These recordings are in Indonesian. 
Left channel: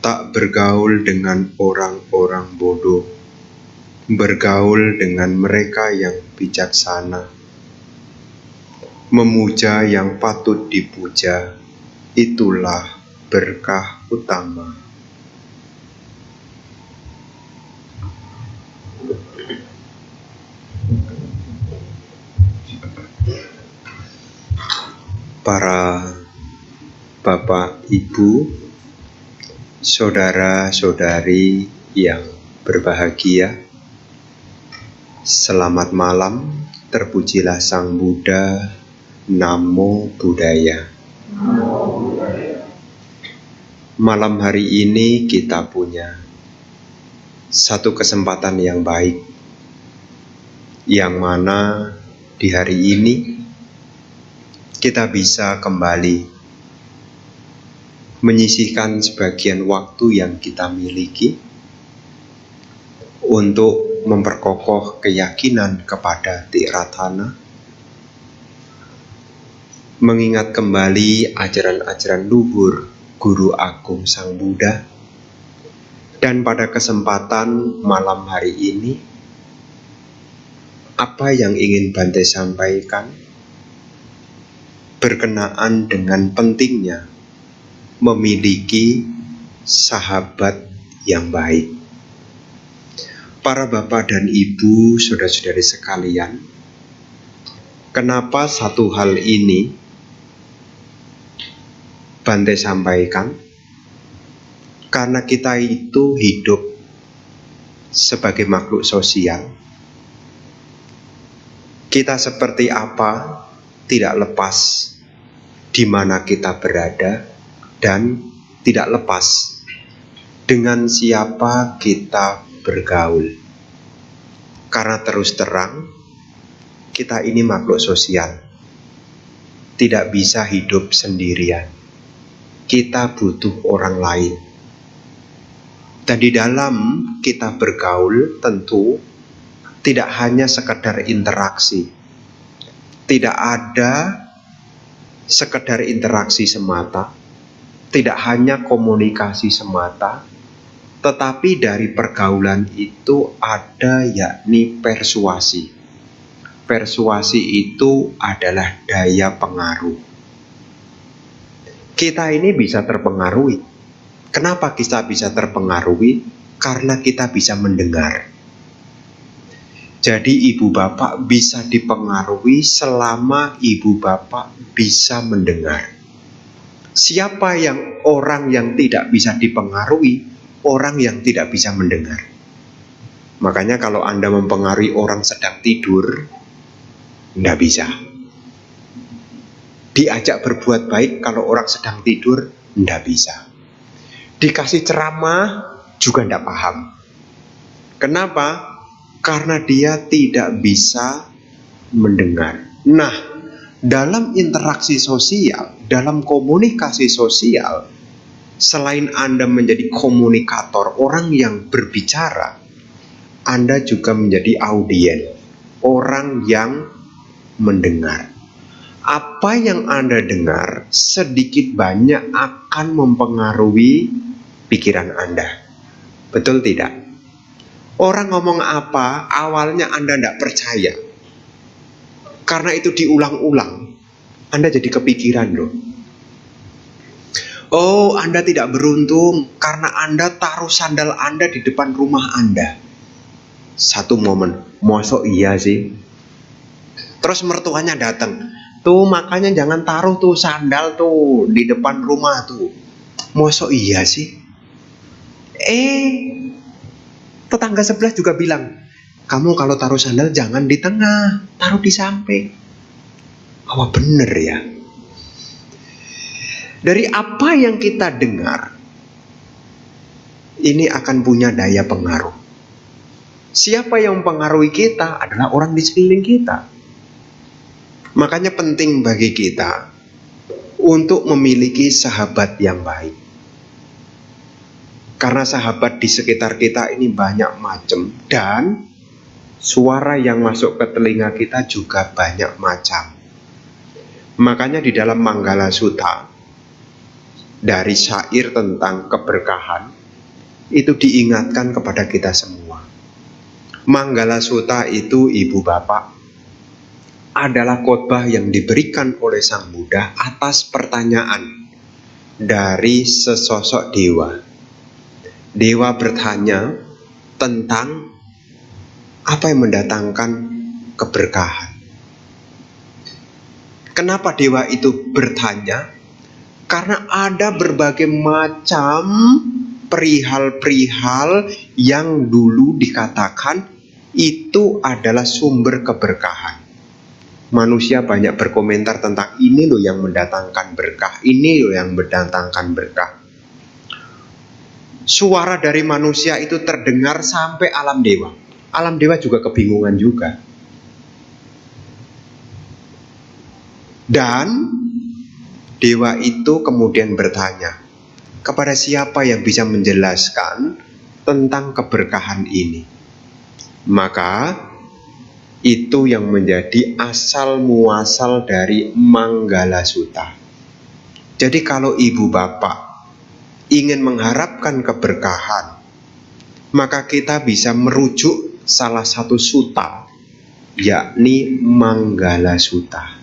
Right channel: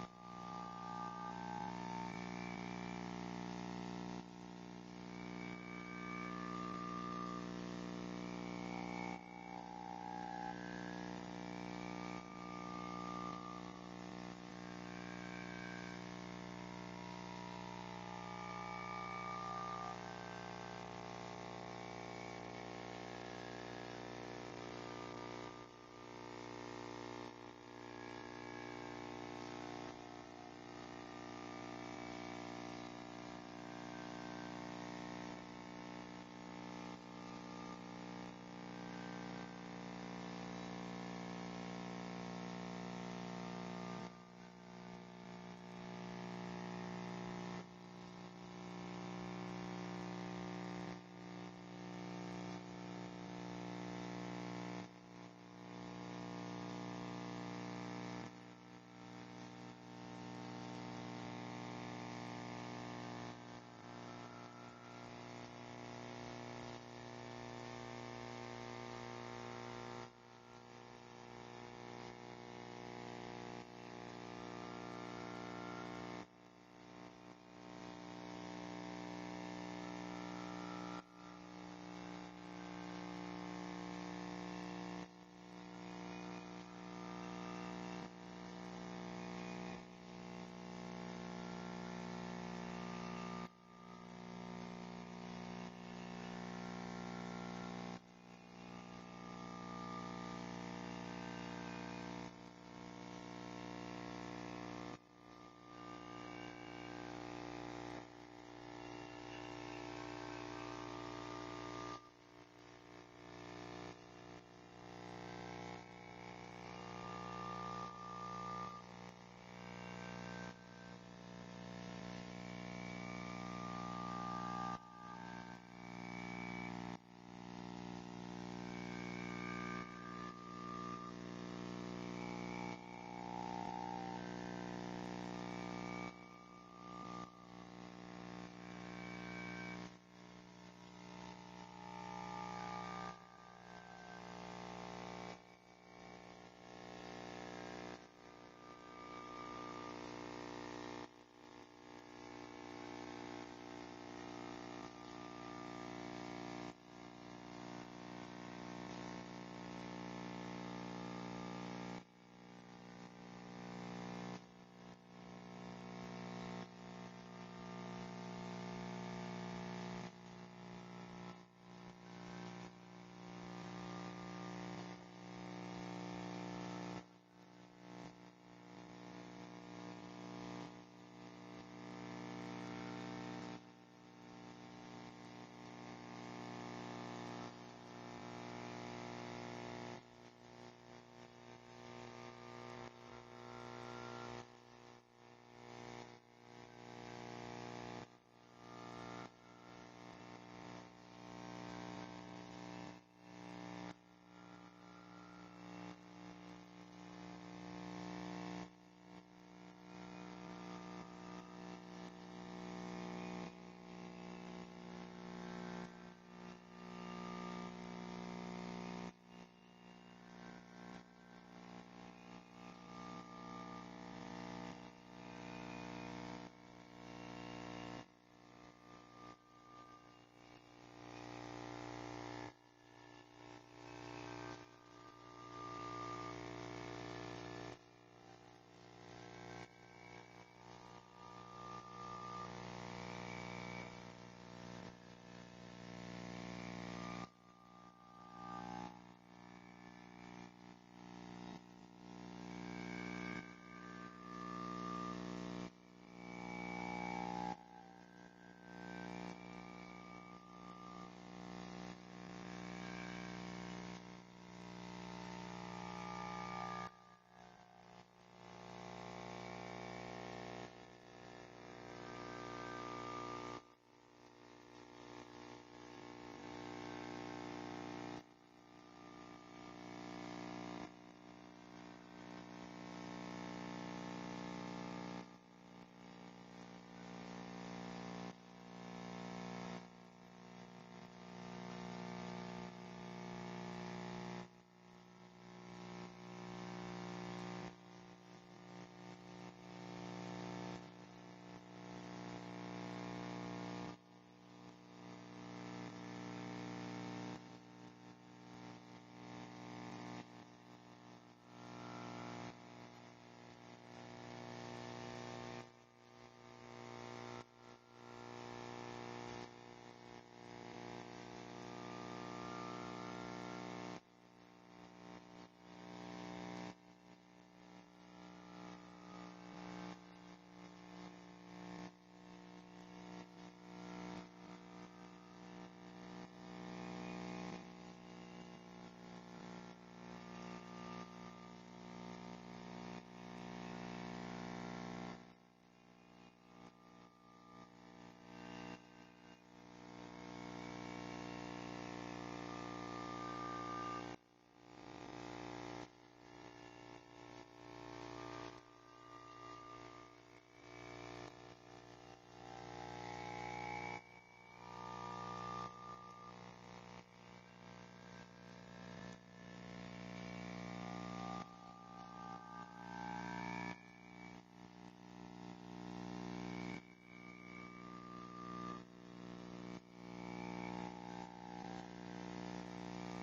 Tak bergaul dengan orang-orang bodoh, bergaul dengan mereka yang bijaksana. Memuja yang patut dipuja, itulah berkah utama. Para Bapak, Ibu, saudara-saudari yang berbahagia, selamat malam, terpujilah Sang Buddha, Namo Buddhaya. Malam hari ini kita punya satu kesempatan yang baik, yang mana di hari ini kita bisa kembali menyisihkan sebagian waktu yang kita miliki untuk memperkokoh keyakinan kepada Tiratthana, mengingat kembali ajaran-ajaran luhur Guru Agung Sang Buddha. Dan pada kesempatan malam hari ini, apa yang ingin Bante sampaikan berkenaan dengan pentingnya memiliki sahabat yang baik. Para Bapak dan Ibu, saudara-saudari sekalian, kenapa satu hal ini Bante sampaikan? Karena kita itu hidup sebagai makhluk sosial. Kita seperti apa tidak lepas di mana kita berada dan tidak lepas dengan siapa kita bergaul. Karena terus terang kita ini makhluk sosial, tidak bisa hidup sendirian. Kita butuh orang lain. Dan di dalam kita bergaul tentu tidak hanya sekedar interaksi. Tidak ada sekedar interaksi semata, tidak hanya komunikasi semata, tetapi dari pergaulan itu ada yakni persuasi. Persuasi itu adalah daya pengaruh. Kita ini bisa terpengaruhi. Kenapa kita bisa terpengaruhi? Karena kita bisa mendengar. Jadi ibu bapak bisa dipengaruhi selama ibu bapak bisa mendengar. Siapa yang orang yang tidak bisa dipengaruhi? Orang yang tidak bisa mendengar. Makanya kalau Anda mempengaruhi orang sedang tidur, tidak bisa. Diajak berbuat baik kalau orang sedang tidur, tidak bisa. Dikasih ceramah juga tidak paham. Kenapa? Karena dia tidak bisa mendengar. Nah, dalam interaksi sosial, dalam komunikasi sosial, selain Anda menjadi komunikator, orang yang berbicara, Anda juga menjadi audien, orang yang mendengar. Apa yang Anda dengar sedikit banyak akan mempengaruhi pikiran Anda. Betul tidak? Orang ngomong apa, awalnya Anda tidak percaya. Karena itu diulang-ulang, Anda jadi kepikiran loh. Oh, Anda tidak beruntung karena Anda taruh sandal Anda di depan rumah Anda. Satu momen, mosok iya sih? Terus mertuanya datang. Tuh makanya jangan taruh tuh sandal tuh di depan rumah tuh. Mosok iya sih? Tetangga sebelah juga bilang, kamu kalau taruh sandal jangan di tengah, taruh di samping. Wah bener ya. Dari apa yang kita dengar, ini akan punya daya pengaruh. Siapa yang mempengaruhi kita adalah orang di sekeliling kita. Makanya penting bagi kita untuk memiliki sahabat yang baik. Karena sahabat di sekitar kita ini banyak macam, dan suara yang masuk ke telinga kita juga banyak macam. Makanya di dalam Manggala Sutta dari syair tentang keberkahan itu diingatkan kepada kita semua. Manggala Sutta itu, ibu bapak, adalah khotbah yang diberikan oleh Sang Buddha atas pertanyaan dari sesosok dewa. Dewa bertanya tentang apa yang mendatangkan keberkahan. Kenapa dewa itu bertanya? Karena ada berbagai macam perihal-perihal yang dulu dikatakan itu adalah sumber keberkahan. Manusia banyak berkomentar tentang ini loh yang mendatangkan berkah, ini loh yang mendatangkan berkah. Suara dari manusia itu terdengar sampai alam dewa. Alam dewa juga kebingungan juga. Dan dewa itu kemudian bertanya, kepada siapa yang bisa menjelaskan tentang keberkahan ini? Maka itu yang menjadi asal muasal dari Manggala Sutta. Jadi kalau ibu bapak ingin mengharapkan keberkahan, maka kita bisa merujuk salah satu sutta, yakni Manggala Sutta.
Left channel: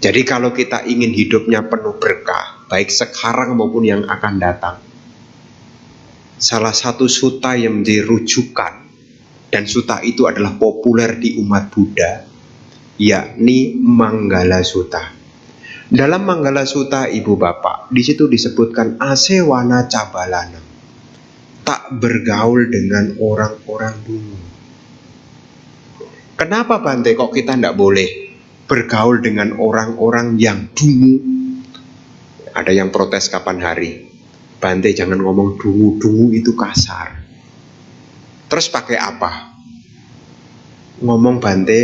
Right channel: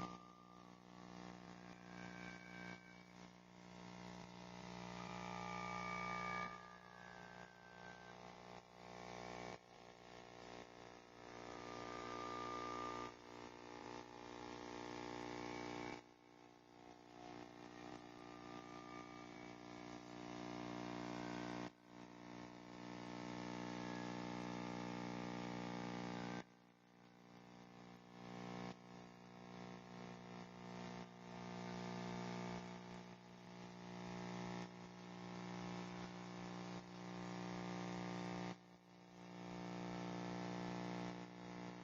Jadi kalau kita ingin hidupnya penuh berkah, baik sekarang maupun yang akan datang, salah satu sutta yang menjadi rujukan, dan sutta itu adalah populer di umat Buddha, yakni Manggala Sutta. Dalam Manggala Sutta, ibu bapak, di situ disebutkan asewana cabalana, tak bergaul dengan orang-orang dulu. Kenapa Bante kok kita tidak boleh bergaul dengan orang-orang yang dungu? Ada yang protes kapan hari, Bante jangan ngomong dungu-dungu itu kasar. Terus pakai apa? Ngomong Bante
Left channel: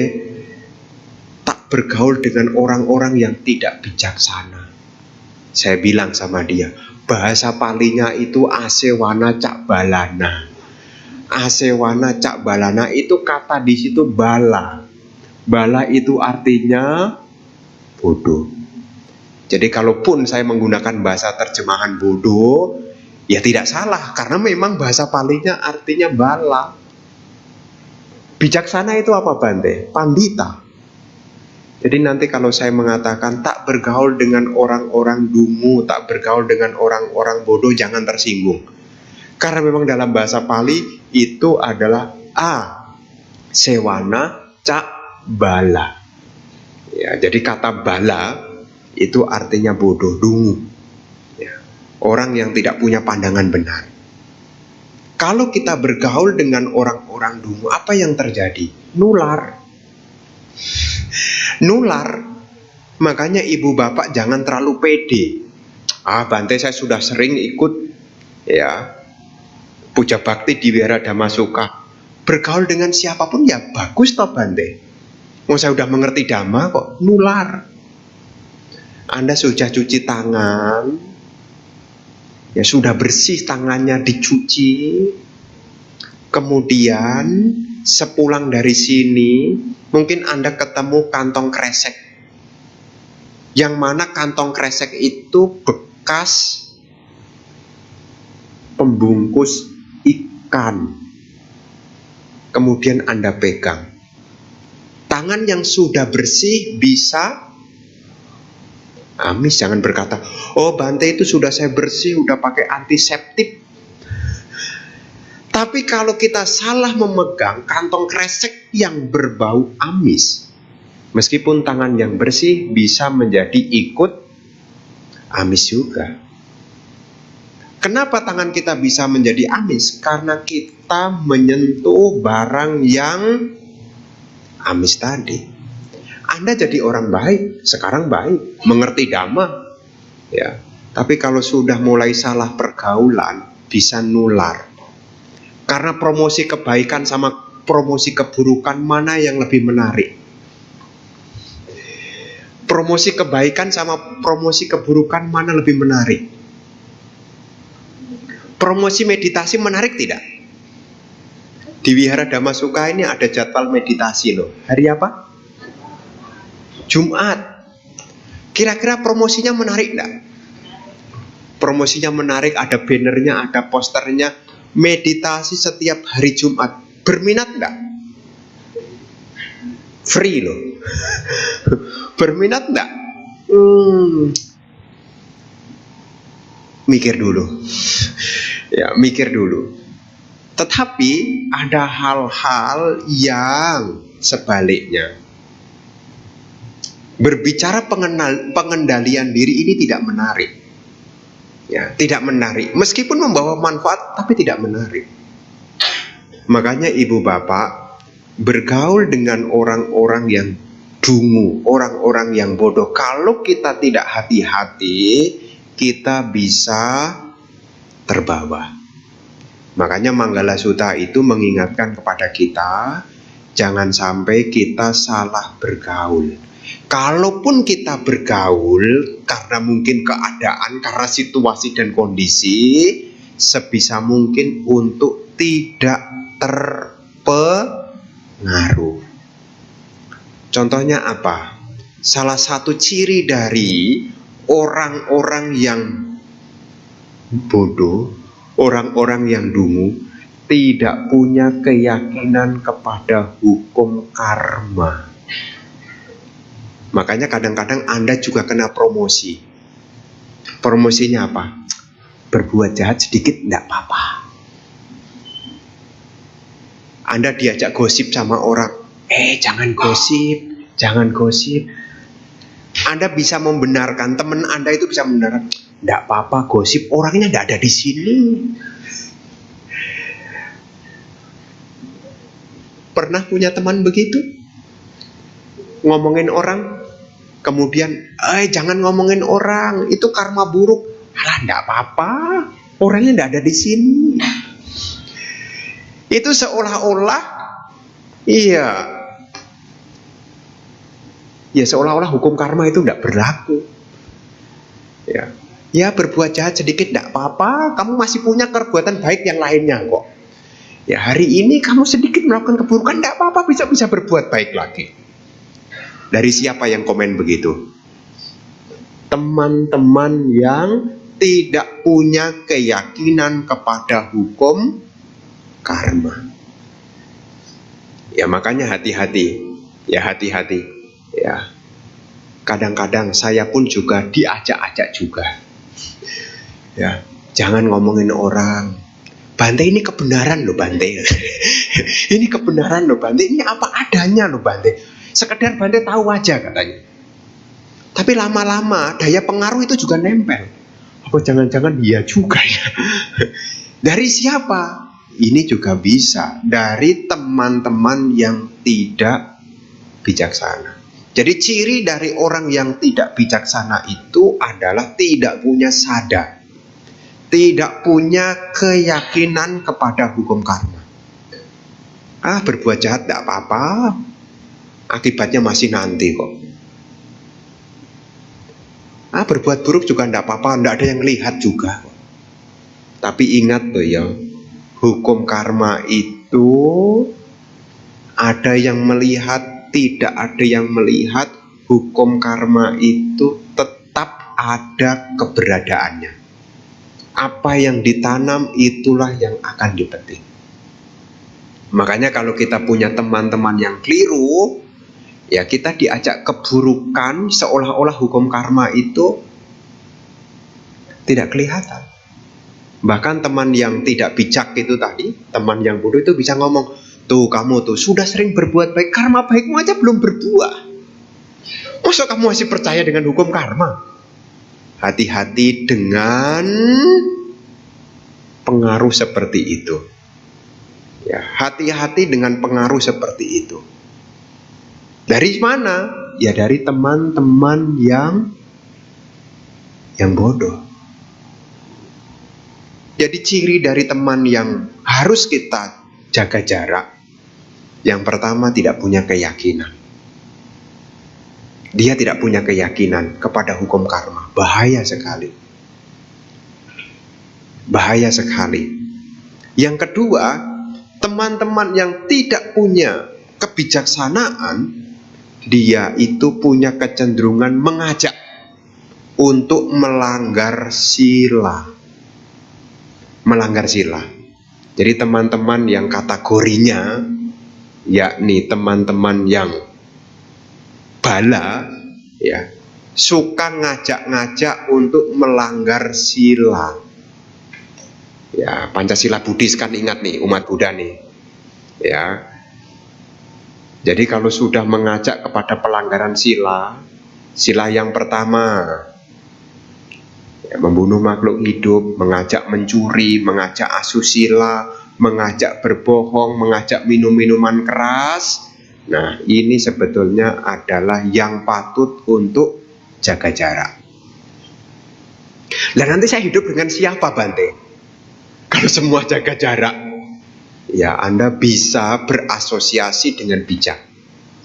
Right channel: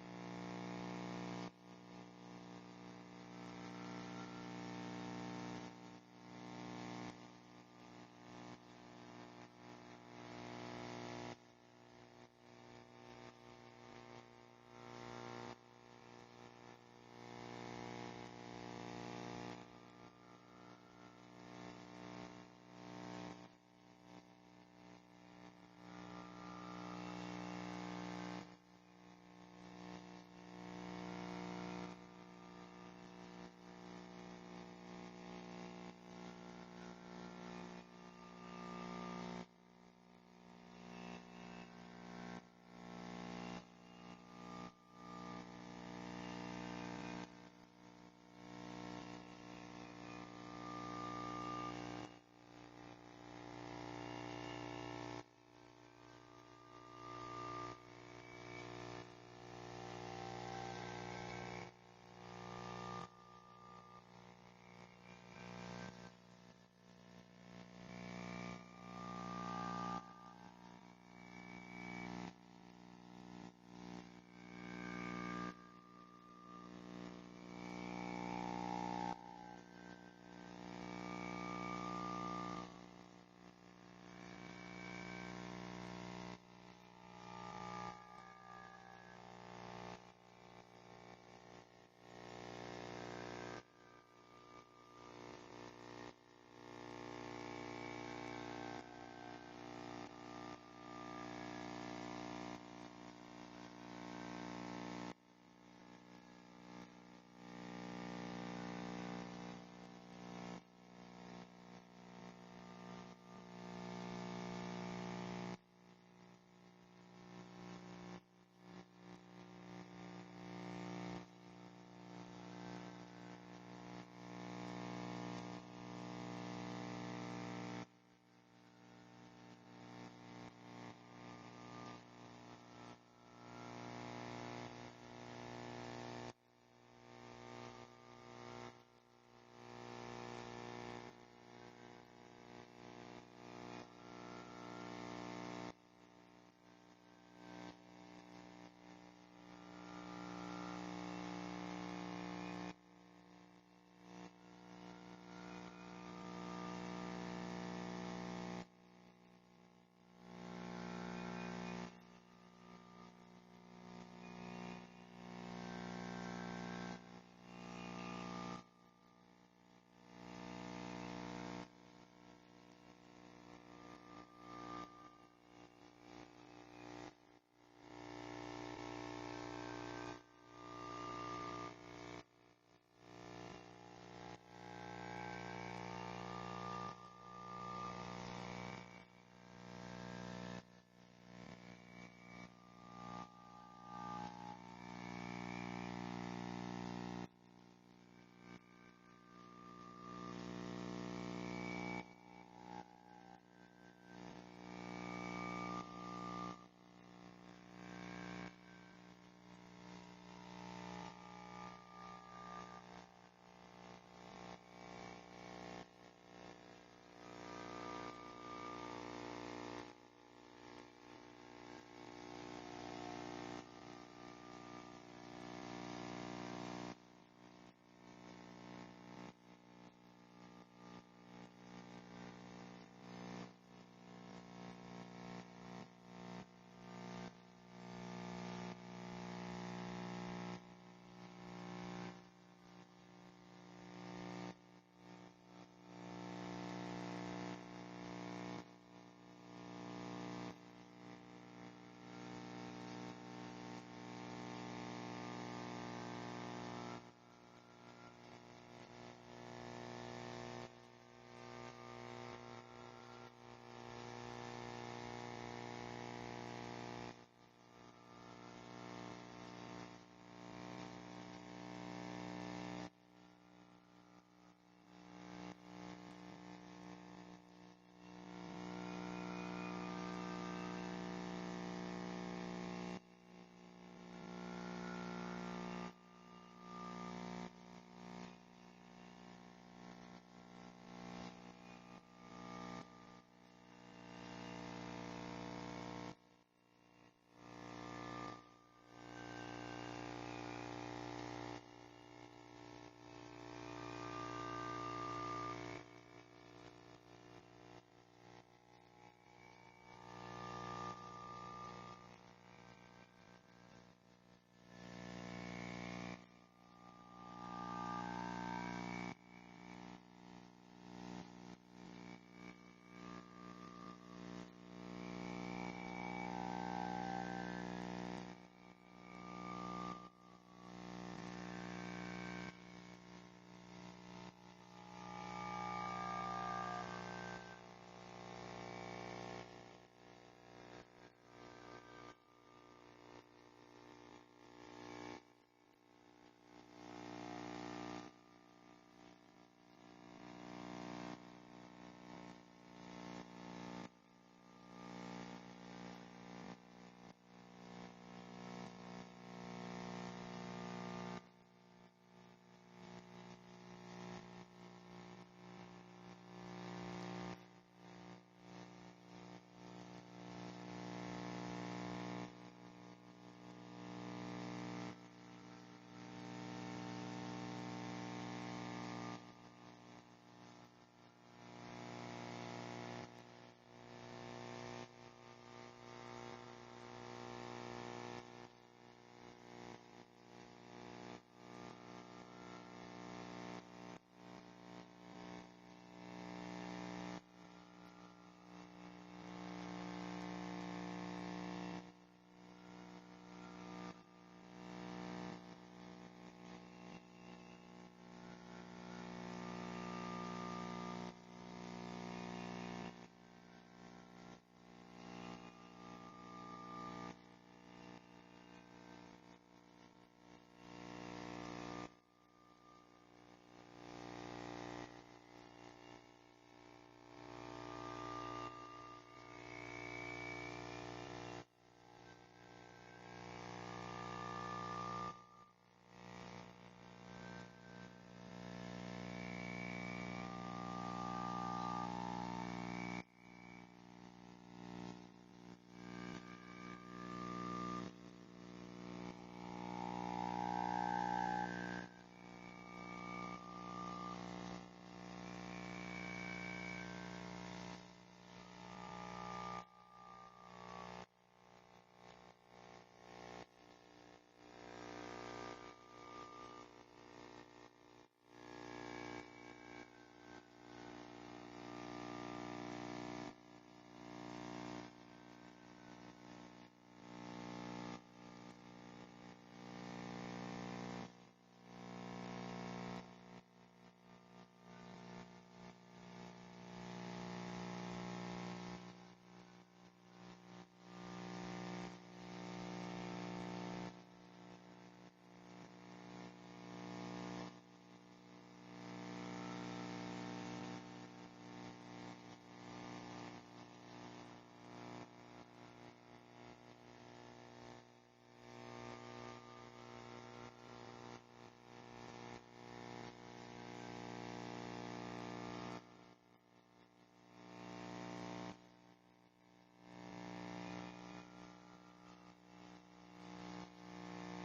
tak bergaul dengan orang-orang yang tidak bijaksana. Saya bilang sama dia, bahasa Palinya itu asewana cabalana. Asewana cabalana itu kata di situ bala. Bala itu artinya bodoh. Jadi kalaupun saya menggunakan bahasa terjemahan bodoh, ya tidak salah, karena memang bahasa Palinya artinya bala. Bijaksana itu apa Bante? Pandita. Jadi nanti kalau saya mengatakan tak bergaul dengan orang-orang dungu, tak bergaul dengan orang-orang bodoh, jangan tersinggung. Karena memang dalam bahasa Pali itu adalah sewana cak bala. Ya, jadi kata bala itu artinya bodoh, dungu. Ya, orang yang tidak punya pandangan benar. Kalau kita bergaul dengan orang-orang dungu, apa yang terjadi? Nular. Nular. Makanya ibu bapak jangan terlalu pede. Bante saya sudah sering ikut ya puja bakti di Wihara Dhammasuka. Bergaul dengan siapapun ya bagus toh Bante. Saya udah mengerti Dhamma kok nular. Anda sudah cuci tangan, ya sudah bersih tangannya dicuci, kemudian sepulang dari sini mungkin Anda ketemu kantong kresek, yang mana kantong kresek itu bekas pembungkus ikan. Kemudian Anda pegang. Tangan yang sudah bersih bisa amis. Jangan berkata, oh Bante itu sudah saya bersih, udah pakai antiseptik. Tapi kalau kita salah memegang kantong kresek yang berbau amis, meskipun tangan yang bersih bisa menjadi ikut amis juga. Kenapa tangan kita bisa menjadi amis? Karena kita menyentuh barang yang amis tadi. Anda jadi orang baik, sekarang baik, mengerti Dhamma, ya. Tapi kalau sudah mulai salah pergaulan, bisa nular. Karena promosi kebaikan sama promosi keburukan, mana yang lebih menarik? Promosi kebaikan sama promosi keburukan, mana lebih menarik? Promosi meditasi menarik tidak? Di Wihara Dhammasuka ini ada jadwal meditasi loh. Hari apa? Jumat. Kira-kira promosinya menarik enggak? Promosinya menarik, ada bannernya, ada posternya. Meditasi setiap hari Jumat. Berminat nggak? Free loh. Berminat nggak? Mikir dulu. Ya, mikir dulu. Tetapi ada hal-hal yang sebaliknya. Berbicara pengendalian diri ini tidak menarik. Ya, tidak menarik. Meskipun membawa manfaat, tapi tidak menarik. Makanya ibu bapak bergaul dengan orang-orang yang dungu, orang-orang yang bodoh. Kalau kita tidak hati-hati, kita bisa terbawa. Makanya Manggala Sutta itu mengingatkan kepada kita, jangan sampai kita salah bergaul. Kalaupun kita bergaul karena mungkin keadaan, karena situasi dan kondisi, sebisa mungkin untuk tidak terpengaruh. Contohnya apa? Salah satu ciri dari orang-orang yang bodoh, orang-orang yang dungu, tidak punya keyakinan kepada hukum karma. Makanya kadang-kadang Anda juga kena promosi. Promosinya apa? Berbuat jahat sedikit tidak apa-apa. Anda diajak gosip sama orang, jangan gosip, jangan gosip. Anda bisa membenarkan, teman Anda itu bisa membenarkan, tidak apa-apa gosip, orangnya tidak ada di sini. Pernah punya teman begitu? Ngomongin orang, kemudian jangan ngomongin orang, itu karma buruk. Alah, enggak apa-apa, orangnya enggak ada di sini. Itu seolah-olah seolah-olah hukum karma itu enggak berlaku. Ya, berbuat jahat sedikit enggak apa-apa, kamu masih punya perbuatan baik yang lainnya kok. Ya, hari ini kamu sedikit melakukan keburukan enggak apa-apa, bisa berbuat baik lagi. Dari siapa yang komen begitu? Teman-teman yang tidak punya keyakinan kepada hukum karma. Ya, makanya hati-hati. Ya, hati-hati. Ya. Kadang-kadang saya pun juga diajak-ajak juga. Ya, jangan ngomongin orang. Bante, ini kebenaran loh Bante. Ini kebenaran loh Bante. Ini apa adanya loh Bante. Sekedar Bante tahu aja katanya. Tapi lama-lama daya pengaruh itu juga nempel. Apa jangan-jangan iya juga ya? Dari siapa? Ini juga bisa dari teman-teman yang tidak bijaksana. Jadi ciri dari orang yang tidak bijaksana itu adalah tidak punya sadar, tidak punya keyakinan kepada hukum karma. Berbuat jahat tidak apa-apa, akibatnya masih nanti kok. Berbuat buruk juga tidak apa-apa, tidak ada yang lihat juga. Tapi ingat loh ya, hukum karma itu ada yang melihat, tidak ada yang melihat. Hukum karma itu tetap ada keberadaannya. Apa yang ditanam itulah yang akan dipetik. Makanya kalau kita punya teman-teman yang keliru, ya kita diajak keburukan, seolah-olah hukum karma itu tidak kelihatan. Bahkan teman yang tidak bijak itu tadi, teman yang bodoh itu bisa ngomong, tuh kamu tuh sudah sering berbuat baik, karma baikmu aja belum berbuah. Masa kamu masih percaya dengan hukum karma? Hati-hati dengan pengaruh seperti itu. Ya, hati-hati dengan pengaruh seperti itu. Dari mana? Ya dari teman-teman yang bodoh. Jadi ciri dari teman yang harus kita jaga jarak. Yang pertama, tidak punya keyakinan. Dia tidak punya keyakinan kepada hukum karma. Bahaya sekali. Bahaya sekali. Yang kedua, teman-teman yang tidak punya kebijaksanaan, dia itu punya kecenderungan mengajak. untuk melanggar sila. Melanggar sila. Jadi teman-teman yang kategorinya yakni teman-teman yang bala, ya, suka ngajak-ngajak untuk melanggar sila. Ya, Pancasila Buddhis kan, ingat nih, umat Buddha nih. Ya. Jadi kalau sudah mengajak kepada pelanggaran sila, sila yang pertama, ya, membunuh makhluk hidup, mengajak mencuri, mengajak asusila, mengajak berbohong, mengajak minum minuman keras. Nah, ini sebetulnya adalah yang patut untuk jaga jarak. Lah nanti saya hidup dengan siapa, Bante? Kalau semua jaga jarak, ya Anda bisa berasosiasi dengan bijak.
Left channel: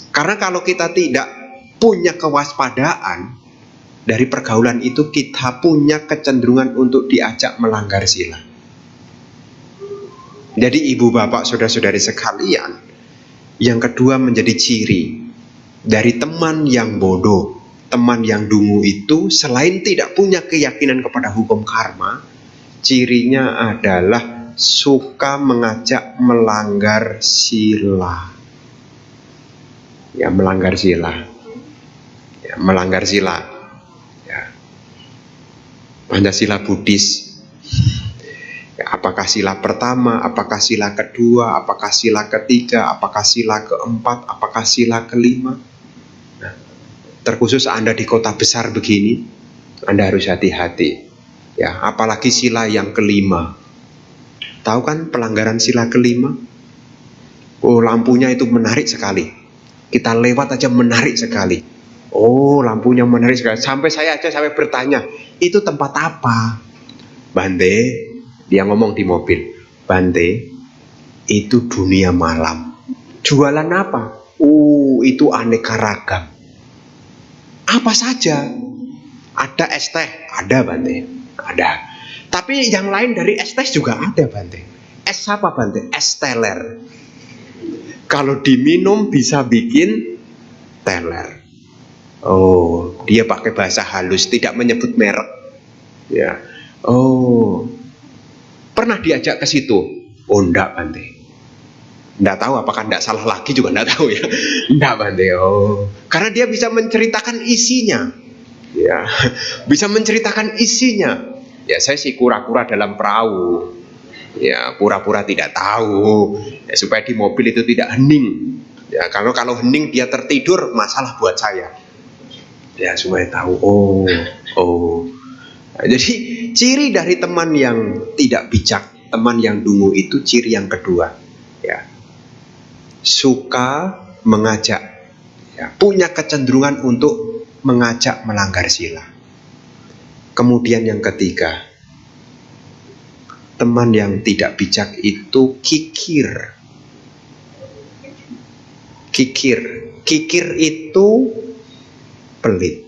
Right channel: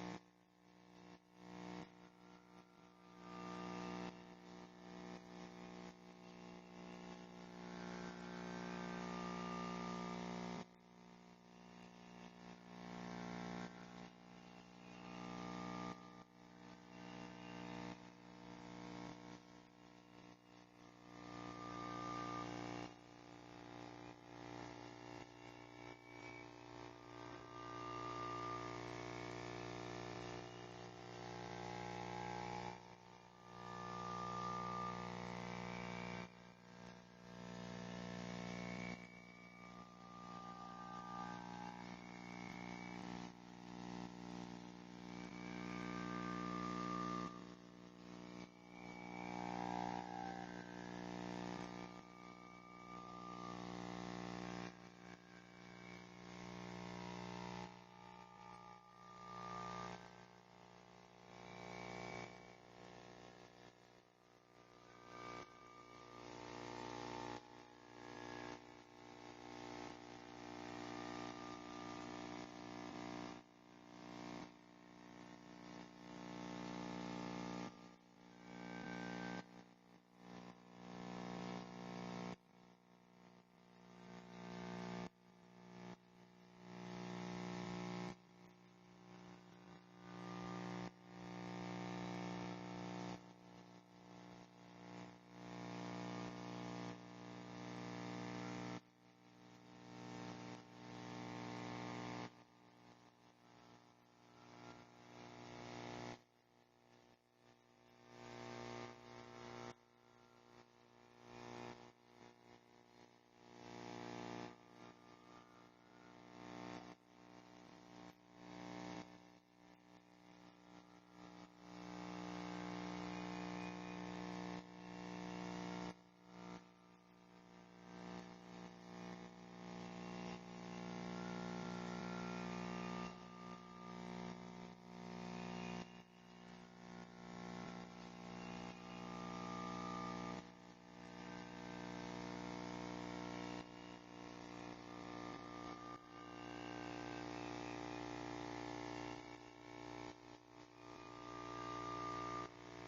Karena kalau kita tidak punya kewaspadaan, dari pergaulan itu kita punya kecenderungan untuk diajak melanggar sila. Jadi ibu bapak saudara-saudari sekalian, yang kedua menjadi ciri dari teman yang bodoh, teman yang dungu itu, selain tidak punya keyakinan kepada hukum karma, cirinya adalah suka mengajak melanggar sila. Ya, melanggar sila. Ya, melanggar sila. Ya. Pancasila Buddhis. Ya, apakah sila pertama, apakah sila kedua, apakah sila ketiga, apakah sila keempat, apakah sila kelima. Nah, terkhusus Anda di kota besar begini, Anda harus hati-hati. Ya, apalagi sila yang kelima. Tahu kan pelanggaran sila kelima? Oh, lampunya itu menarik sekali. Kita lewat aja menarik sekali. Oh, lampunya menarik sekali. Sampai saya bertanya, itu tempat apa? Bante, dia ngomong di mobil, Bante, itu dunia malam. Jualan apa? Itu aneka ragam. Apa saja? Ada es teh? Ada, Bante. Ada. Tapi yang lain dari es teh juga ada, Bante. Es apa, Bante? Es teler. Kalau diminum bisa bikin teler. Oh, dia pakai bahasa halus, tidak menyebut merek. Ya. Oh, pernah diajak ke situ? Oh, enggak, Bante. Enggak tahu, apakah enggak salah lagi juga enggak tahu ya. Enggak, Bante. Oh, karena dia bisa menceritakan isinya. Ya, bisa menceritakan isinya. Ya, saya sih kura-kura dalam perahu. Ya, pura-pura tidak tahu. Ya, supaya di mobil itu tidak hening. Ya, kalau hening dia tertidur, masalah buat saya. Ya, supaya tahu. Oh. Jadi ciri dari teman yang tidak bijak, teman yang dungu itu ciri yang kedua, ya, suka mengajak, ya, punya kecenderungan untuk mengajak melanggar sila. Kemudian yang ketiga, teman yang tidak bijak itu kikir. Kikir itu pelit.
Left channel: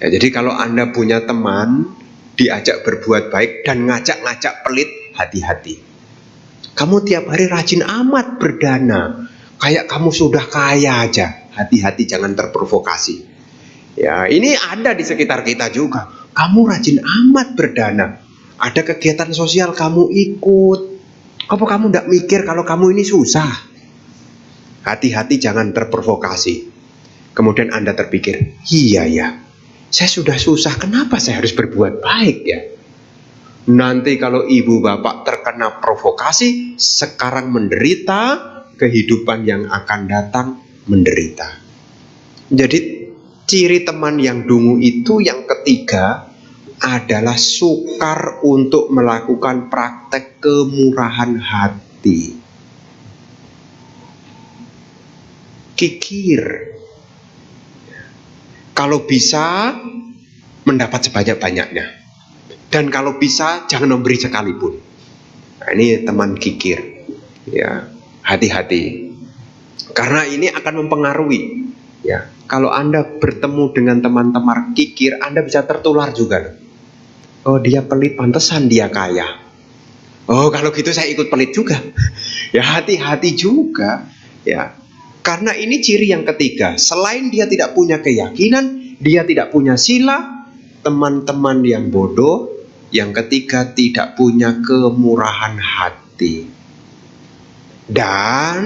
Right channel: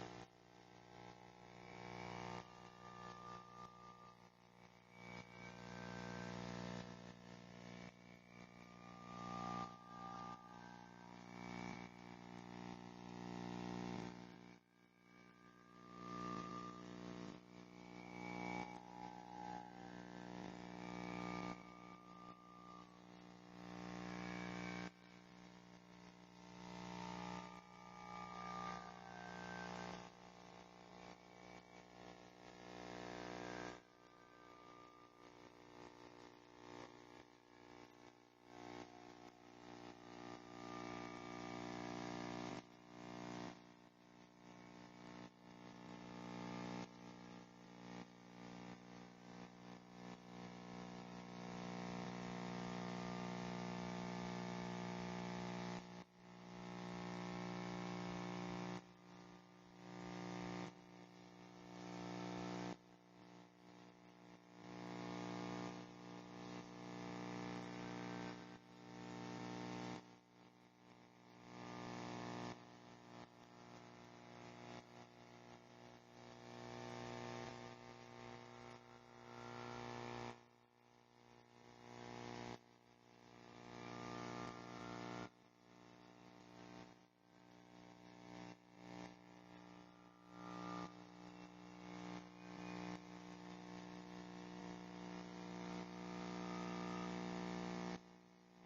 Ya, jadi kalau Anda punya teman diajak berbuat baik dan ngajak-ngajak pelit, hati-hati. Kamu tiap hari rajin amat berdana, kayak kamu sudah kaya aja. Hati-hati, jangan terprovokasi. Ya, ini ada di sekitar kita juga. Kamu rajin amat berdana, ada kegiatan sosial kamu ikut. Apa kamu tidak mikir kalau kamu ini susah? Hati-hati, jangan terprovokasi. Kemudian Anda terpikir, iya ya, saya sudah susah, kenapa saya harus berbuat baik ya? Nanti kalau ibu bapak terkena provokasi, sekarang menderita, kehidupan yang akan datang menderita. Jadi ciri teman yang dungu itu yang ketiga adalah sukar untuk melakukan praktek kemurahan hati. Kikir. Kalau bisa mendapat sebanyak-banyaknya, dan kalau bisa jangan memberi sekalipun. Nah, ini teman kikir. Ya, hati-hati. Karena ini akan mempengaruhi. Ya, kalau Anda bertemu dengan teman-teman kikir, Anda bisa tertular juga. Oh, dia pelit, pantesan dia kaya. Oh, kalau gitu saya ikut pelit juga. Ya, hati-hati juga. Ya. Karena ini ciri yang ketiga. Selain dia tidak punya keyakinan, dia tidak punya sila. Teman-teman yang bodoh. Yang ketiga, tidak punya kemurahan hati. Dan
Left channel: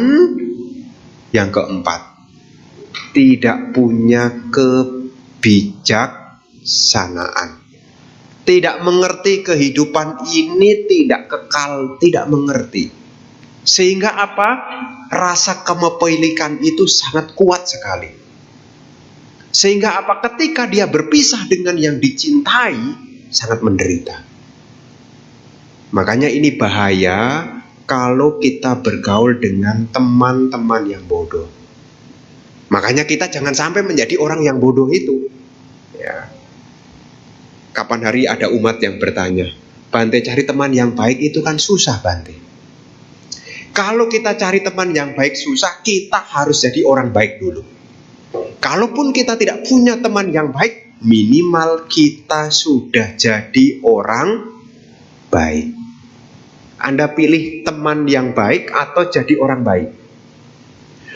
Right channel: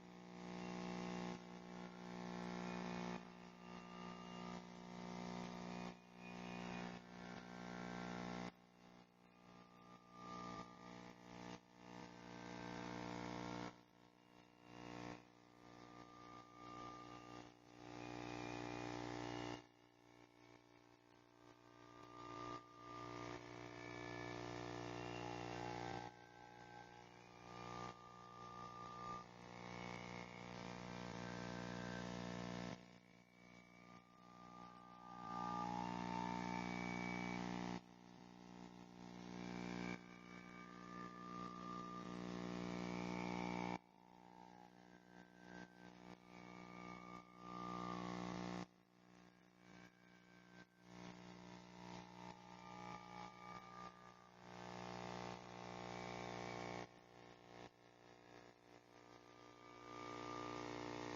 yang keempat, tidak punya kebijaksanaan. Tidak mengerti kehidupan ini tidak kekal, tidak mengerti. Sehingga apa? Rasa kepemilikan itu sangat kuat sekali. Sehingga apa? Ketika dia berpisah dengan yang dicintai, sangat menderita. Makanya ini bahaya kalau kita bergaul dengan teman-teman yang bodoh. Makanya kita jangan sampai menjadi orang yang bodoh itu. Ya. Kapan hari ada umat yang bertanya, Bante, cari teman yang baik itu kan susah, Bante. Kalau kita cari teman yang baik susah, kita harus jadi orang baik dulu. Kalaupun kita tidak punya teman yang baik, minimal kita sudah jadi orang baik. Anda pilih teman yang baik atau jadi orang baik.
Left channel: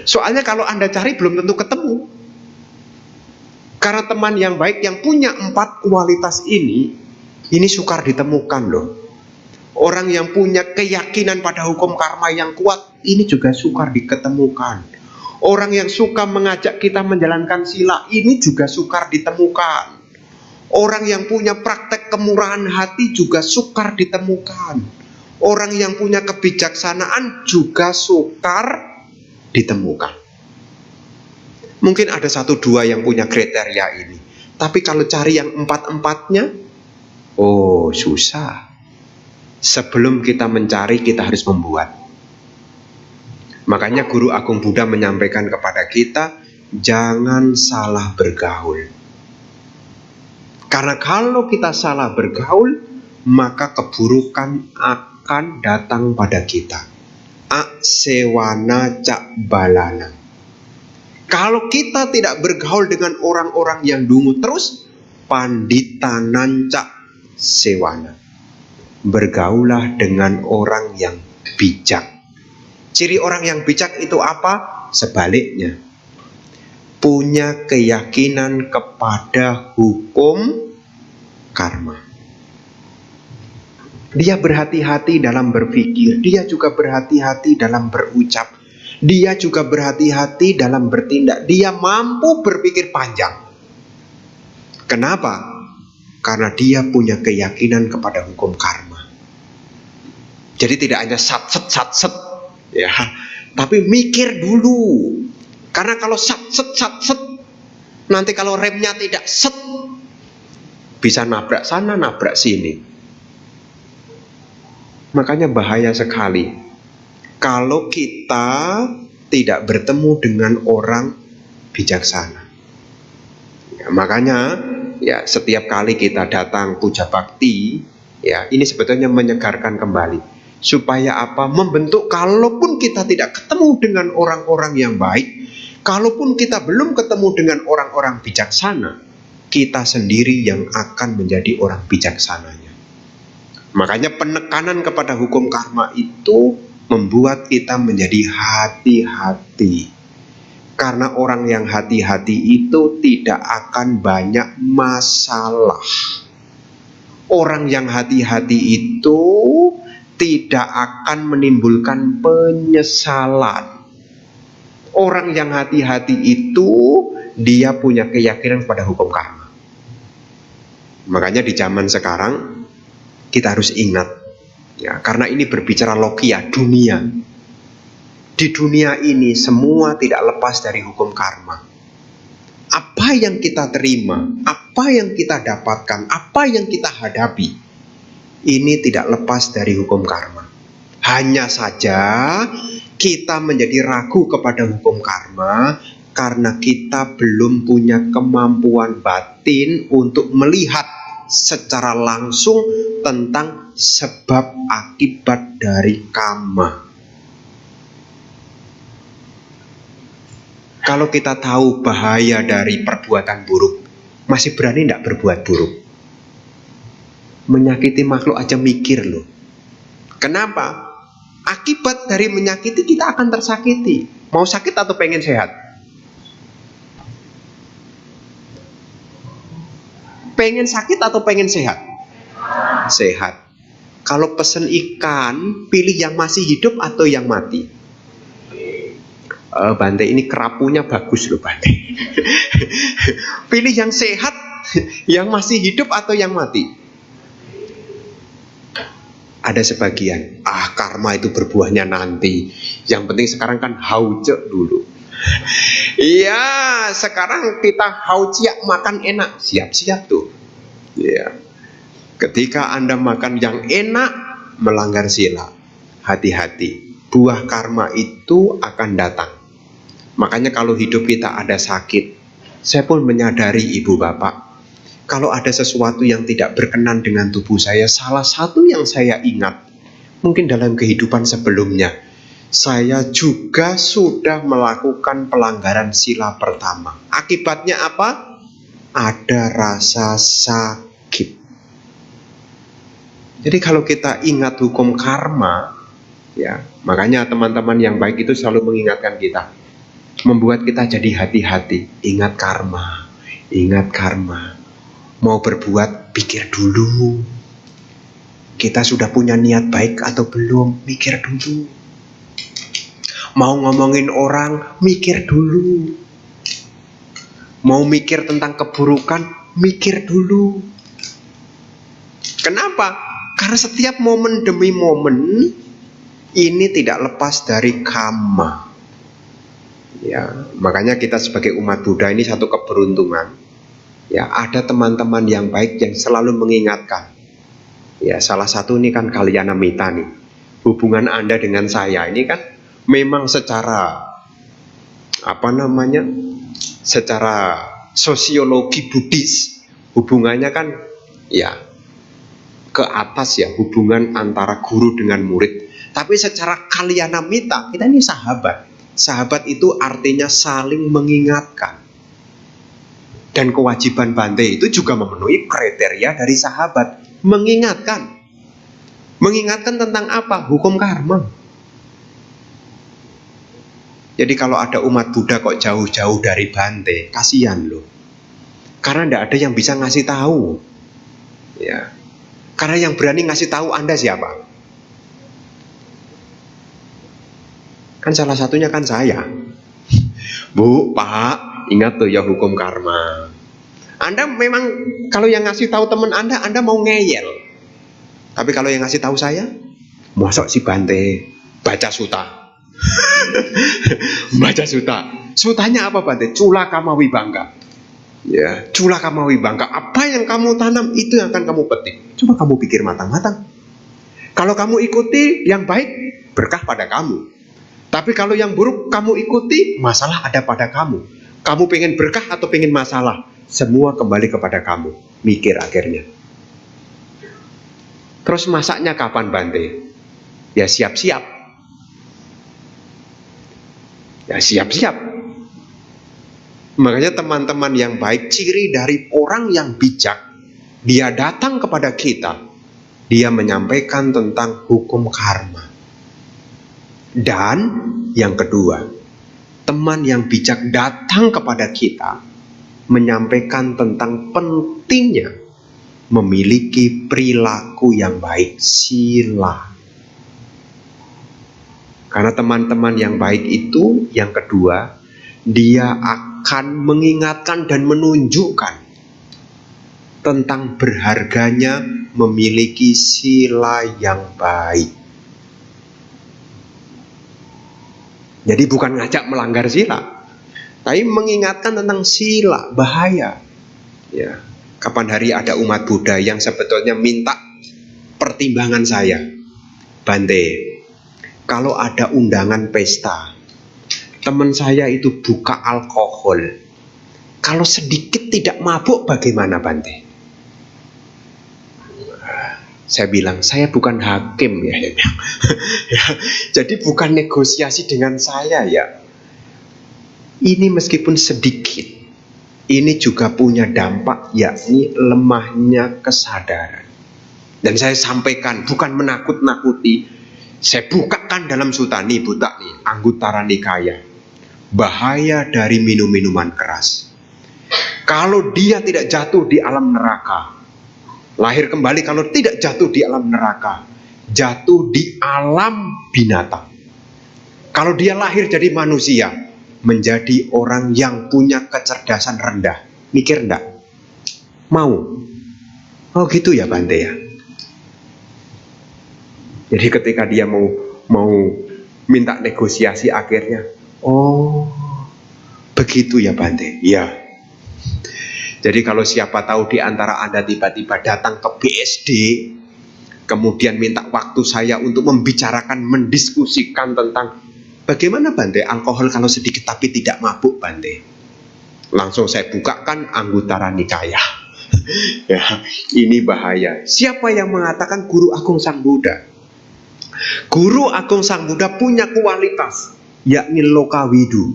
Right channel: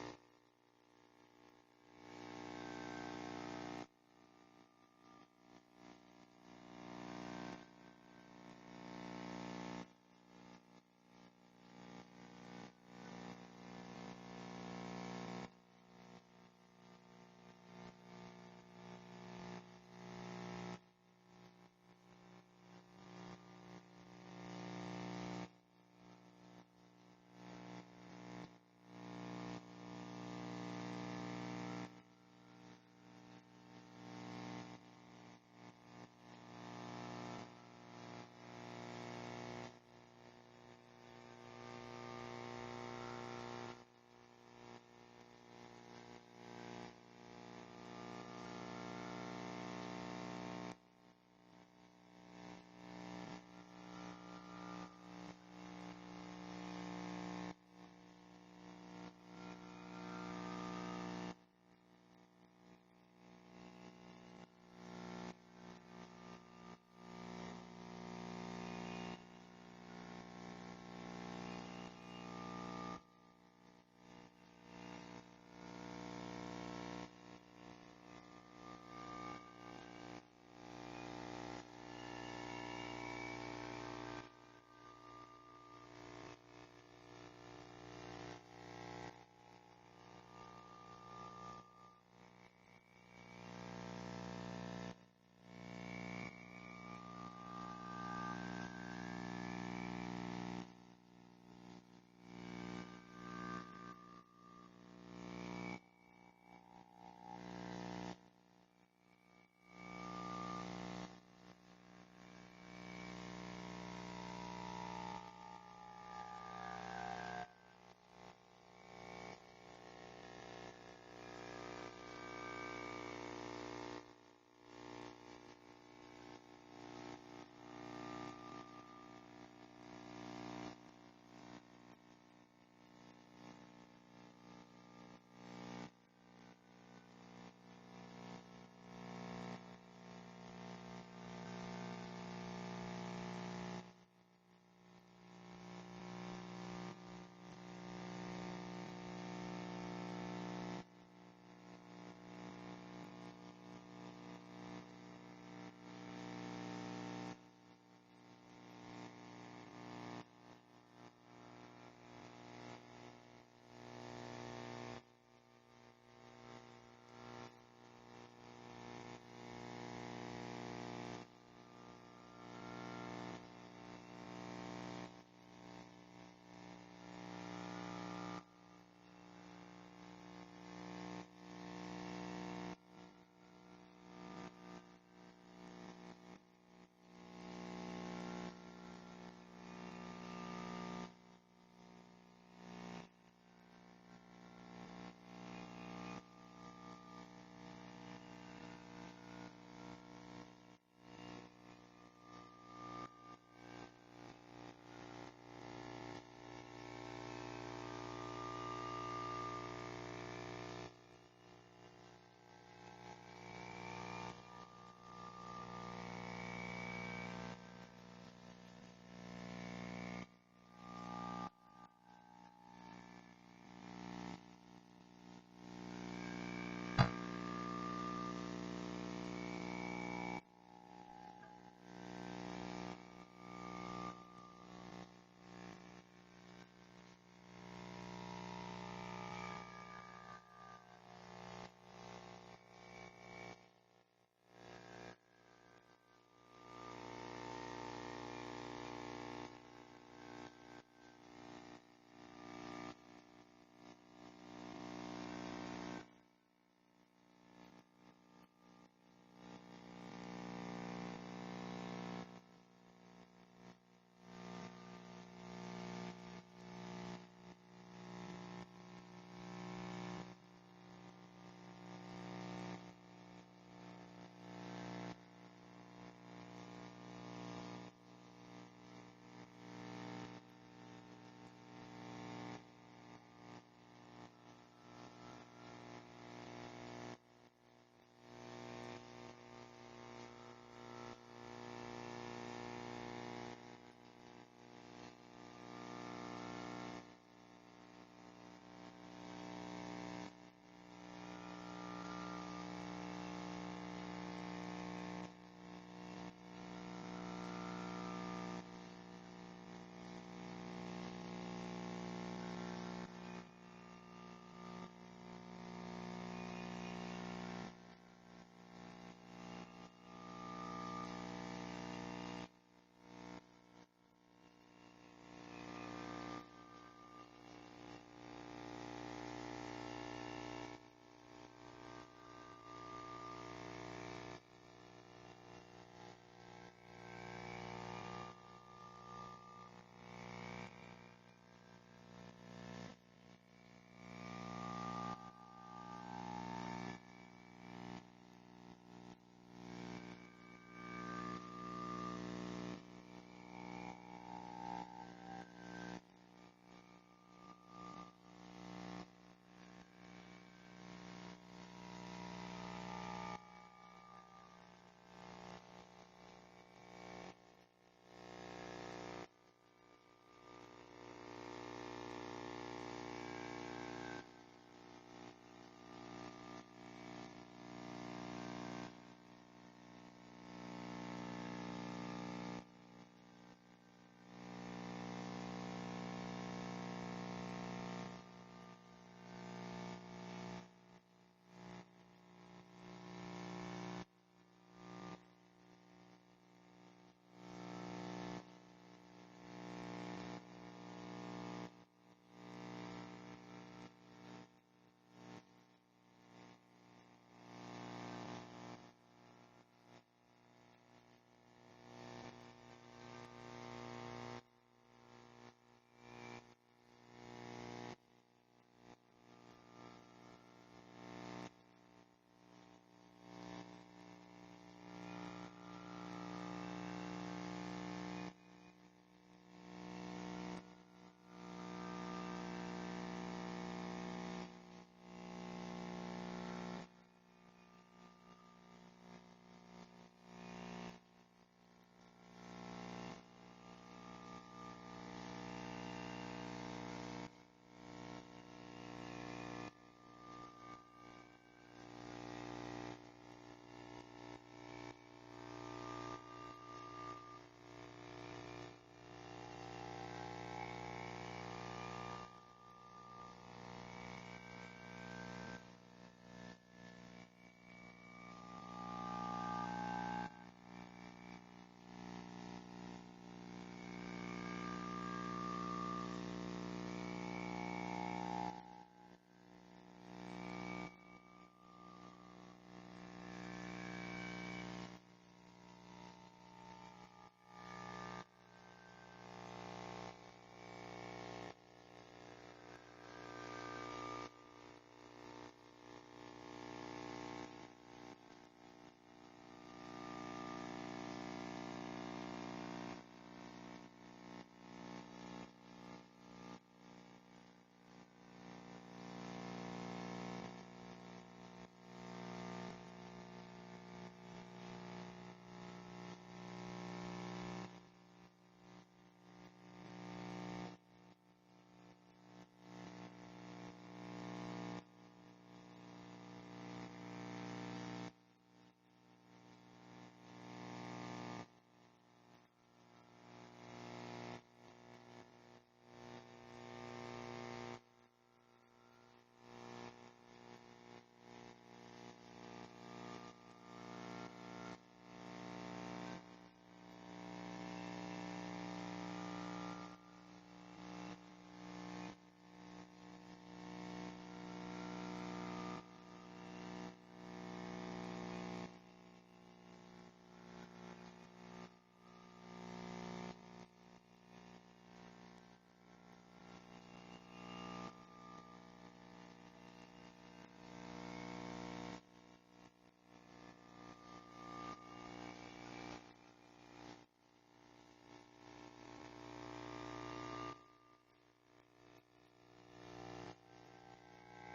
Soalnya kalau Anda cari belum tentu ketemu. Karena teman yang baik yang punya 4 kualitas ini sukar ditemukan loh. Orang yang punya keyakinan pada hukum karma yang kuat, ini juga sukar diketemukan. Orang yang suka mengajak kita menjalankan sila, ini juga sukar ditemukan. Orang yang punya praktek kemurahan hati juga sukar ditemukan. Orang yang punya kebijaksanaan juga sukar ditemukan. Mungkin ada 1-2 yang punya kriteria ini. Tapi kalau cari yang 4-4-nya, oh susah. Sebelum kita mencari, kita harus membuat. Makanya Guru Agung Buddha menyampaikan kepada kita, jangan salah bergaul. Karena kalau kita salah bergaul, maka keburukan akan datang pada kita. Aksewana cak balana. Kalau kita tidak bergaul dengan orang-orang yang dungu terus, panditanan cak sewana. Bergaulah dengan orang yang bijak. Ciri orang yang bijak itu apa? Sebaliknya, punya keyakinan kepada hukum karma. Dia berhati-hati dalam berpikir, dia juga berhati-hati dalam berucap, dia juga berhati-hati dalam bertindak, dia mampu berpikir panjang. Kenapa? Karena dia punya keyakinan kepada hukum karma. Jadi tidak hanya sat-set, ya, tapi mikir dulu. Karena kalau sat-set, nanti kalau remnya tidak set, bisa nabrak sana, nabrak sini. Makanya bahaya sekali kalau kita tidak bertemu dengan orang bijaksana. Ya, makanya ya setiap kali kita datang puja bakti, ya ini sebetulnya menyegarkan kembali. Supaya apa? Membentuk, kalaupun kita tidak ketemu dengan orang-orang yang baik, kalaupun kita belum ketemu dengan orang-orang bijaksana, kita sendiri yang akan menjadi orang bijaksananya. Makanya penekanan kepada hukum karma itu membuat kita menjadi hati-hati. Karena orang yang hati-hati itu tidak akan banyak masalah. Orang yang hati-hati itu tidak akan menimbulkan penyesalan. Orang yang hati-hati itu dia punya keyakinan pada hukum karma. Makanya di zaman sekarang kita harus ingat, ya, karena ini berbicara logia, dunia. Di dunia ini semua tidak lepas dari hukum karma. Apa yang kita terima, apa yang kita dapatkan, apa yang kita hadapi, ini tidak lepas dari hukum karma. Hanya saja kita menjadi ragu kepada hukum karma karena kita belum punya kemampuan batin untuk melihat secara langsung tentang sebab akibat dari karma. Kalau kita tahu bahaya dari perbuatan buruk, masih berani tidak berbuat buruk? Menyakiti makhluk aja mikir loh. Kenapa? Akibat dari menyakiti kita akan tersakiti. Mau sakit atau pengen sehat? Pengen sakit atau pengen sehat? Sehat. Kalau pesen ikan, pilih yang masih hidup atau yang mati? Bante ini kerapunya bagus loh Bante. Pilih yang sehat, yang masih hidup atau yang mati? Ada sebagian, karma itu berbuahnya nanti. Yang penting sekarang kan hauce dulu. Iya, sekarang kita hauciak makan enak, siap-siap tuh. Ya. Ketika Anda makan yang enak, melanggar sila. Hati-hati, buah karma itu akan datang. Makanya kalau hidup kita ada sakit, saya pun menyadari ibu bapak, kalau ada sesuatu yang tidak berkenan dengan tubuh saya, salah satu yang saya ingat, mungkin dalam kehidupan sebelumnya, saya juga sudah melakukan pelanggaran sila pertama. Akibatnya apa? Ada rasa sakit. Jadi kalau kita ingat hukum karma, ya, makanya teman-teman yang baik itu selalu mengingatkan kita, membuat kita jadi hati-hati. Ingat karma, ingat karma. Mau berbuat, pikir dulu. Kita sudah punya niat baik atau belum? Mikir dulu. Mau ngomongin orang, mikir dulu. Mau mikir tentang keburukan, mikir dulu. Kenapa? Karena setiap momen demi momen ini tidak lepas dari karma. Ya, makanya kita sebagai umat Buddha ini satu keberuntungan. Ya, ada teman-teman yang baik yang selalu mengingatkan. Ya, salah satu ini kan Kalyana Mita nih. Hubungan Anda dengan saya ini kan memang secara secara sosiologi Buddhis, hubungannya kan ya ke atas ya, hubungan antara guru dengan murid. Tapi secara Kalyana Mita, kita ini sahabat. Sahabat itu artinya saling mengingatkan. Dan kewajiban Bante itu juga memenuhi kriteria dari sahabat, mengingatkan. Mengingatkan tentang apa? Hukum karma. Jadi kalau ada umat Buddha kok jauh-jauh dari Bante, kasihan loh. Karena tidak ada yang bisa ngasih tahu. Ya. Karena yang berani ngasih tahu Anda siapa? Kan salah satunya kan saya. Bu, Pak, ingat tuh ya hukum karma. Anda memang kalau yang ngasih tahu teman Anda mau ngeyel. Tapi kalau yang ngasih tahu saya, mosok si Bante baca suta. Baca suta. Sutanya apa Bante? Cula kama wibangga. Ya, cula kama wibangga. Apa yang kamu tanam itu yang akan kamu petik. Coba kamu pikir matang-matang. Kalau kamu ikuti yang baik, berkah pada kamu. Tapi kalau yang buruk kamu ikuti, masalah ada pada kamu. Kamu pengen berkah atau pengen masalah? Semua kembali kepada kamu. Mikir akhirnya. Terus masaknya kapan Bante? Ya siap-siap. Ya siap-siap. Makanya teman-teman yang baik, ciri dari orang yang bijak, dia datang kepada kita, dia menyampaikan tentang hukum karma. Dan yang kedua, teman yang bijak datang kepada kita, menyampaikan tentang pentingnya memiliki perilaku yang baik, sila. Karena teman-teman yang baik itu, yang kedua, dia akan mengingatkan dan menunjukkan tentang berharganya memiliki sila yang baik. Jadi bukan ngajak melanggar sila, tapi mengingatkan tentang sila, bahaya. Ya, kapan hari ada umat Buddha yang sebetulnya minta pertimbangan saya, Bante, kalau ada undangan pesta, teman saya itu buka alkohol, kalau sedikit tidak mabuk bagaimana Bante? Saya bilang, saya bukan hakim ya. Ya, jadi bukan negosiasi dengan saya ya. Ini meskipun sedikit, ini juga punya dampak, yakni lemahnya kesadaran. Dan saya sampaikan, bukan menakut-nakuti. Saya bukakan dalam Sutani Buta nih, Anguttara Nikaya. Bahaya dari minum-minuman keras. Kalau dia tidak jatuh di alam neraka, lahir kembali, kalau tidak jatuh di alam neraka, jatuh di alam binatang. Kalau dia lahir jadi manusia, menjadi orang yang punya kecerdasan rendah. Mikir enggak? Mau? Oh gitu ya Bante ya. Jadi ketika dia mau minta negosiasi akhirnya, oh begitu ya Bante. Ya. Jadi kalau siapa tahu di antara Anda tiba-tiba datang ke BSD, kemudian minta waktu saya untuk membicarakan, mendiskusikan tentang bagaimana Bante alkohol kalau sedikit tapi tidak mabuk Bante. Langsung saya bukakan Anggutara Nikaya. Ya, ini bahaya. Siapa yang mengatakan Guru Agung Sang Buddha? Guru Agung Sang Buddha punya kualitas, yakni Lokawidu.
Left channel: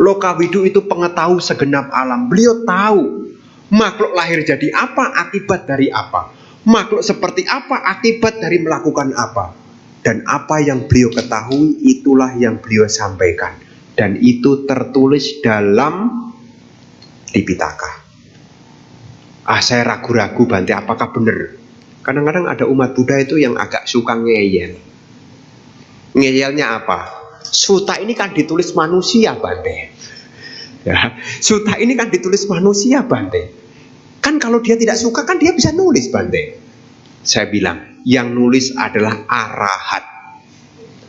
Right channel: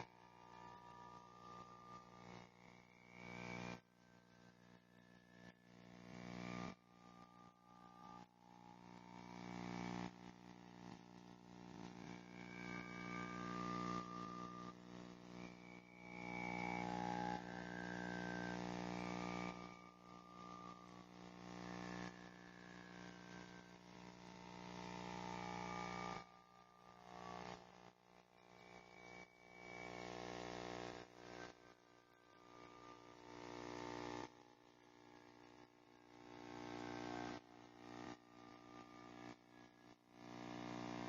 Lokawidu itu pengetahui segenap alam. Beliau tahu makhluk lahir jadi apa, akibat dari apa. Makhluk seperti apa, akibat dari melakukan apa. Dan apa yang beliau ketahui, itulah yang beliau sampaikan. Dan itu tertulis dalam Tipitaka. Saya ragu-ragu Bante, apakah benar? Kadang-kadang ada umat Buddha itu yang agak suka ngeyel. Ngeyelnya apa? Suta ini kan ditulis manusia Bante. Ya, suta ini kan ditulis manusia Bante. Kan kalau dia tidak suka kan dia bisa nulis Bante. Saya bilang, yang nulis adalah arahat.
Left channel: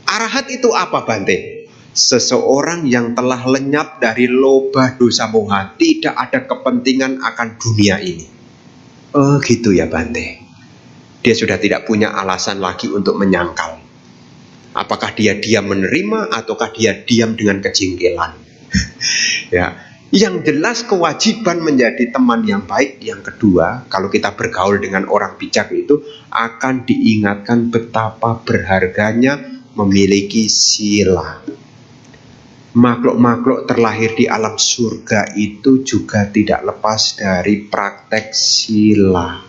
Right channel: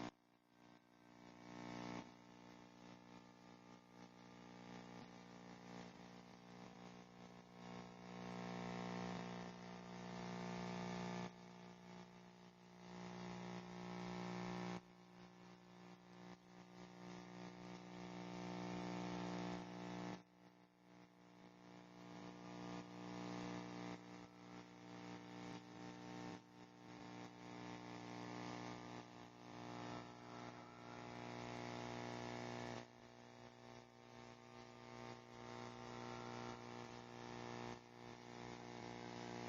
Arahat itu apa Bante? Seseorang yang telah lenyap dari loba dosa moha, tidak ada kepentingan akan dunia ini. Oh gitu ya Bante. Dia sudah tidak punya alasan lagi untuk menyangkal. Apakah dia diam menerima ataukah dia diam dengan kejengkelan? Ya, yang jelas kewajiban menjadi teman yang baik. Yang kedua, kalau kita bergaul dengan orang bijak itu akan diingatkan betapa berharganya memiliki sila. Makhluk-makhluk terlahir di alam surga itu juga tidak lepas dari praktek sila.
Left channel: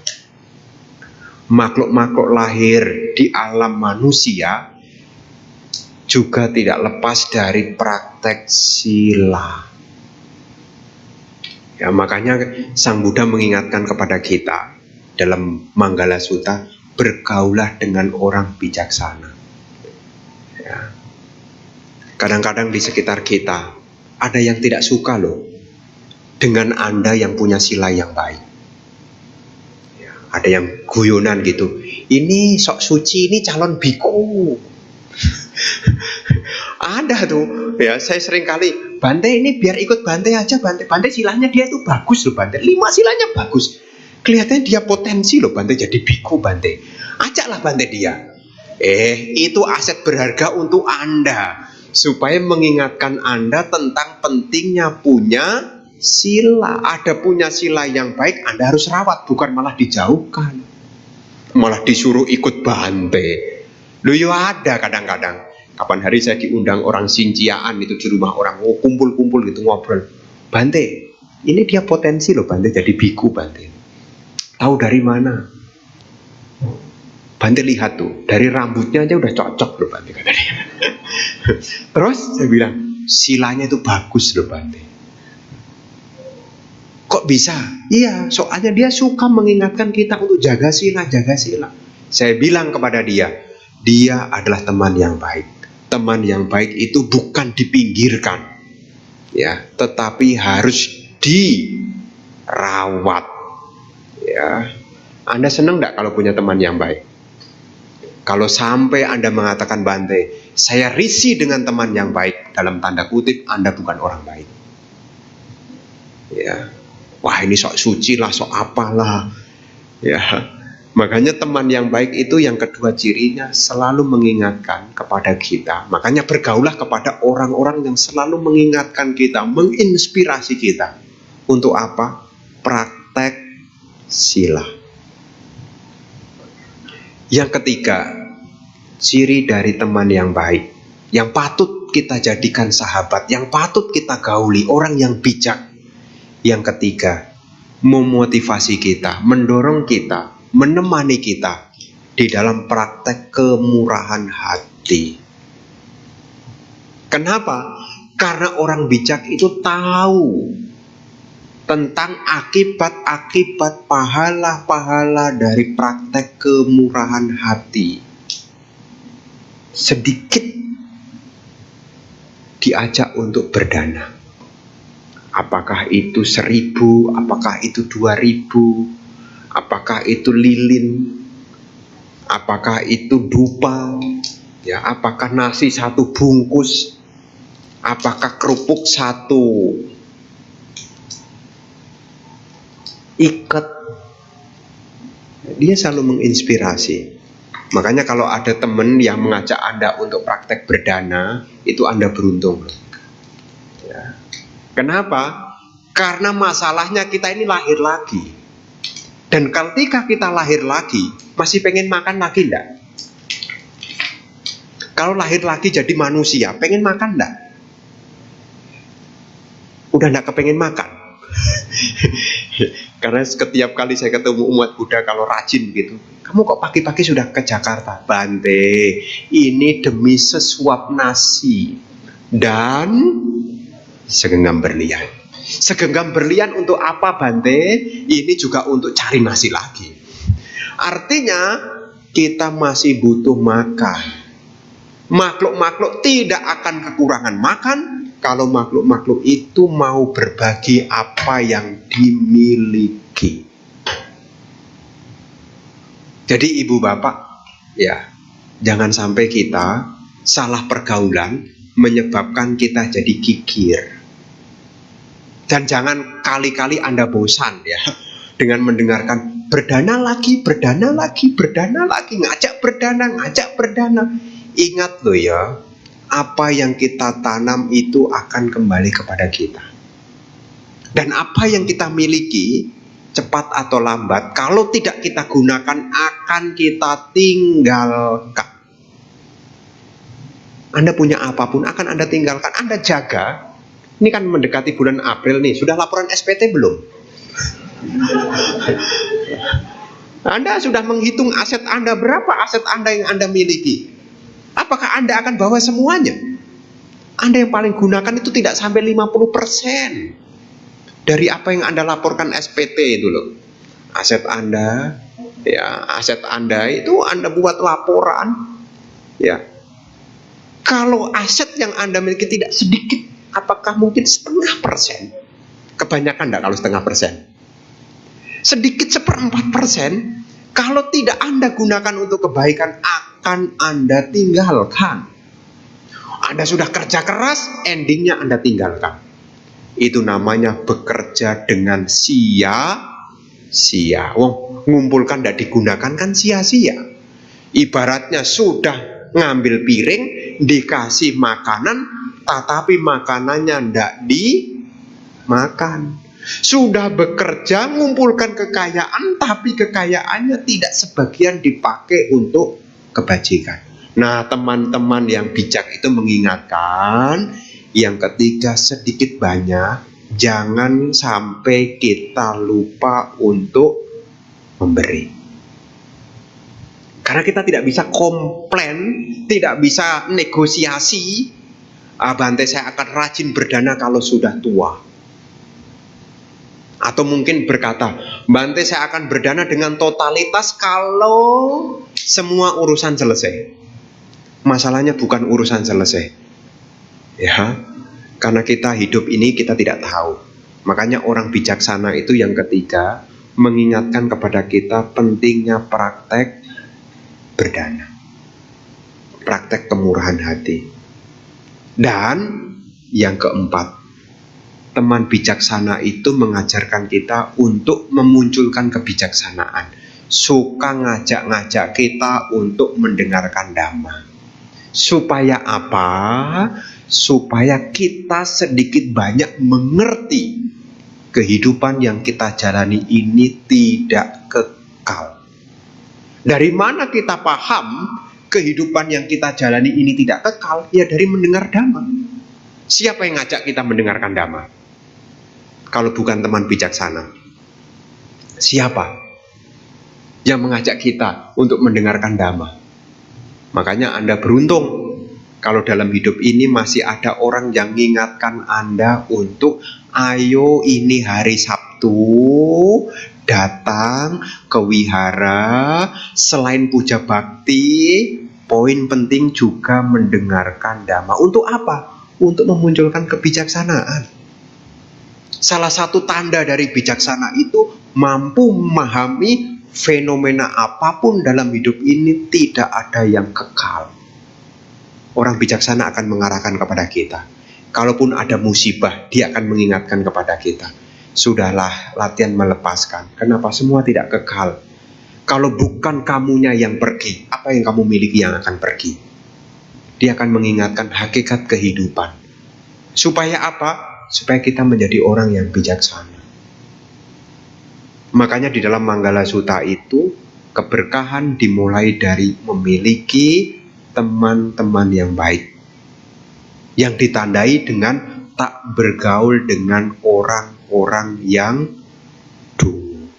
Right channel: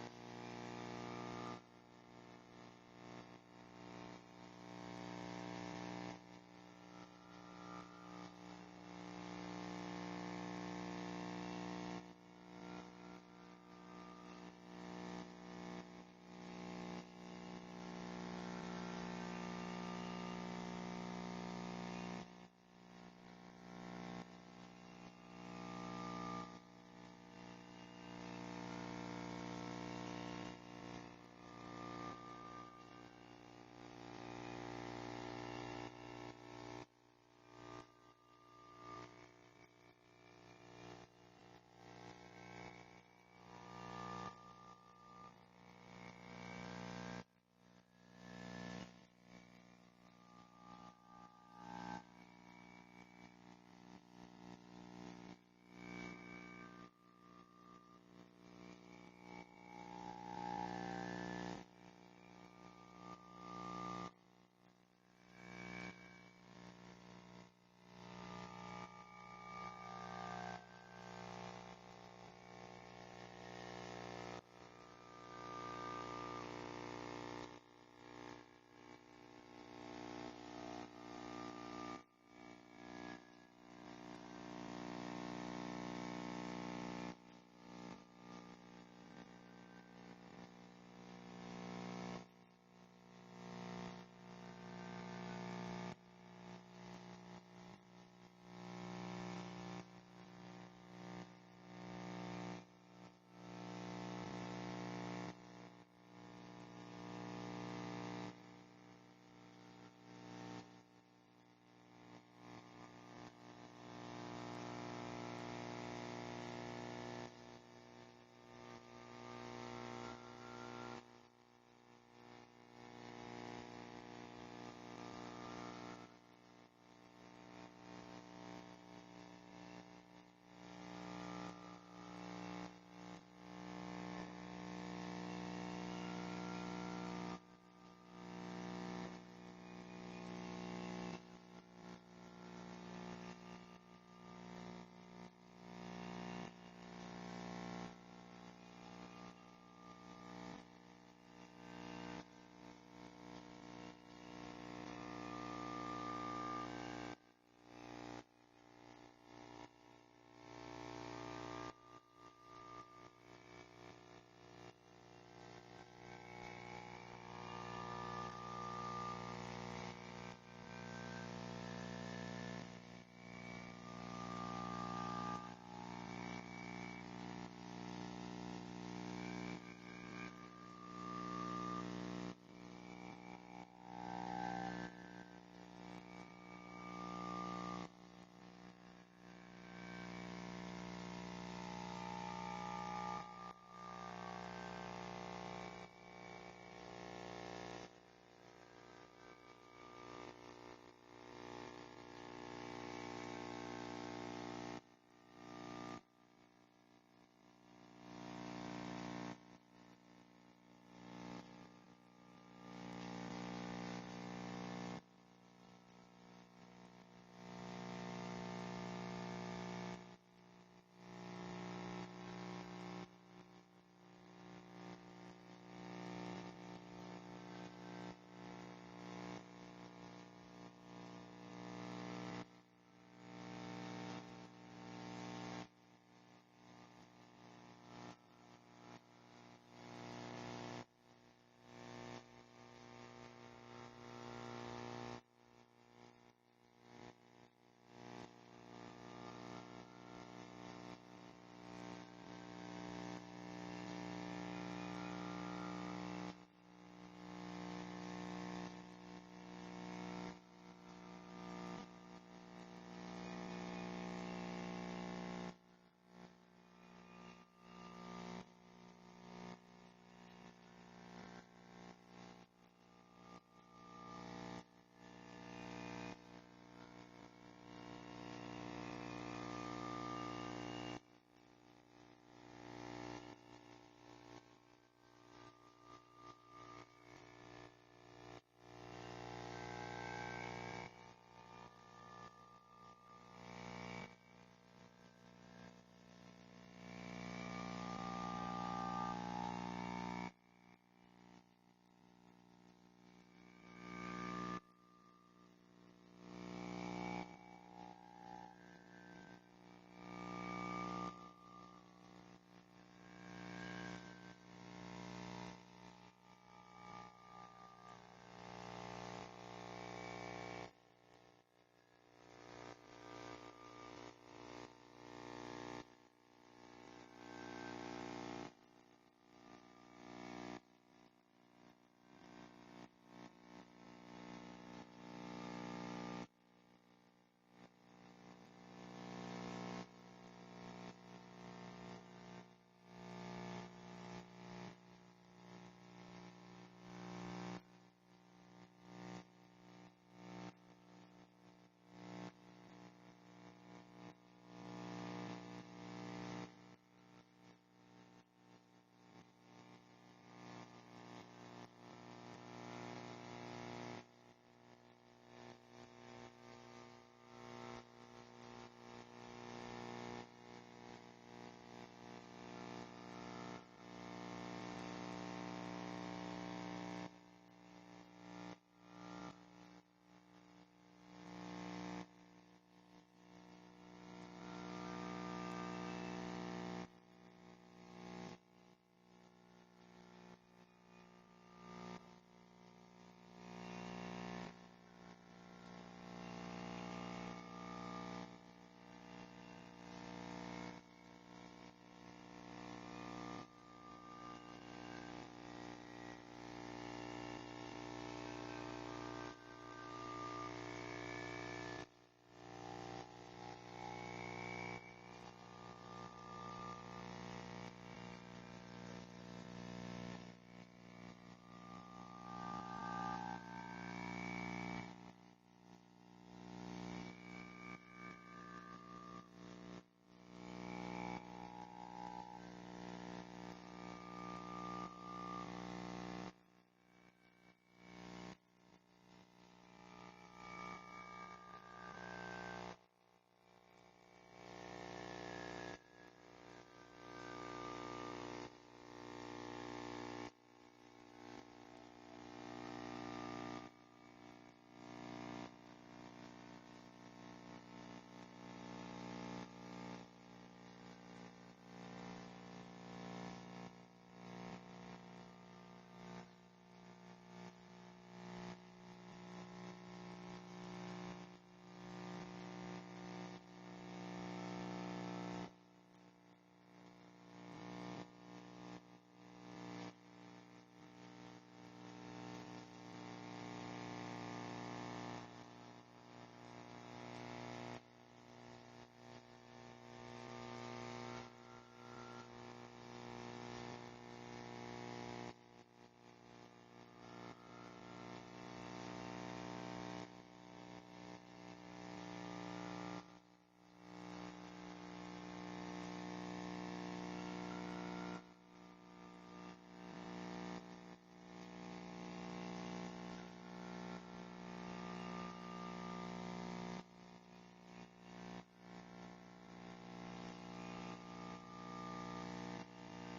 Makhluk-makhluk lahir di alam manusia juga tidak lepas dari praktek sila. Ya, makanya Sang Buddha mengingatkan kepada kita dalam Manggala Sutta, bergaulah dengan orang bijaksana. Ya. Kadang-kadang di sekitar kita ada yang tidak suka loh dengan Anda yang punya sila yang baik. Ya, ada yang guyonan gitu. Ini sok suci, ini calon biku. Ada tuh ya, saya sering kali, Bante ini biar ikut Bante aja Bante. Bante silanya dia itu bagus loh Bante, 5 silanya bagus. Kelihatannya dia potensi loh Bante jadi biku Bante. Ajaklah Bante dia. Itu aset berharga untuk Anda, supaya mengingatkan Anda tentang pentingnya punya sila. Ada punya sila yang baik, Anda harus rawat, bukan malah dijauhkan, malah disuruh ikut Bante. Loh ya ada kadang-kadang. Kapan hari saya diundang orang Sinciaan itu di rumah orang, kumpul-kumpul gitu ngobrol. Bante, ini dia potensi loh Bante jadi biku Bante. Tahu dari mana? Bante lihat tuh, dari rambutnya aja udah cocok loh Bante katanya. Terus saya bilang, silanya itu bagus loh Bante. Kok bisa? Iya, soalnya dia suka mengingatkan kita untuk jaga sila, jaga sila. Saya bilang kepada dia adalah teman yang baik. Teman yang baik itu bukan dipinggirkan, ya, tetapi harus dirawat. Ya, Anda senang nggak kalau punya teman yang baik? Kalau sampai Anda mengatakan Bante, saya risih dengan teman yang baik, dalam tanda kutip Anda bukan orang baik. Ya, wah ini sok suci lah, sok apalah. Ya. Makanya teman yang baik itu yang kedua cirinya selalu mengingatkan kepada kita. Makanya bergaulah kepada orang-orang yang selalu mengingatkan kita, menginspirasi kita. Untuk apa? Praktek sila. Yang ketiga, ciri dari teman yang baik, yang patut kita jadikan sahabat, yang patut kita gauli, orang yang bijak. Yang ketiga, memotivasi kita, mendorong kita, menemani kita di dalam praktek kemurahan hati. Kenapa? Karena orang bijak itu tahu tentang akibat-akibat pahala-pahala dari praktek kemurahan hati. Sedikit diajak untuk berdana. Apakah itu 1.000, apakah itu 2.000, apakah itu lilin, apakah itu dupa, ya, apakah nasi 1 bungkus, apakah kerupuk 1 ikat. Dia selalu menginspirasi. Makanya kalau ada teman yang mengajak Anda untuk praktek berdana, itu Anda beruntung. Ya. Kenapa? Karena masalahnya kita ini lahir lagi. Dan ketika kita lahir lagi, masih pengen makan lagi enggak? Kalau lahir lagi jadi manusia, pengen makan enggak? Udah enggak kepengen makan. Karena setiap kali saya ketemu umat Buddha kalau rajin gitu, kamu kok pagi-pagi sudah ke Jakarta? Bante, ini demi sesuap nasi dan segenggam berlian. Segenggam berlian untuk apa, Bante? Ini juga untuk cari nasi lagi. Artinya kita masih butuh makan. Makhluk-makhluk tidak akan kekurangan makan kalau makhluk-makhluk itu mau berbagi apa yang dimiliki. Jadi ibu bapak, ya, jangan sampai kita salah pergaulan menyebabkan kita jadi kikir. Dan jangan kali-kali Anda bosan ya dengan mendengarkan berdana lagi, berdana lagi, berdana lagi, ngajak berdana. Ingat loh ya, apa yang kita tanam itu akan kembali kepada kita. Dan apa yang kita miliki, cepat atau lambat, kalau tidak kita gunakan akan kita tinggalkan. Anda punya apapun akan Anda tinggalkan. Anda jaga. Ini kan mendekati bulan April nih. Sudah laporan SPT belum? Anda sudah menghitung aset Anda, berapa aset Anda yang Anda miliki? Apakah Anda akan bawa semuanya? Anda yang paling gunakan itu tidak sampai 50% dari apa yang Anda laporkan SPT itu loh. Aset Anda, ya, aset Anda itu Anda buat laporan, ya. Kalau aset yang Anda miliki tidak sedikit, apakah mungkin 0,5%? Kebanyakan enggak kalau 0,5%? Sedikit 1/4%, kalau tidak Anda gunakan untuk kebaikan, akan Anda tinggalkan. Anda sudah kerja keras, endingnya Anda tinggalkan. Itu namanya bekerja dengan sia-sia. Wong, ngumpulkan tidak digunakan kan sia-sia. Ibaratnya sudah ngambil piring, dikasih makanan, tetapi makanannya tidak dimakan. Sudah bekerja, mengumpulkan kekayaan, tapi kekayaannya tidak sebagian dipakai untuk kebajikan. Nah, teman-teman yang bijak itu mengingatkan, yang ketiga, sedikit banyak, jangan sampai kita lupa untuk memberi. Karena kita tidak bisa komplain, tidak bisa negosiasi, Bante saya akan rajin berdana kalau sudah tua. Atau mungkin berkata, Bante saya akan berdana dengan totalitas kalau semua urusan selesai. Masalahnya bukan urusan selesai, ya, karena kita hidup ini kita tidak tahu. Makanya orang bijaksana itu yang ketiga, mengingatkan kepada kita pentingnya praktek berdana, praktek kemurahan hati. Dan yang keempat, teman bijaksana itu mengajarkan kita untuk memunculkan kebijaksanaan. Suka ngajak-ngajak kita untuk mendengarkan dhamma. Supaya apa? Supaya kita sedikit banyak mengerti kehidupan yang kita jalani ini tidak kekal. Dari mana kita paham kehidupan yang kita jalani ini tidak kekal? Ya dari mendengar dhamma. Siapa yang ngajak kita mendengarkan dhamma? Kalau bukan teman bijaksana, siapa yang mengajak kita untuk mendengarkan dhamma? Makanya Anda beruntung Kalau dalam hidup ini masih ada orang yang mengingatkan Anda untuk ayo ini hari Sabtu, datang ke wihara, selain puja bakti, poin penting juga mendengarkan dhamma. Untuk apa? Untuk memunculkan kebijaksanaan. Salah satu tanda dari bijaksana itu mampu memahami fenomena apapun dalam hidup ini tidak ada yang kekal. Orang bijaksana akan mengarahkan kepada kita. Kalaupun ada musibah, dia akan mengingatkan kepada kita. Sudahlah, latihan melepaskan. Kenapa semua tidak kekal? Kalau bukan kamunya yang pergi, apa yang kamu miliki yang akan pergi? Dia akan mengingatkan hakikat kehidupan. Supaya apa? Supaya kita menjadi orang yang bijaksana. Makanya di dalam Manggala Sutta itu, keberkahan dimulai dari memiliki teman-teman yang baik, yang ditandai dengan tak bergaul dengan orang-orang yang dungu.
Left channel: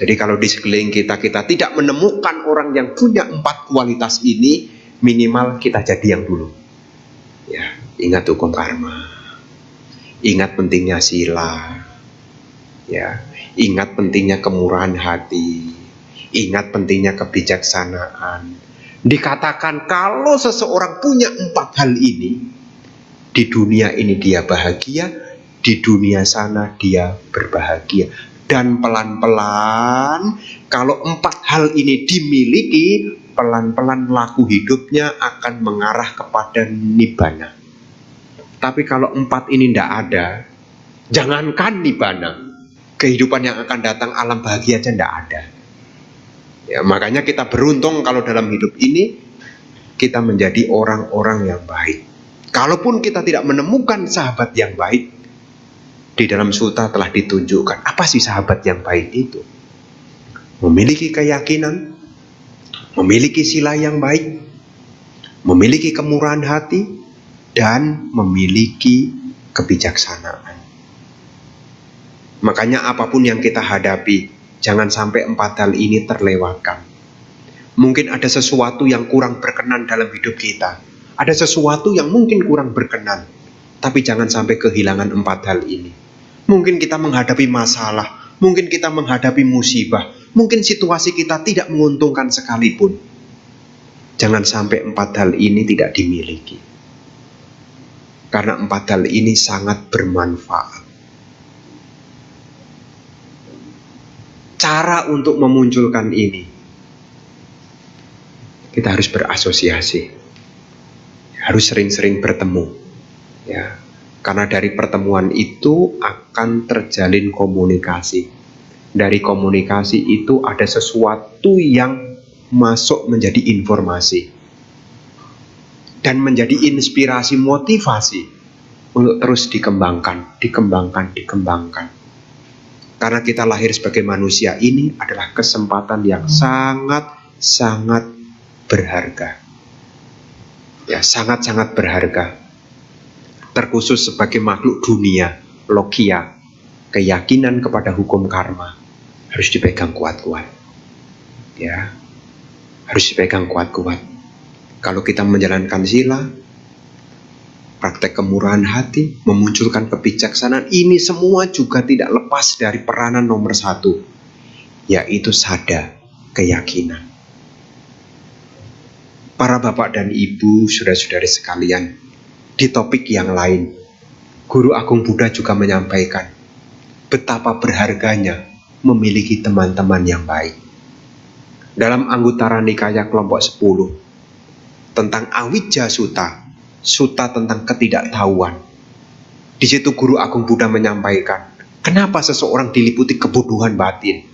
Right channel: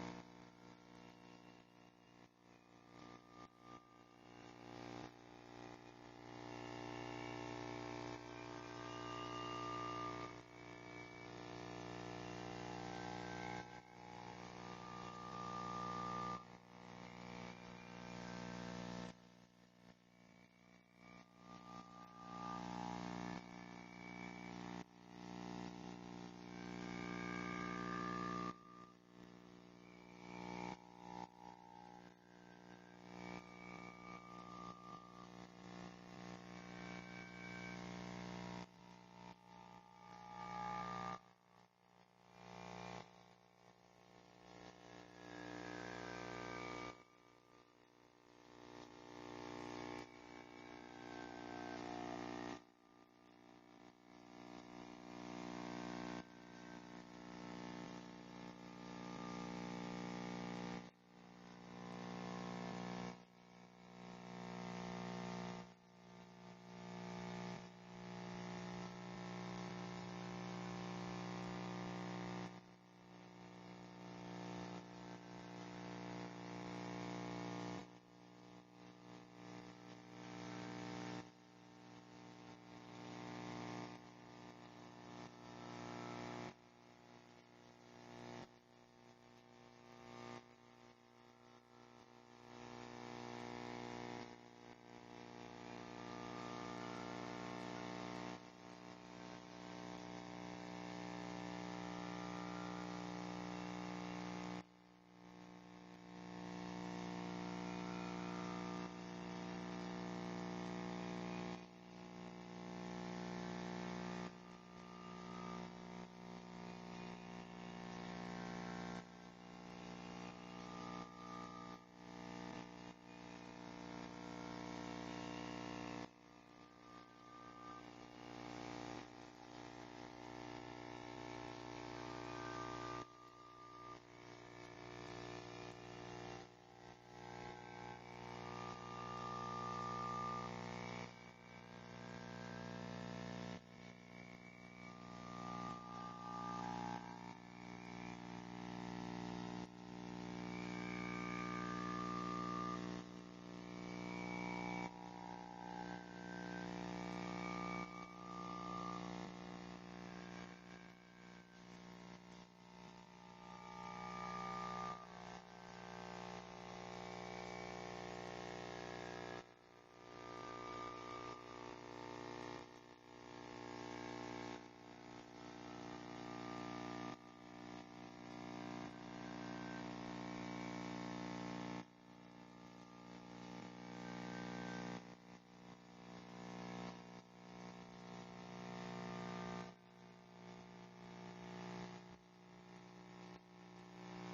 Jadi kalau di sekeliling kita tidak menemukan orang yang punya 4 kualitas ini, minimal kita jadi yang dulu. Ya, ingat hukum karma, ingat pentingnya sila, ya, ingat pentingnya kemurahan hati, ingat pentingnya kebijaksanaan. Dikatakan kalau seseorang punya 4 hal ini, di dunia ini dia bahagia, di dunia sana dia berbahagia. Dan pelan-pelan, kalau 4 hal ini dimiliki, pelan-pelan laku hidupnya akan mengarah kepada nibbana. Tapi kalau 4 ini tidak ada, jangankan nibbana, kehidupan yang akan datang, alam bahagia aja tidak ada. Ya, makanya kita beruntung kalau dalam hidup ini kita menjadi orang-orang yang baik. Kalaupun kita tidak menemukan sahabat yang baik, di dalam sutta telah ditunjukkan apa sih sahabat yang baik itu. Memiliki keyakinan, memiliki sila yang baik, memiliki kemurahan hati, dan memiliki kebijaksanaan. Makanya apapun yang kita hadapi, jangan sampai 4 hal ini terlewatkan. Mungkin ada sesuatu yang kurang berkenan dalam hidup kita. Ada sesuatu yang mungkin kurang berkenan. Tapi jangan sampai kehilangan 4 hal ini. Mungkin kita menghadapi masalah. Mungkin kita menghadapi musibah. Mungkin situasi kita tidak menguntungkan sekalipun. Jangan sampai 4 hal ini tidak dimiliki. Karena 4 hal ini sangat bermanfaat. Cara untuk memunculkan ini, kita harus berasosiasi, harus sering-sering bertemu, ya. Karena dari pertemuan itu akan terjalin komunikasi. Dari komunikasi itu ada sesuatu yang masuk menjadi informasi dan menjadi inspirasi, motivasi untuk terus dikembangkan. Karena kita lahir sebagai manusia ini adalah kesempatan yang sangat-sangat berharga. Ya, sangat-sangat berharga. Terkhusus sebagai makhluk dunia, logia, keyakinan kepada hukum karma harus dipegang kuat-kuat. Ya, harus dipegang kuat-kuat. Kalau kita menjalankan sila, praktek kemurahan hati, memunculkan kebijaksanaan, ini semua juga tidak lepas dari peranan nomor 1, yaitu sada, keyakinan. Para bapak dan ibu, saudara-saudari sekalian, di topik yang lain, Guru Agung Buddha juga menyampaikan betapa berharganya memiliki teman-teman yang baik. Dalam Anguttara Nikaya kelompok 10, tentang Awijja Sutta, Sutta tentang ketidaktahuan. Di situ Guru Agung Buddha menyampaikan, kenapa seseorang diliputi kebodohan batin?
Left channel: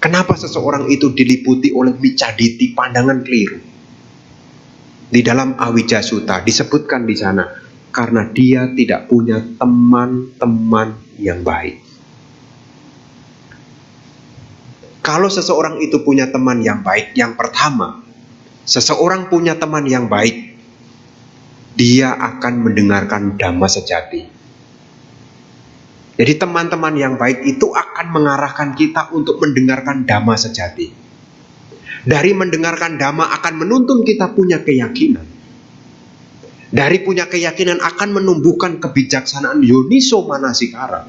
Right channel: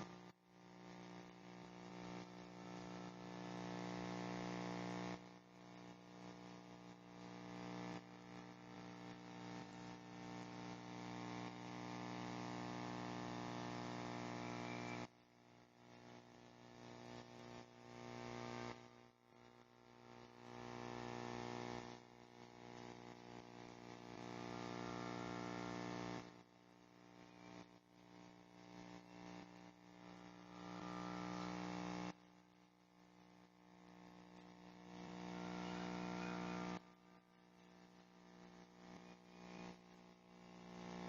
Kenapa seseorang itu diliputi oleh micaditi, pandangan keliru? Di dalam Awijja Sutta disebutkan di sana, karena dia tidak punya teman-teman yang baik. Kalau seseorang itu punya teman yang baik, yang pertama, seseorang punya teman yang baik, dia akan mendengarkan dhamma sejati. Jadi teman-teman yang baik itu akan mengarahkan kita untuk mendengarkan dhamma sejati. Dari mendengarkan dhamma akan menuntun kita punya keyakinan. Dari punya keyakinan akan menumbuhkan kebijaksanaan Yoniso Manasikara.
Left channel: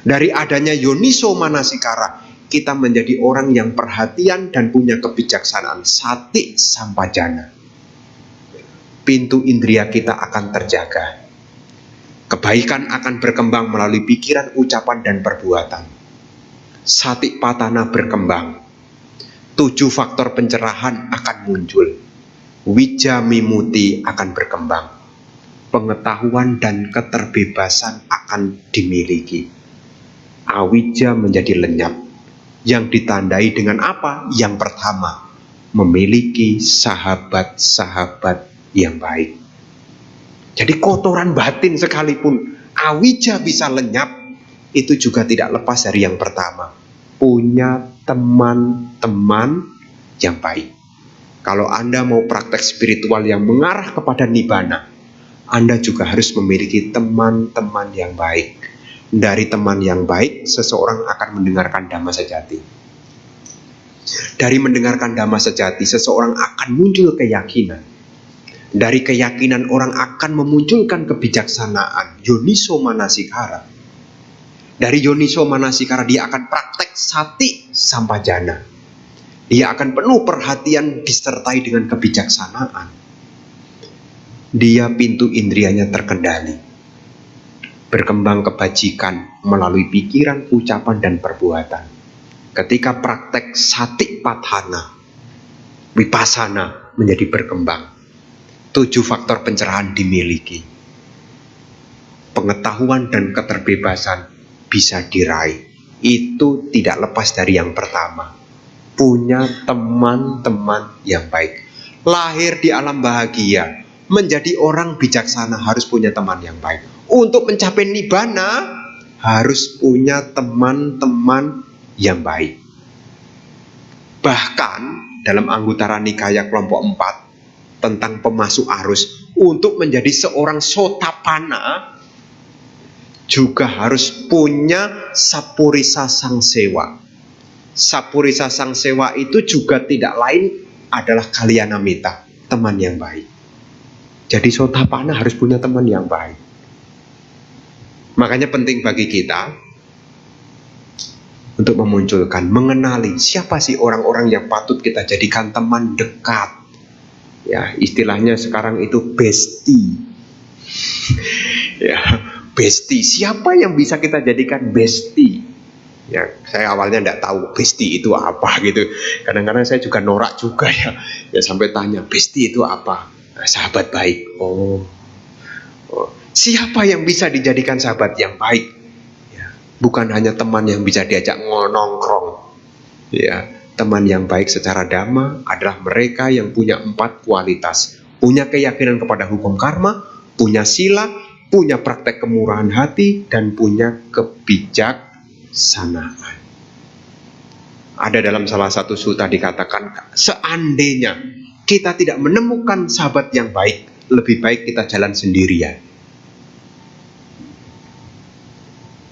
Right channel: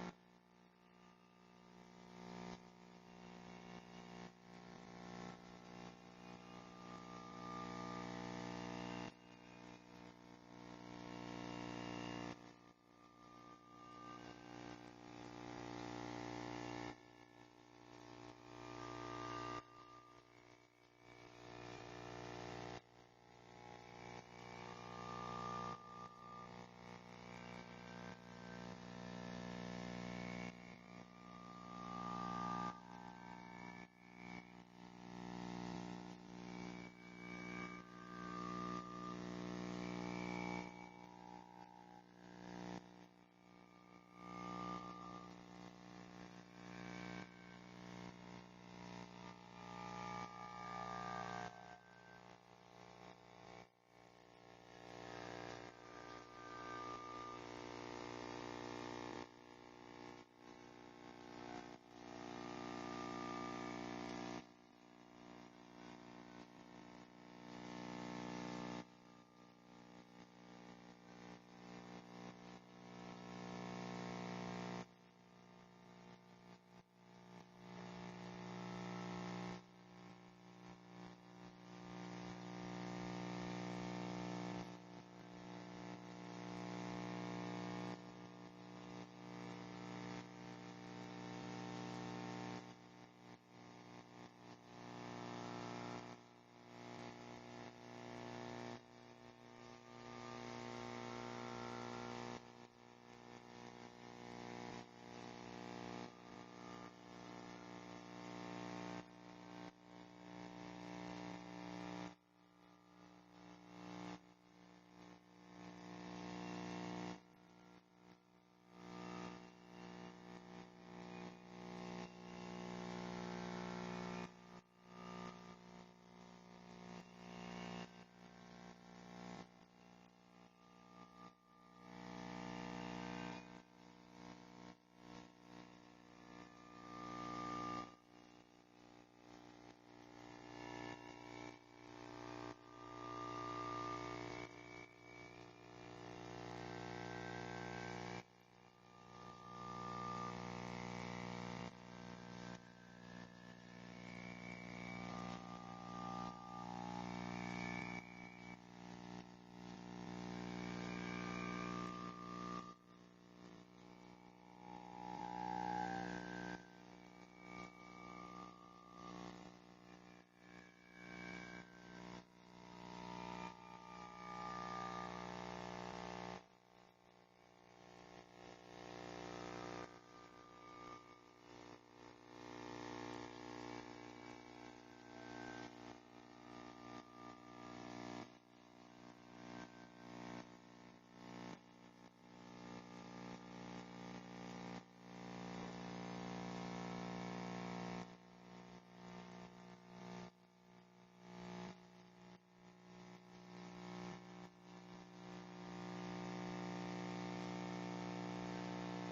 Dari adanya Yoniso Manasikara, kita menjadi orang yang perhatian dan punya kebijaksanaan. Sati sampajana. Pintu indria kita akan terjaga. Kebaikan akan berkembang melalui pikiran, ucapan, dan perbuatan. Sati patana berkembang. 7 faktor pencerahan akan muncul. Wija mimuti akan berkembang. Pengetahuan dan keterbebasan akan dimiliki. Awija menjadi lenyap. Yang ditandai dengan apa? Yang pertama, memiliki sahabat-sahabat yang baik. Jadi kotoran batin sekalipun awija bisa lenyap, itu juga tidak lepas dari yang pertama, punya teman-teman yang baik. Kalau Anda mau praktek spiritual yang mengarah kepada nibbana, Anda juga harus memiliki teman-teman yang baik. Dari teman yang baik, seseorang akan mendengarkan Dhamma sejati. Dari mendengarkan Dhamma sejati, seseorang akan muncul keyakinan. Dari keyakinan orang akan memunculkan kebijaksanaan, Yoniso Manasikara. Dari Yoniso Manasikara dia akan praktek sati sampajana. Dia akan penuh perhatian disertai dengan kebijaksanaan. Dia pintu indrianya terkendali. Berkembang kebajikan melalui pikiran, ucapan, dan perbuatan. Ketika praktek sati patthana, vipassana menjadi berkembang. 7 faktor pencerahan dimiliki. Pengetahuan dan keterbebasan bisa diraih. Itu tidak lepas dari yang pertama, punya teman-teman yang baik. Lahir di alam bahagia, menjadi orang bijaksana harus punya teman yang baik. Untuk mencapai nibbana harus punya teman-teman yang baik. Bahkan dalam Anguttara Nikaya kelompok 4 tentang pemasuk arus, untuk menjadi seorang Sotapanna juga harus punya Sapurisa Sangsewa. Sapurisa Sangsewa itu juga tidak lain adalah Kalyanamitta, teman yang baik. Jadi Sotapanna harus punya teman yang baik. Makanya penting bagi kita untuk memunculkan, mengenali siapa sih orang-orang yang patut kita jadikan teman dekat. Ya, istilahnya sekarang itu bestie. Ya, bestie. Siapa yang bisa kita jadikan bestie? Ya, saya awalnya tidak tahu bestie itu apa gitu. Kadang-kadang saya juga norak juga ya. Ya sampai tanya, bestie itu apa? Nah, sahabat baik. Oh. Siapa yang bisa dijadikan sahabat yang baik? Ya, bukan hanya teman yang bisa diajak nongkrong. Ya, teman yang baik secara dhamma adalah mereka yang punya 4 kualitas. Punya keyakinan kepada hukum karma, punya sila, punya praktek kemurahan hati, dan punya kebijaksanaan. Ada dalam salah satu sutta dikatakan, seandainya kita tidak menemukan sahabat yang baik, lebih baik kita jalan sendirian.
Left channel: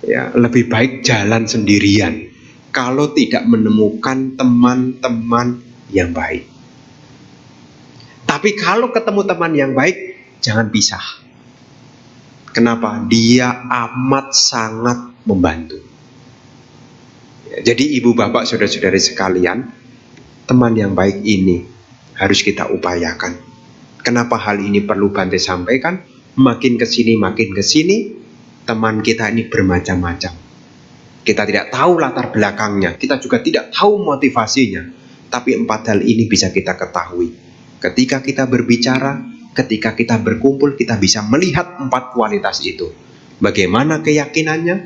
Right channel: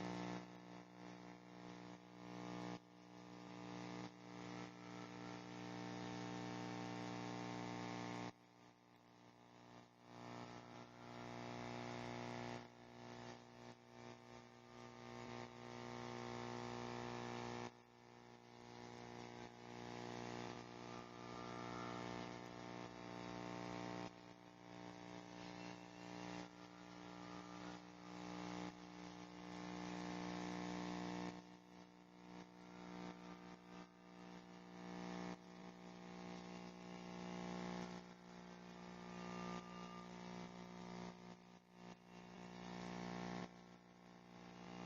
Ya, lebih baik jalan sendirian kalau tidak menemukan teman-teman yang baik. Tapi kalau ketemu teman yang baik, jangan pisah. Kenapa? Dia amat sangat membantu. Ya, jadi ibu bapak saudara-saudari sekalian, teman yang baik ini harus kita upayakan. Kenapa hal ini perlu Bante sampaikan? Makin ke sini, teman kita ini bermacam-macam. Kita tidak tahu latar belakangnya, kita juga tidak tahu motivasinya. Tapi 4 hal ini bisa kita ketahui. Ketika kita berbicara, ketika kita berkumpul, kita bisa melihat 4 kualitas itu. Bagaimana keyakinannya,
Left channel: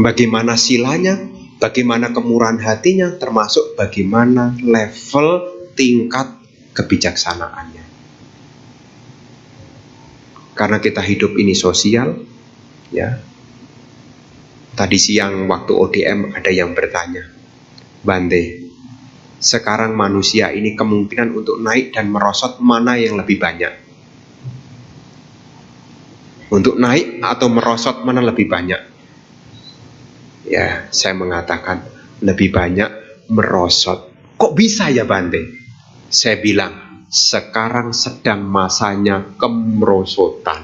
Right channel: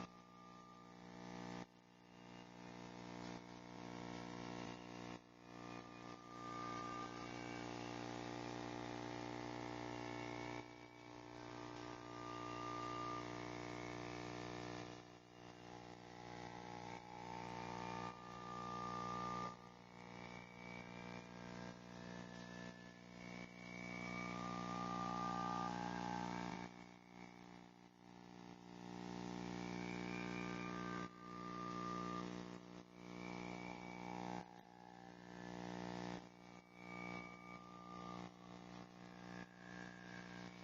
bagaimana silanya, bagaimana kemurahan hatinya, termasuk bagaimana level tingkat kebijaksanaannya. Karena kita hidup ini sosial, ya. Tadi siang waktu ODM ada yang bertanya, Bante, sekarang manusia ini kemungkinan untuk naik dan merosot mana yang lebih banyak? Untuk naik atau merosot mana lebih banyak? Ya, saya mengatakan lebih banyak merosot. Kok bisa ya Bante? Saya bilang, sekarang sedang masanya kemerosotan.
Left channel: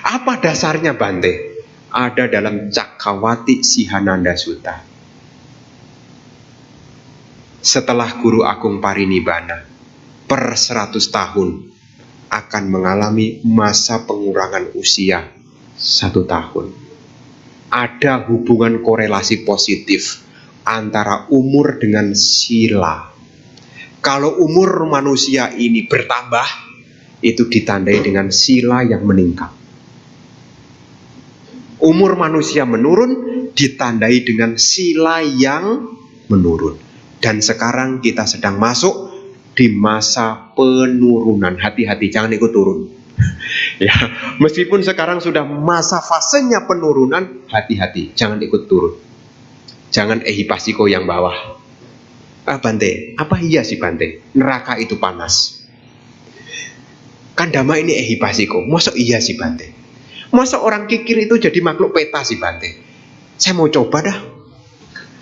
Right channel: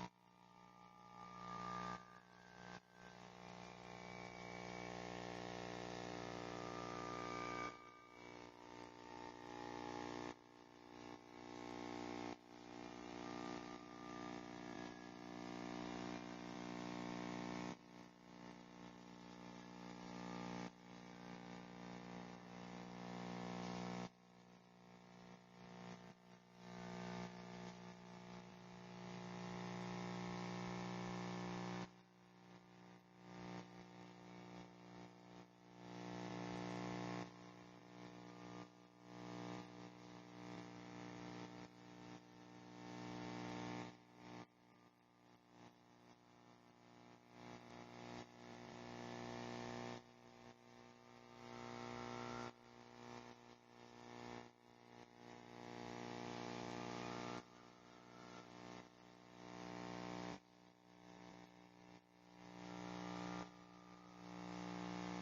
Apa dasarnya Bante? Ada dalam Cakkawati Sihananda Sutta. Setelah Guru Agung Parinibbana per 100 tahun akan mengalami masa pengurangan usia 1 tahun. Ada hubungan korelasi positif antara umur dengan sila. Kalau umur manusia ini bertambah, itu ditandai dengan sila yang meningkat. Umur manusia menurun, ditandai dengan sila yang menurun. Dan sekarang kita sedang masuk di masa penurunan. Hati-hati, jangan ikut turun. Ya, meskipun sekarang sudah masa fasenya penurunan, hati-hati, jangan ikut turun. Jangan ehipasiko yang bawah. Bante, apa iya sih Bante? Neraka itu panas. Kan Dhamma ini ehipasiko. Masa iya sih Bante? Masa orang kikir itu jadi makhluk peta sih Bante? Saya mau coba dah.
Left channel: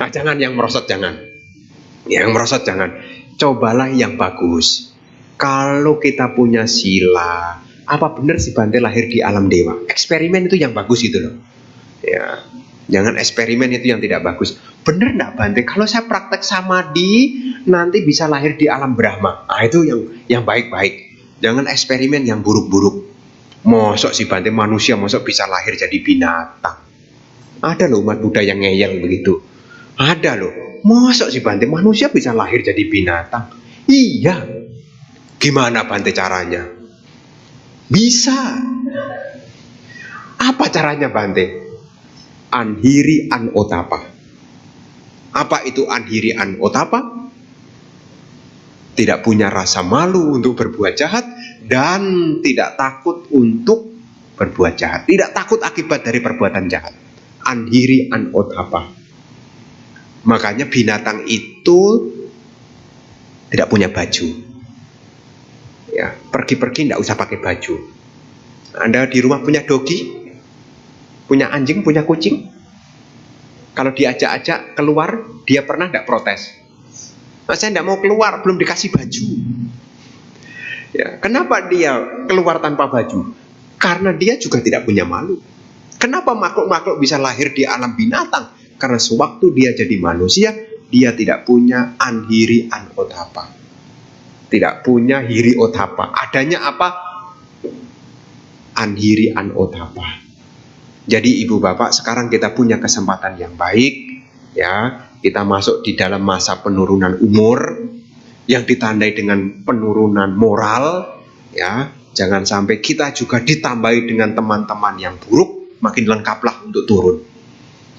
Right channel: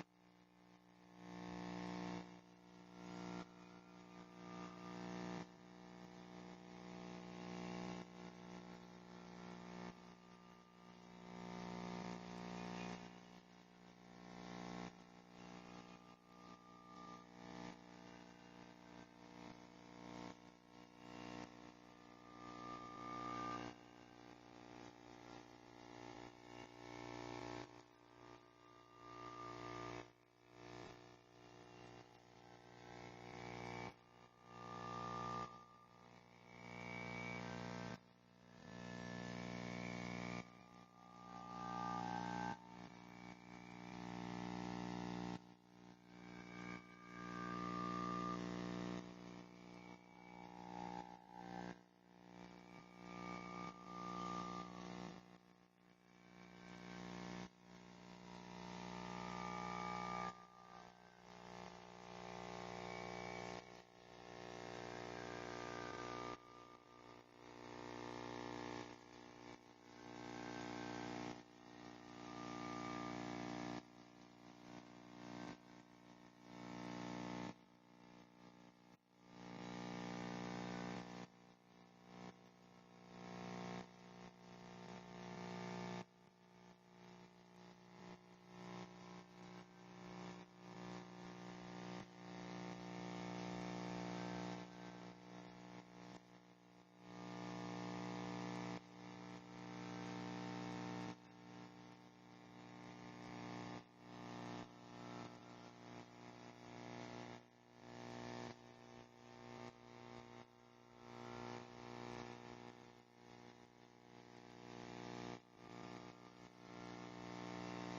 Nah, jangan yang merosot, jangan. Yang merosot jangan. Cobalah yang bagus. Kalau kita punya sila, apa benar sih Bante lahir di alam dewa? Eksperimen itu yang bagus itu loh. Ya, jangan eksperimen itu yang tidak bagus. Bener enggak Bante? Kalau saya praktek samadhi, nanti bisa lahir di alam Brahma. Nah, itu yang baik-baik. Jangan eksperimen yang buruk-buruk. Mosok sih Bante, manusia mosok bisa lahir jadi binatang. Ada loh umat Buddha yang ngeyel begitu. Ada loh. Mosok sih Bante, manusia bisa lahir jadi binatang? Iya. Gimana Bante caranya? Bisa. Apa caranya Bante? Anhiri anotapa. Apa itu anhiri anotapa? Tidak punya rasa malu untuk berbuat jahat dan tidak takut untuk berbuat jahat. Tidak takut akibat dari perbuatan jahat. Anhiri anotapa. Makanya binatang itu tidak punya baju. Ya, pergi-pergi tidak usah pakai baju. Anda di rumah punya dogi, punya anjing, punya kucing. Kalau diajak-ajak keluar, dia pernah tidak protes? Nah, saya tidak mau keluar, belum dikasih baju. Ya, kenapa dia keluar tanpa baju? Karena dia juga tidak punya malu. Kenapa makhluk-makhluk bisa lahir di alam binatang? Karena sewaktu dia jadi manusia, dia tidak punya anhiri anotapa. Tidak punya hiri otapa. Adanya apa? Anhiri anotapa. Jadi ibu bapak, sekarang kita punya kesempatan yang baik. Ya, kita masuk di dalam masa penurunan umur yang ditandai dengan penurunan moral. Ya, jangan sampai kita juga ditambahi dengan teman-teman yang buruk, makin lengkaplah untuk turun.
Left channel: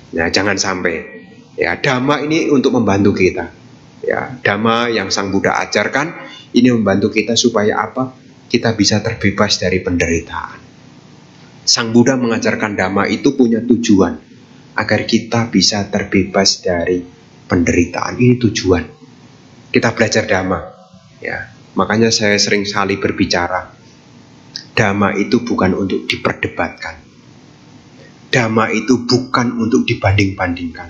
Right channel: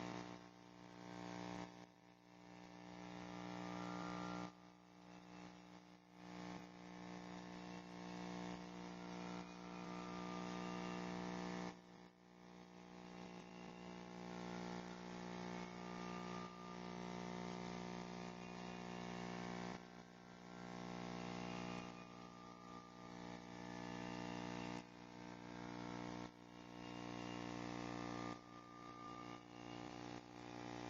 Ya, jangan sampai. Ya, Dhamma ini untuk membantu kita. Ya, Dhamma yang Sang Buddha ajarkan ini membantu kita supaya apa? Kita bisa terbebas dari penderitaan. Sang Buddha mengajarkan Dhamma itu punya tujuan agar kita bisa terbebas dari penderitaan. Ini tujuan. Kita belajar Dhamma. Ya, makanya saya sering sekali berbicara. Dhamma itu bukan untuk diperdebatkan. Dhamma itu bukan untuk dibanding-bandingkan.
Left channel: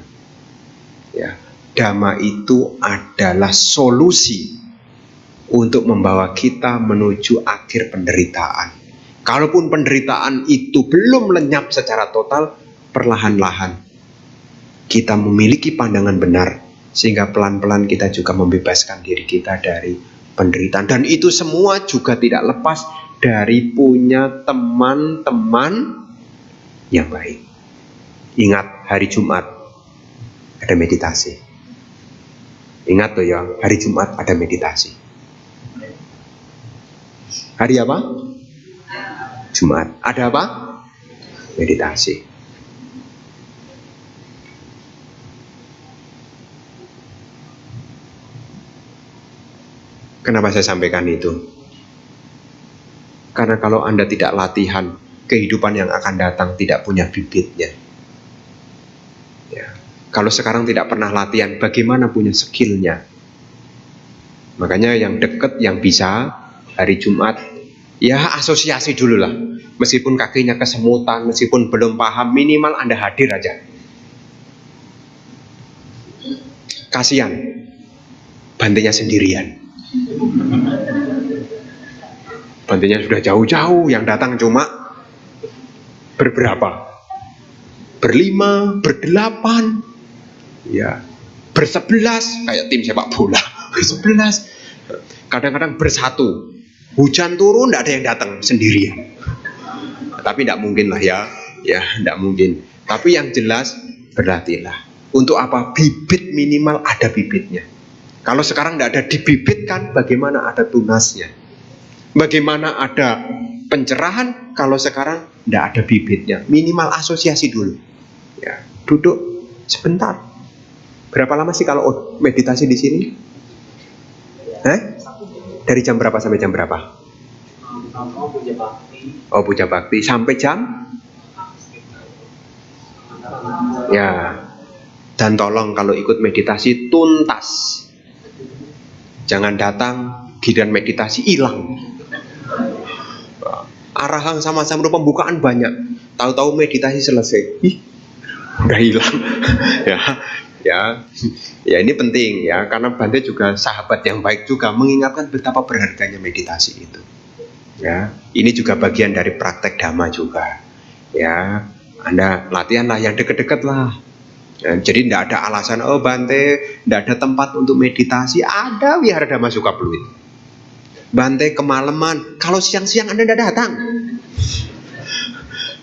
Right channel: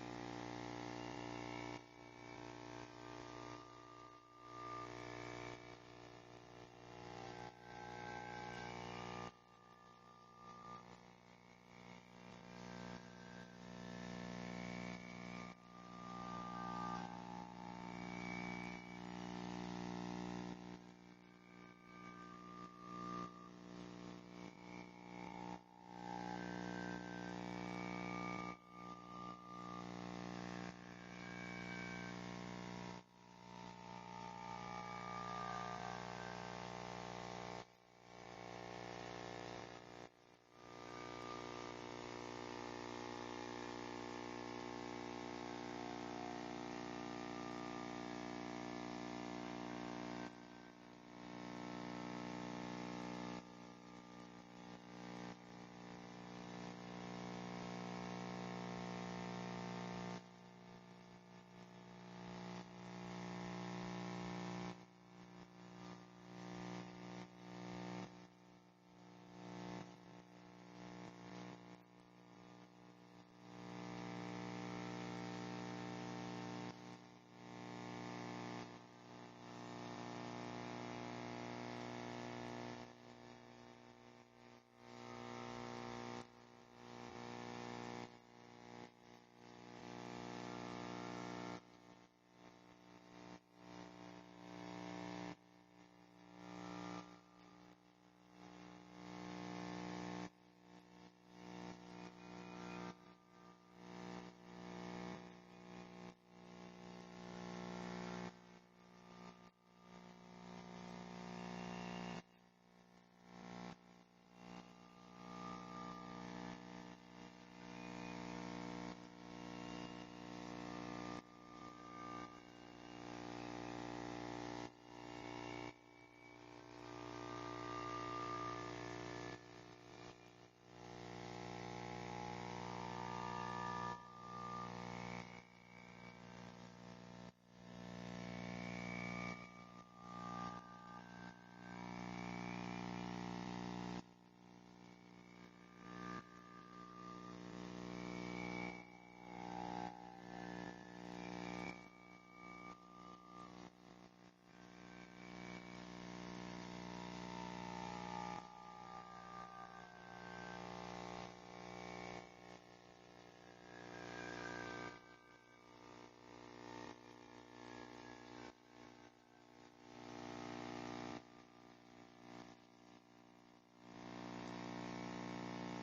Ya, Dhamma itu adalah solusi untuk membawa kita menuju akhir penderitaan. Kalaupun penderitaan itu belum lenyap secara total, perlahan-lahan kita memiliki pandangan benar, sehingga pelan-pelan kita juga membebaskan diri kita dari penderitaan. Dan itu semua juga tidak lepas dari punya teman-teman yang baik. Ingat, hari Jumat ada meditasi. Ingat tuh ya, hari Jumat ada meditasi. Hari apa? Jumat. Ada apa? Meditasi. Kenapa saya sampaikan itu? Karena kalau Anda tidak latihan, kehidupan yang akan datang tidak punya bibitnya. Ya. Kalau sekarang tidak pernah latihan, bagaimana punya skillnya? Makanya yang dekat, yang bisa, hari Jumat, ya asosiasi dulu lah. Meskipun kakinya kesemutan, meskipun belum paham, minimal Anda hadir aja. Kasihan, Bantenya sendirian. Bantenya sudah jauh-jauh, yang datang cuma berberapa? Berlima, berdelapan, ya, bersebelas, kayak tim sepak bola, bersebelas. Kadang-kadang bersatu. Hujan turun, tidak ada yang datang sendirian. Tapi tidak mungkin lah ya, tidak mungkin. Tapi yang jelas berlatihlah. Untuk apa? Bibit minimal ada bibitnya. Kalau sekarang tidak ada dibibitkan, bagaimana ada tunasnya? Bagaimana ada pencerahan kalau sekarang tidak ada bibitnya? Minimal asosiasi dulu. Ya, duduk sebentar. Berapa lama sih kalau meditasi di sini? Dari jam berapa sampai jam berapa? Oh, puja bakti sampai jam? Ya. Dan tolong kalau ikut meditasi tuntas. Jangan datang giliran meditasi hilang. Arahan sama-sama pembukaan banyak. Tahu-tahu meditasi selesai. Udah hilang. Ya ini penting ya, karena Bante juga sahabat yang baik juga mengingatkan betapa berharganya meditasi itu. Ya, ini juga bagian dari praktek dhamma juga. Ya, Anda latihanlah yang deket-deket lah. Ya, jadi tidak ada alasan, oh Bante tidak ada tempat untuk meditasi. Ada Wihara Dhamma Sukapluit. Bante kemalaman, kalau siang-siang Anda tidak datang.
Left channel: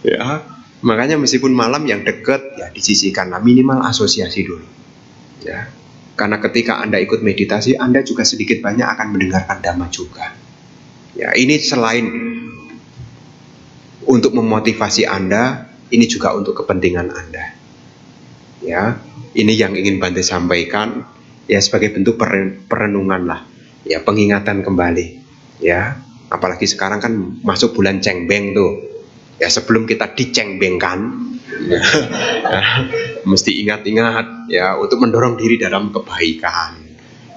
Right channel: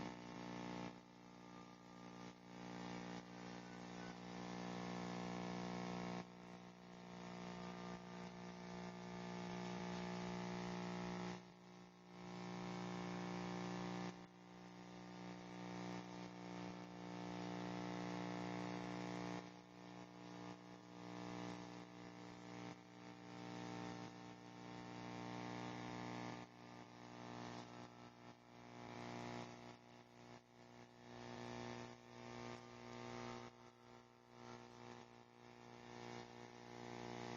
Ya, makanya meskipun malam yang dekat ya disisihkanlah, minimal asosiasi dulu. Ya, karena ketika Anda ikut meditasi, Anda juga sedikit banyak akan mendengarkan dhamma juga. Ya, ini selain untuk memotivasi Anda, ini juga untuk kepentingan Anda. Ya, ini yang ingin Bante sampaikan ya sebagai bentuk perenungan lah, ya pengingatan kembali. Ya, apalagi sekarang kan masuk bulan cengbeng tuh. Ya sebelum kita dicengbengkan, ya, mesti ingat-ingat ya untuk mendorong diri dalam kebaikan.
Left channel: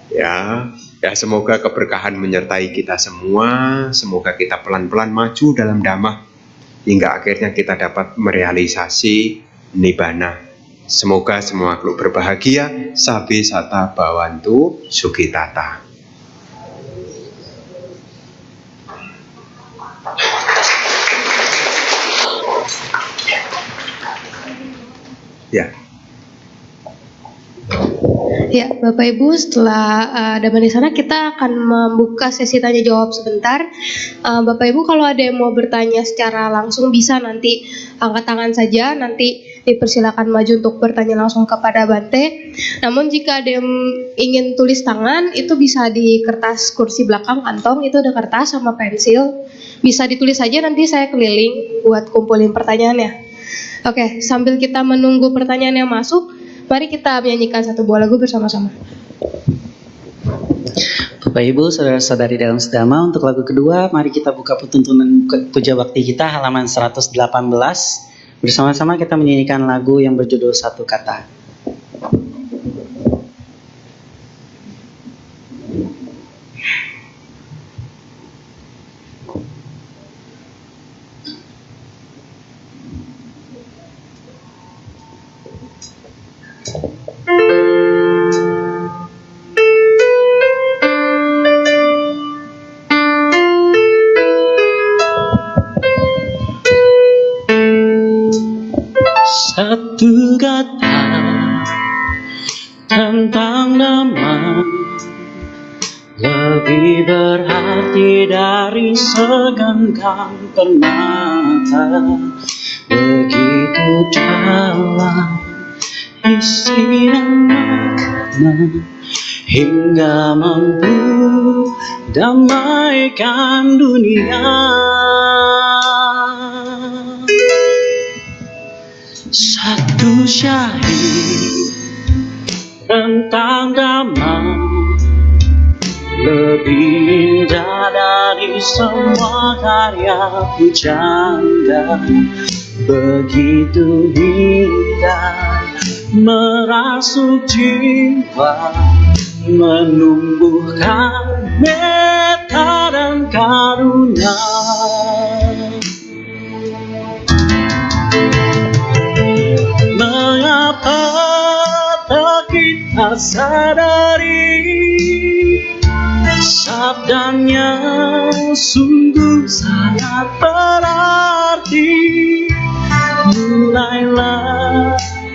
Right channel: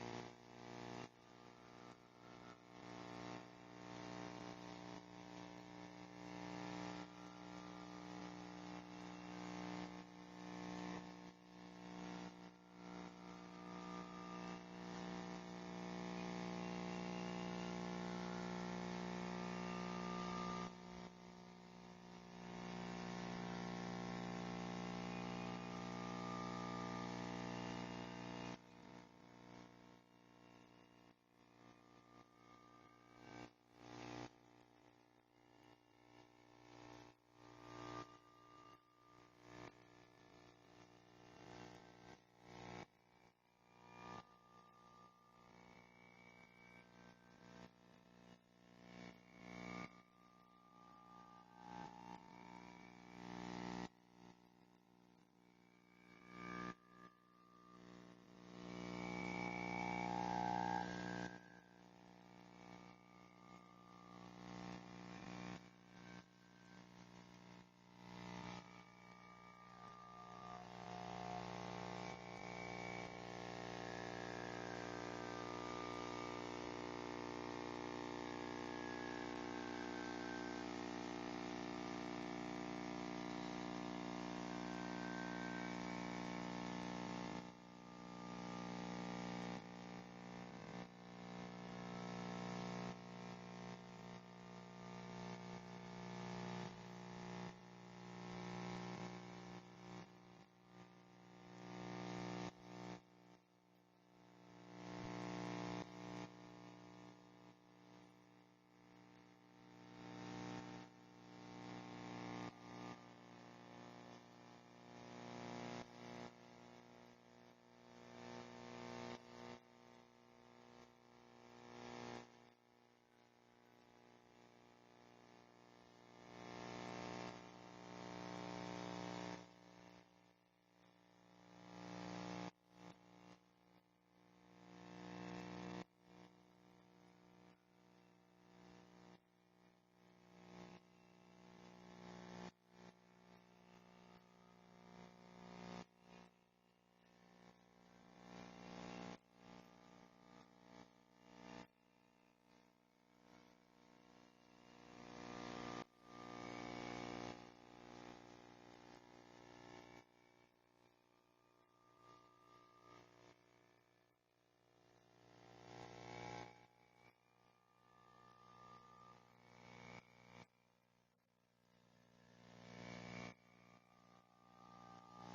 Ya, semoga keberkahan menyertai kita semua. Semoga kita pelan-pelan maju dalam dhamma hingga akhirnya kita dapat merealisasi nibbana. Semoga semua makhluk berbahagia. Sabbe satta bhavantu sukhitata. Ya. Ya, Bapak Ibu, setelah dhamma di sana kita akan membuka sesi tanya jawab sebentar. Bapak Ibu kalau ada yang mau bertanya secara langsung bisa nanti angkat tangan saja, nanti dipersilakan maju untuk bertanya langsung kepada Bante. Namun jika ada yang ingin tulis tangan, itu bisa di kertas kursi belakang kantong, itu ada kertas sama pensil. Bisa ditulis saja, nanti saya keliling buat kumpulin pertanyaannya. Oke, sambil kita menunggu pertanyaan yang masuk, mari kita menyanyikan satu buah lagu bersama-sama. Bapak Ibu, saudara-saudari dalam sedama, untuk lagu kedua, mari kita buka tuntunan puja bakti kita halaman 118. Bersama-sama kita menyanyikan lagu yang berjudul Satu Kata. Satu kata tentang nama lebih berarti dari segenggam permata, begitu dalam isi dan makna hingga mampu damaikan dunia. Satu syahid tentang dhamma lebih indah dari semua karya pujangga, begitu indah merasuk jiwa, menumbuhkan metta dan karunia. Mengapa tak kita sadari sabdanya sungguh sangat berarti.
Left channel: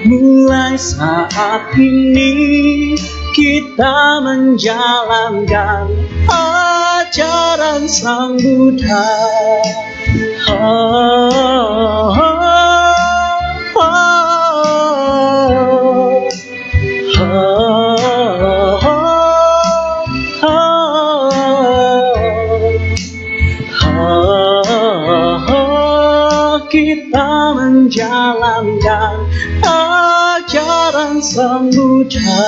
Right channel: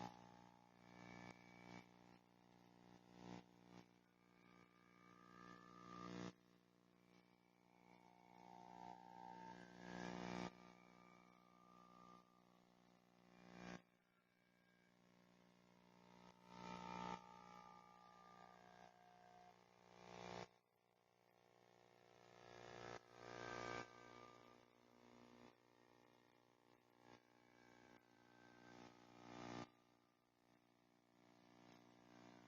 Mulai saat ini kita menjalankan ajaran Sang Buddha. Kita menjalankan ajaran Sang Buddha.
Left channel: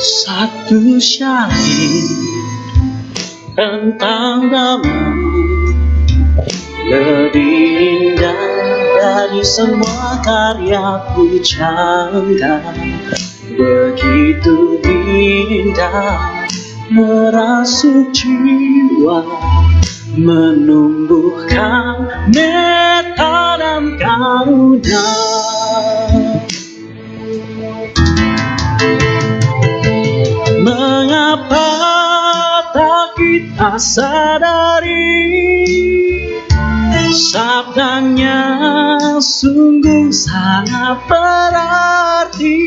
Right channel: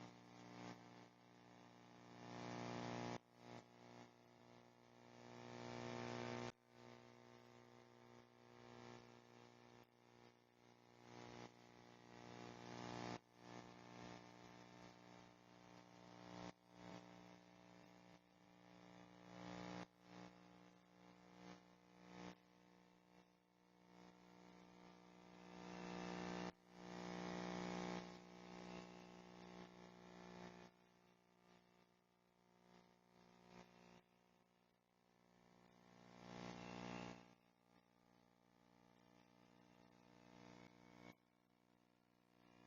Satu syahid tentang Dhamma lebih indah dari semua karya pujangga. Begitu indah merasuk jiwa, menumbuhkan metta dan karuna. Mengapa tak kita sadari, sabdanya sungguh sangat berarti.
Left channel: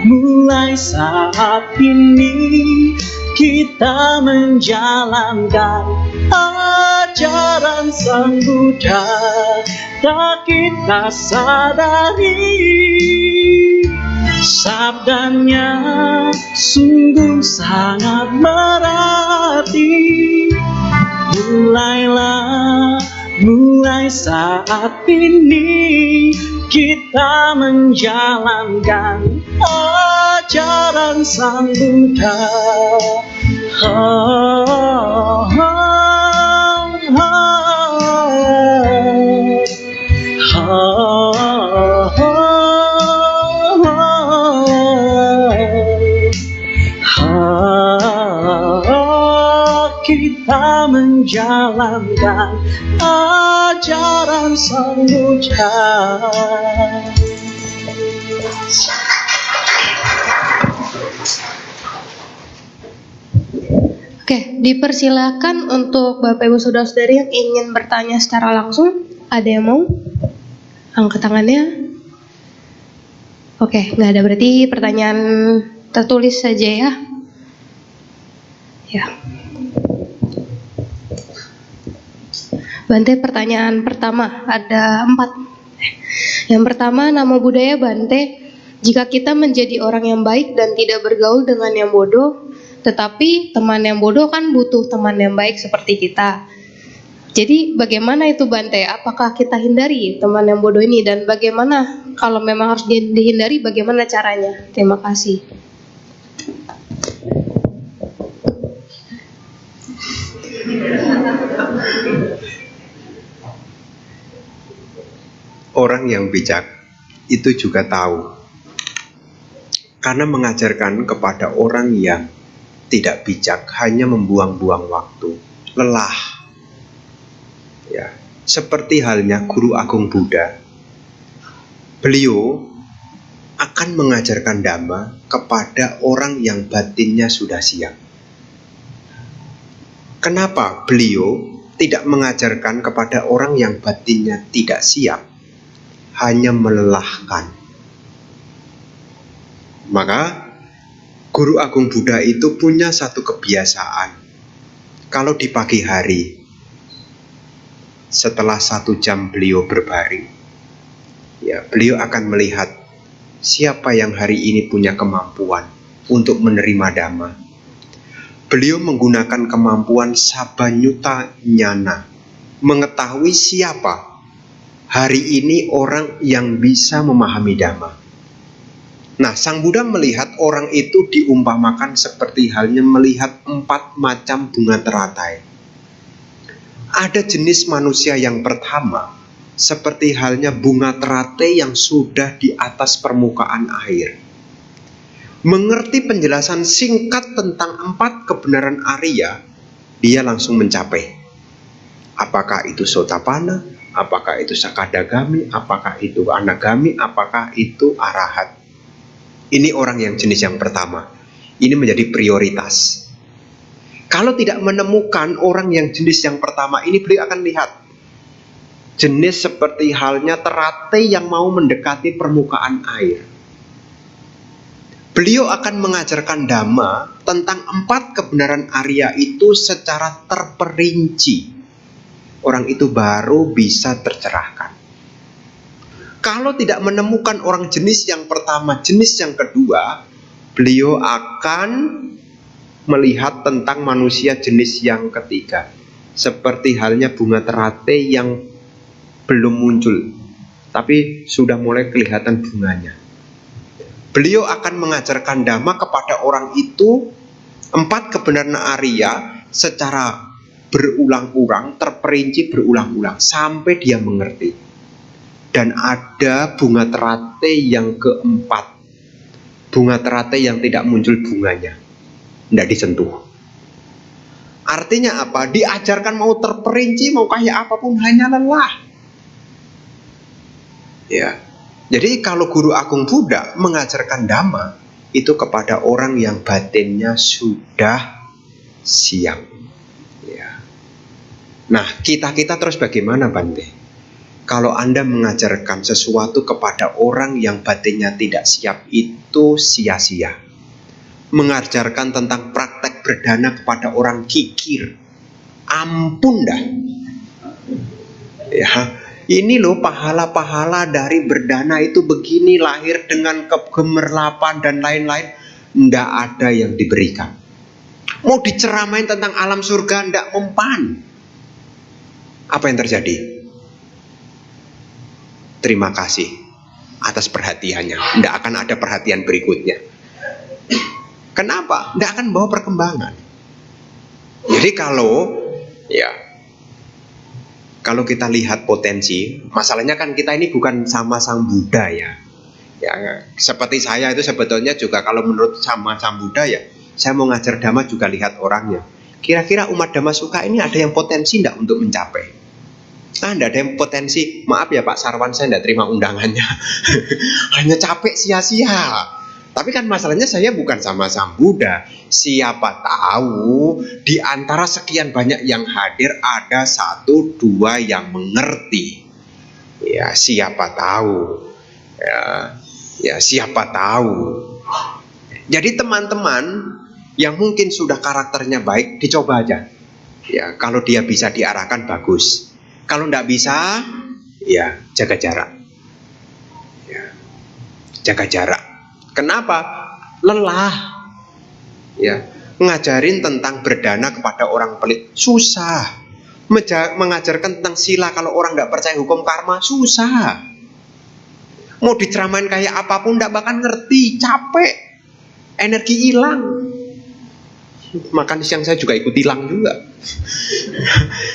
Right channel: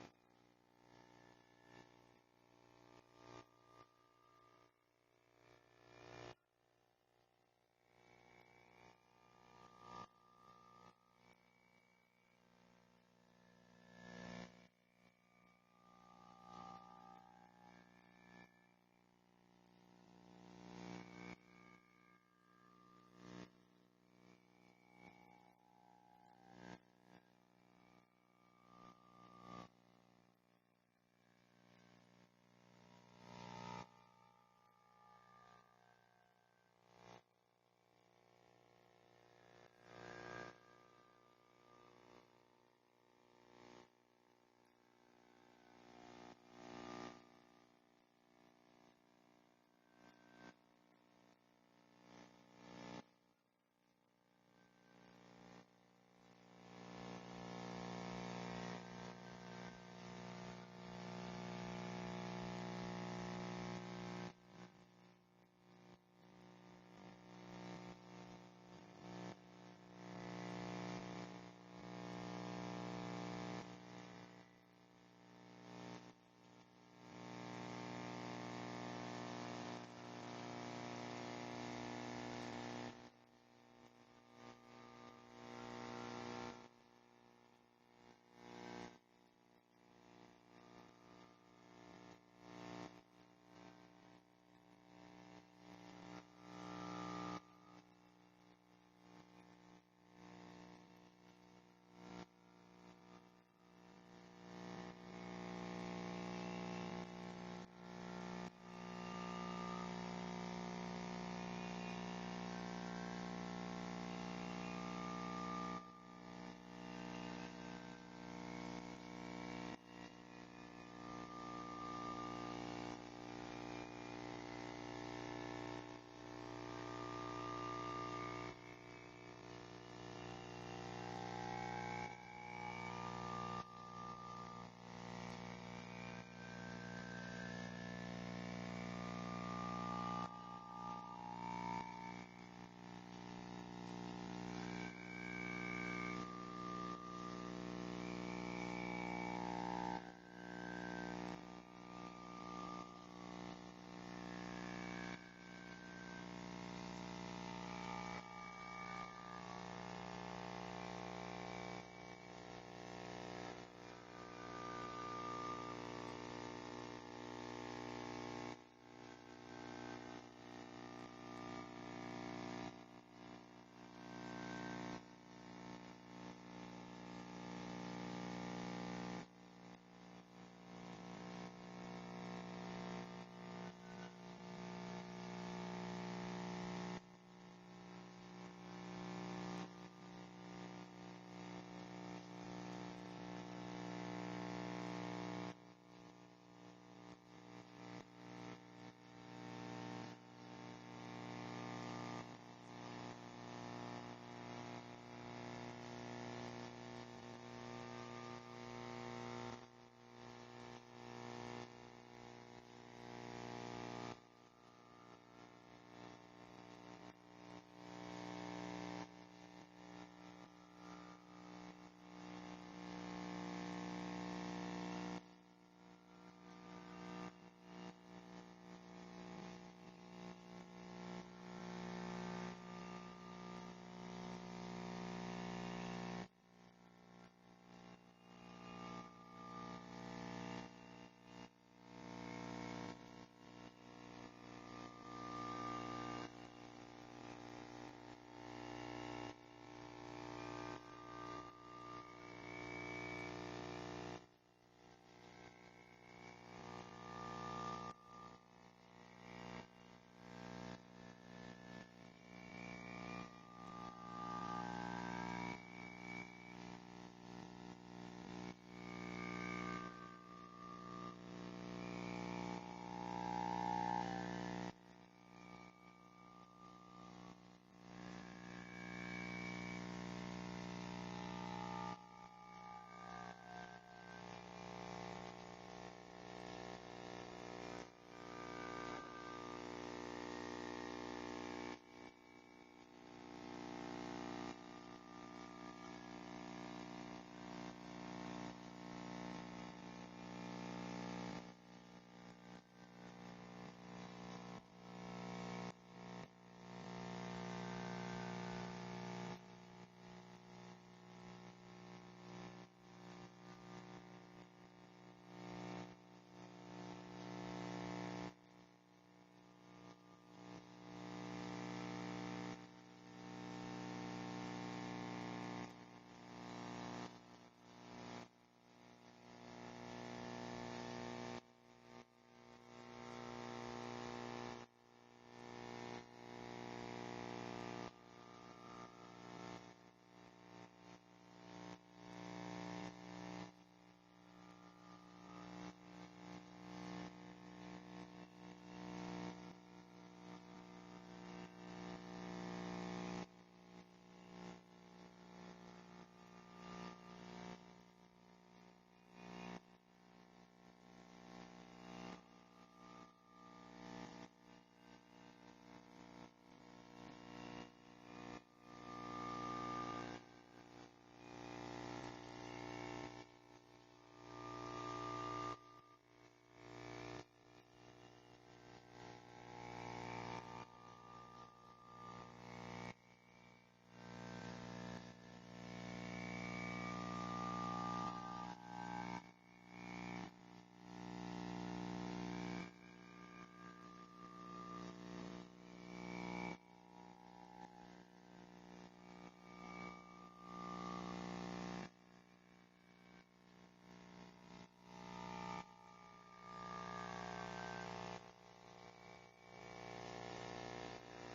Mulai saat ini kita menjalankan ajaran Sang Buddha. Tak kita sadari, sabdanya sungguh sangat berarti. Mulai saat ini kita menjalankan ajaran Sang Buddha. Kita menjalankan ajaran Sang Buddha. Oke, dipersilakan untuk Bapak Ibu Saudara-saudari yang ingin bertanya secara langsung. Ada yang mau? Angkat tangannya. Oke, nggak ada, berarti pertanyaan tertulis saja ya. Ya. Bante, pertanyaan pertama ada 4. Yang pertama, nama budaya Bante, jika kita menjadi orang yang baik dan tidak bergaul dengan yang bodoh, tetapi teman yang bodoh kan butuh teman yang baik seperti kita. Jadi bagaimana itu Bante? Apakah kita hindari teman yang bodoh ini, dan bagaimana kalau memang harus dihindari, bagaimana caranya? Terima kasih. Orang yang bijak itu juga tahu, karena mengajarkan kepada orang yang tidak bijak hanya membuang-buang waktu, lelah. Ya, seperti halnya Guru Agung Buddha, beliau akan mengajarkan Dhamma kepada orang yang batinnya sudah siap. Kenapa beliau tidak mengajarkan kepada orang yang batinnya tidak siap, hanya melelahkan? Maka Guru Agung Buddha itu punya satu kebiasaan. Kalau di pagi hari, setelah 1 jam beliau berbaring, ya, beliau akan melihat siapa yang hari ini punya kemampuan untuk menerima Dhamma. Beliau menggunakan kemampuan Sabanyuta Nyana, mengetahui siapa hari ini orang yang bisa memahami Dhamma. Nah, Sang Buddha melihat orang itu diumpamakan seperti halnya melihat 4 macam bunga teratai. Ada jenis manusia yang pertama, seperti halnya bunga teratai yang sudah di atas permukaan air. Mengerti penjelasan singkat tentang 4 kebenaran Arya, dia langsung mencapai. Apakah itu Sotapanna, apakah itu Sakadagami, apakah itu Anagami, apakah itu Arahat. Ini orang yang jenis yang pertama. Ini menjadi prioritas. Kalau tidak menemukan orang yang jenis yang pertama ini, beliau akan lihat jenis seperti halnya teratai yang mau mendekati permukaan air. Beliau akan mengajarkan Dhamma tentang 4 kebenaran Arya itu secara terperinci. Orang itu baru bisa tercerahkan. Kalau tidak menemukan orang jenis yang pertama, jenis yang kedua, beliau akan melihat tentang manusia jenis yang ketiga. Seperti halnya bunga teratai yang belum muncul, tapi sudah mulai kelihatan bunganya. Beliau akan mengajarkan Dhamma kepada orang itu 4 kebenaran Arya secara berulang-ulang, terperinci berulang-ulang sampai dia mengerti. Dan ada bunga teratai yang keempat, bunga teratai yang tidak muncul bunganya, tidak disentuh. Artinya apa? Diajarkan mau terperinci, mau kayak apapun, hanya lelah. Ya. Jadi kalau guru agung Buddha mengajarkan Dhamma itu kepada orang yang batinnya sudah siap. Ya. Nah, kita terus bagaimana, Bante? Kalau Anda mengajarkan sesuatu kepada orang yang batinnya tidak siap, itu sia-sia. Mengajarkan tentang praktek berdana kepada orang kikir, ampun dah. Ya. Ini loh pahala-pahala dari berdana itu begini, lahir dengan kegemerlapan dan lain-lain. Tidak ada yang diberikan. Mau diceramain tentang alam surga, tidak mempan. Apa yang terjadi? Terima kasih atas perhatiannya. Tidak akan ada perhatian berikutnya. Kenapa? Tidak akan bawa perkembangan. Jadi kalau kita lihat potensi, masalahnya kan kita ini bukan sama Sang Buddha ya. Ya, seperti saya itu sebetulnya juga kalau menurut sama Sang Buddha ya, saya mau ngajar Dhamma juga lihat orangnya. Kira-kira umat Dhamma suka ini ada yang potensi enggak untuk mencapai? Enggak ada yang potensi. Maaf ya Pak Sarwan, saya enggak terima undangannya. Hanya capek sia-sia. Tapi kan masalahnya saya bukan sama Sang Buddha. Siapa tahu di antara sekian banyak yang hadir ada 1-2 yang mengerti. Ya, siapa tahu. Ya, siapa tahu. Jadi teman-teman yang mungkin sudah karakternya baik, dicoba aja. Ya, kalau dia bisa diarahkan bagus. Kalau enggak bisa, ya jaga jarak. Ya, jaga jarak. Kenapa? Lelah. Ya, ngajarin tentang berdana kepada orang pelit susah. Mengajarkan tentang sila kalau orang nggak percaya hukum karma susah. Mau diceramain kayak apapun nggak bakal ngerti, capek, energi hilang. Makan siang saya juga ikut hilang juga.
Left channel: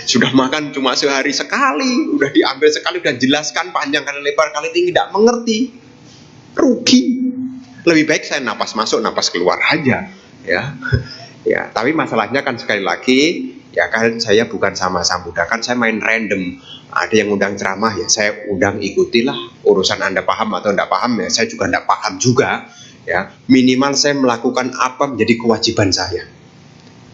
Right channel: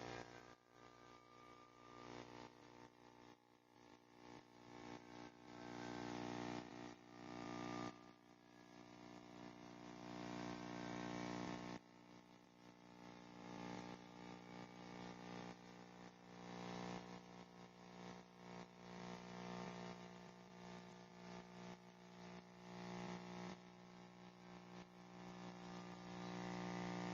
Sudah makan cuma sehari sekali, udah diambil sekali, udah jelaskan panjang kali lebar kali tinggi, tidak mengerti, rugi. Lebih baik saya napas masuk, napas keluar aja, ya. Ya, tapi masalahnya kan sekali lagi, ya kan saya bukan sama Sang Buddha, kan saya main random. Ada yang undang ceramah, ya saya undang ikutilah. Urusan Anda paham atau tidak paham, ya saya juga tidak paham juga. Ya, minimal saya melakukan apa menjadi kewajiban saya.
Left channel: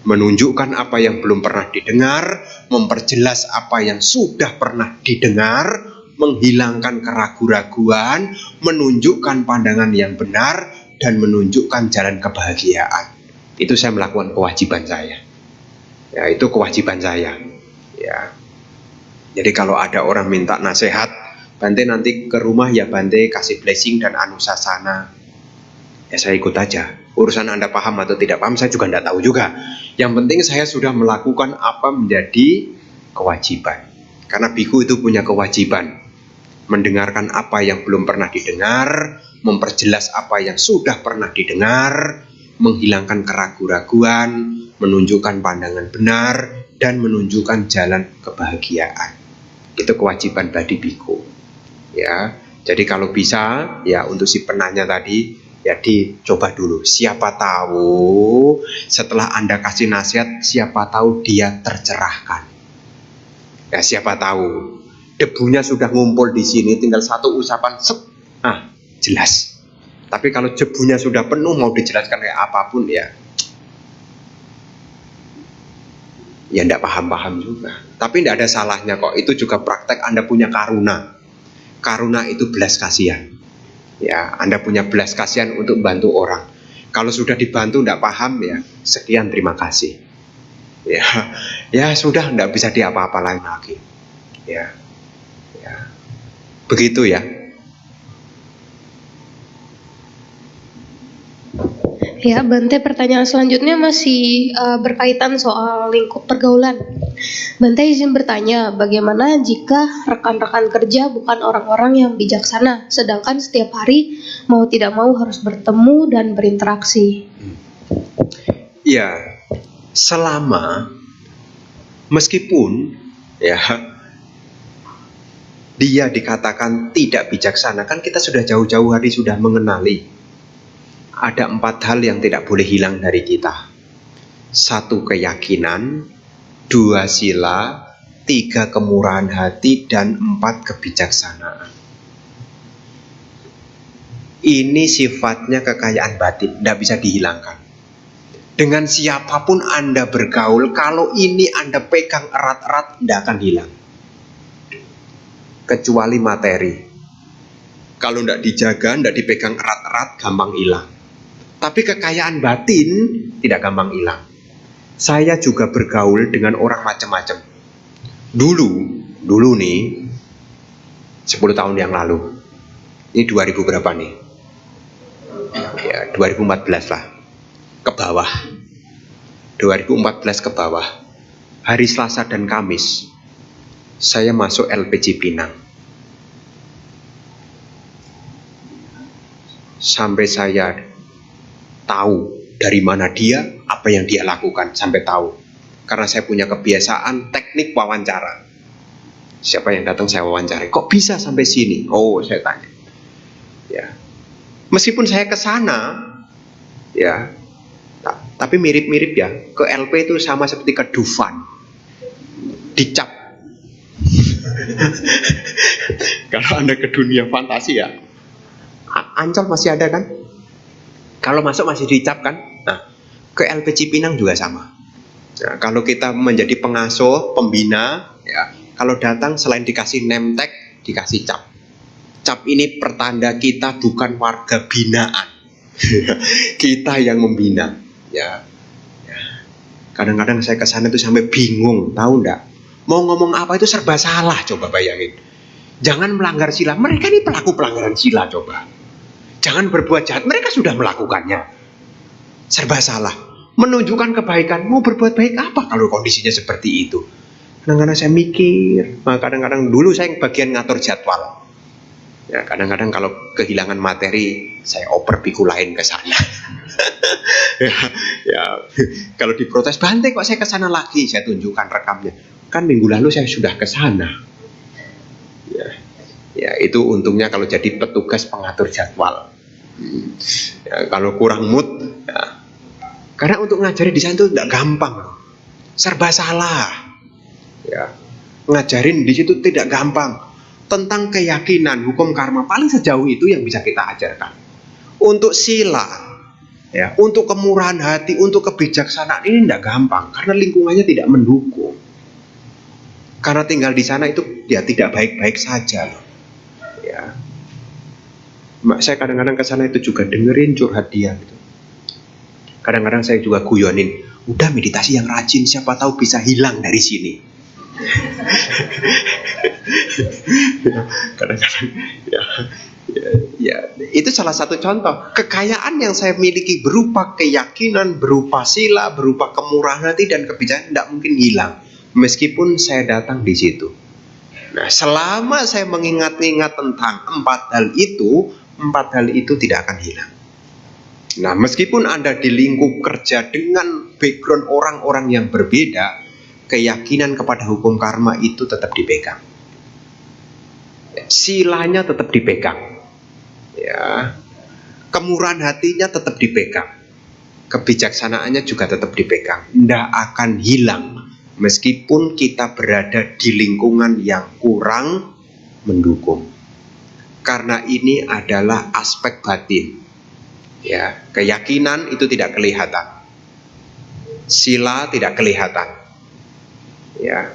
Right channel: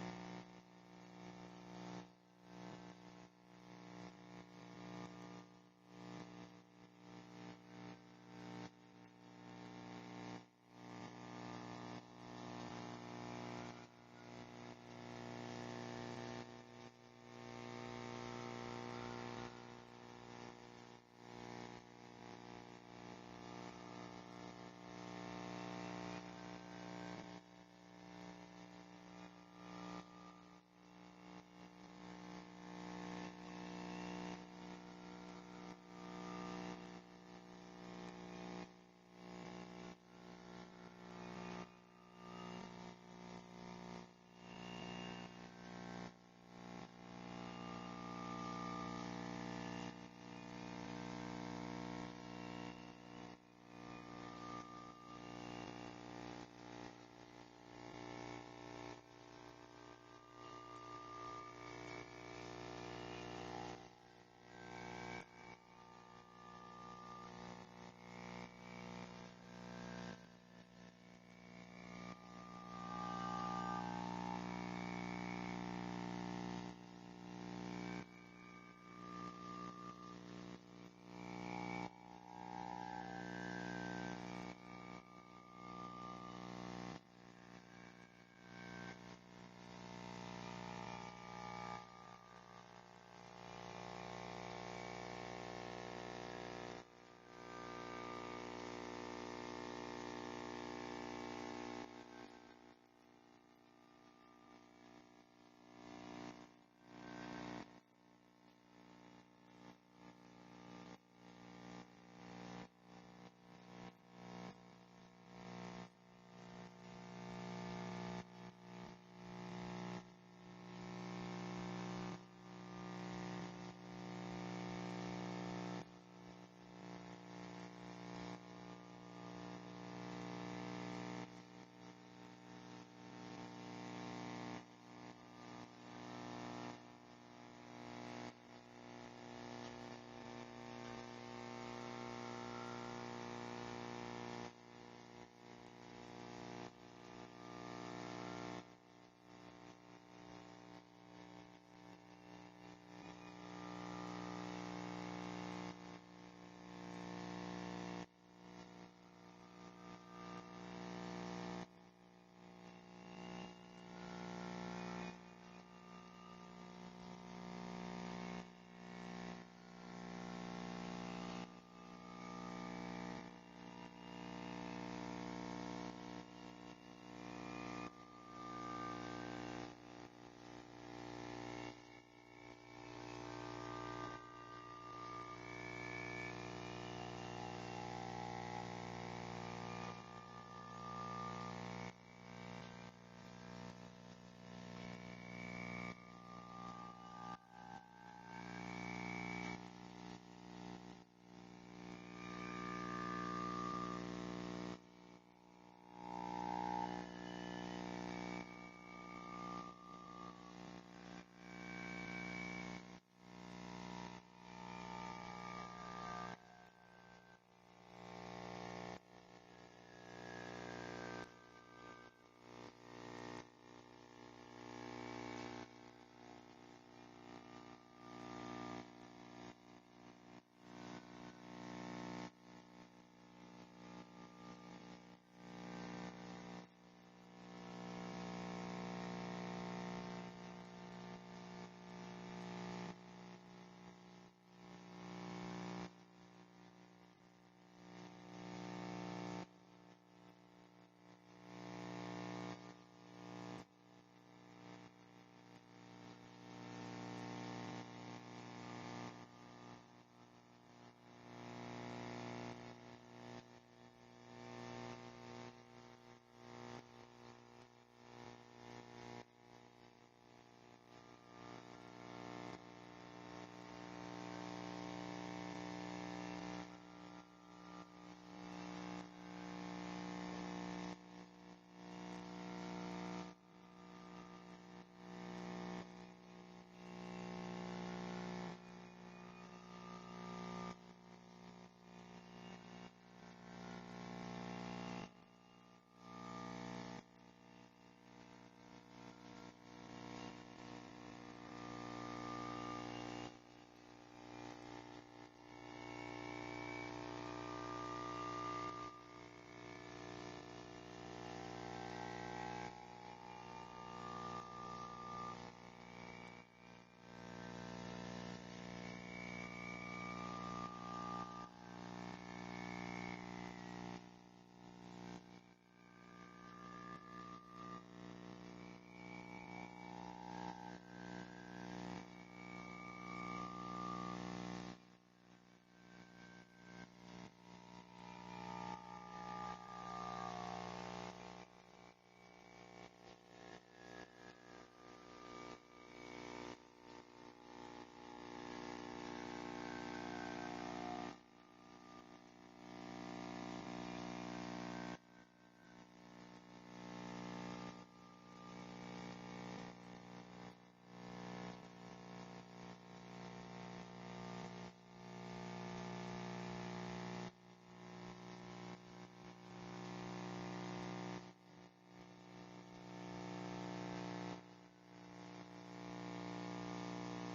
Menunjukkan apa yang belum pernah didengar, memperjelas apa yang sudah pernah didengar, menghilangkan keraguan-raguan, menunjukkan pandangan yang benar, dan menunjukkan jalan kebahagiaan. Itu saya melakukan kewajiban saya. Ya, itu kewajiban saya. Ya. Jadi kalau ada orang minta nasihat, Bante nanti ke rumah ya Bante kasih blessing dan anusasana. Ya saya ikut aja. Urusan Anda paham atau tidak paham saya juga tidak tahu juga. Yang penting saya sudah melakukan apa menjadi kewajiban. Karena biku itu punya kewajiban. Mendengarkan apa yang belum pernah didengar, memperjelas apa yang sudah pernah didengar, menghilangkan keraguan-raguan, menunjukkan pandangan benar, dan menunjukkan jalan kebahagiaan. Itu kewajiban badi biku. Ya, jadi kalau bisa ya untuk si penanya tadi ya dicoba dulu. Siapa tahu setelah Anda kasih nasihat, siapa tahu dia tercerahkan. Ya siapa tahu debunya sudah ngumpul di sini, tinggal satu usapan, jelas. Tapi kalau debunya sudah penuh, mau dijelaskan kayak apapun ya enggak paham-paham juga. Tapi enggak ada salahnya kok. Itu juga praktek Anda punya karuna. Karuna itu belas kasihan. Ya, Anda punya belas kasihan untuk bantu orang. Kalau sudah dibantu enggak paham ya, sekian terima kasih. Ya sudah enggak bisa diapa-apain lagi. Ya. Begitu ya. Ya, Bante, pertanyaan selanjutnya masih berkaitan soal lingkup pergaulan. Bante izin bertanya, bagaimana jika rekan-rekan kerja bukan orang-orang yang bijaksana, sedangkan setiap hari mau tidak mau harus bertemu dan berinteraksi? Ya, selama meskipun ya dia dikatakan tidak bijaksana, kan kita sudah jauh-jauh hari sudah mengenali. Ada 4 hal yang tidak boleh hilang dari kita. 1 keyakinan, 2 sila, 3 kemurahan hati, dan 4 kebijaksanaan. Ini sifatnya kekayaan batin, tidak bisa dihilangkan. Dengan siapapun Anda bergaul, kalau ini Anda pegang erat-erat, tidak akan hilang. Kecuali materi. Kalau tidak dijaga, tidak dipegang erat-erat, gampang hilang. Tapi kekayaan batin tidak gampang hilang. Saya juga bergaul dengan orang macam-macam. Dulu nih, 10 tahun yang lalu. Ini 2000 berapa nih? Ya, 2014 lah. Ke bawah. 2014 ke bawah. Hari Selasa dan Kamis, saya masuk LPG Pinang. Sampai saya tahu dari mana dia, apa yang dia lakukan, sampai tahu. Karena saya punya kebiasaan teknik wawancara. Siapa yang datang saya wawancari. Kok bisa sampai sini? Oh, saya tanya. Ya. Meskipun saya ke sana, ya, tapi mirip-mirip ya. Ke LP itu sama seperti ke Dufan. Dicap. Kalau Anda ke dunia fantasi ya, Ancol masih ada kan? Kalau masuk masih dicap kan? Nah, ke LP Cipinang juga sama. Nah, kalau kita menjadi pengasuh, pembina, ya, kalau datang selain dikasih name tag, dikasih cap. Cap ini pertanda kita bukan warga binaan. Kita yang membina. Ya. Kadang-kadang saya ke sana itu sampai bingung, tahu enggak? Mau ngomong apa itu serba salah, coba bayangin. Jangan melanggar sila. Mereka ini pelaku pelanggaran sila, coba. Jangan berbuat jahat, mereka sudah melakukannya. Serba salah. Menunjukkan kebaikan, mau berbuat baik apa kalau kondisinya seperti itu? Kadang-kadang saya mikir, kadang-kadang dulu saya bagian ngatur jadwal. Ya, kadang-kadang kalau kehilangan materi, saya oper biku lain ke sana. ya, kalau diprotes, Bante kok saya ke sana lagi? Saya tunjukkan rekamnya. Kan minggu lalu saya sudah ke sana. Ya, itu untungnya kalau jadi petugas pengatur jadwal. Ya, kalau kurang mood, ya. Karena untuk ngajari di sana itu tidak gampang, serba salah. Ya, ngajarin di situ tidak gampang. Tentang keyakinan, hukum karma paling sejauh itu yang bisa kita ajarkan. Untuk sila, ya, untuk kemurahan hati, untuk kebijaksanaan ini tidak gampang karena lingkungannya tidak mendukung. Karena tinggal di sana itu ya tidak baik-baik saja loh. Ya. Saya kadang-kadang ke sana itu juga dengerin curhat dia gitu. Kadang-kadang saya juga guyonin, udah meditasi yang rajin, siapa tahu bisa hilang dari sini. Kadang-kadang ya, itu salah satu contoh kekayaan yang saya miliki berupa keyakinan, berupa sila, berupa kemurahan hati dan kebijaksanaan tidak mungkin hilang meskipun saya datang di situ. Nah, selama saya mengingat-ingat tentang 4 hal itu tidak akan hilang. Nah, meskipun Anda di lingkup kerja dengan background orang-orang yang berbeda, keyakinan kepada hukum karma itu tetap dipegang. Silanya tetap dipegang. Ya. Kemurahan hatinya tetap dipegang. Kebijaksanaannya juga tetap dipegang. Tidak akan hilang meskipun kita berada di lingkungan yang kurang mendukung. Karena ini adalah aspek batin. Ya, keyakinan itu tidak kelihatan. Sila tidak kelihatan. Ya.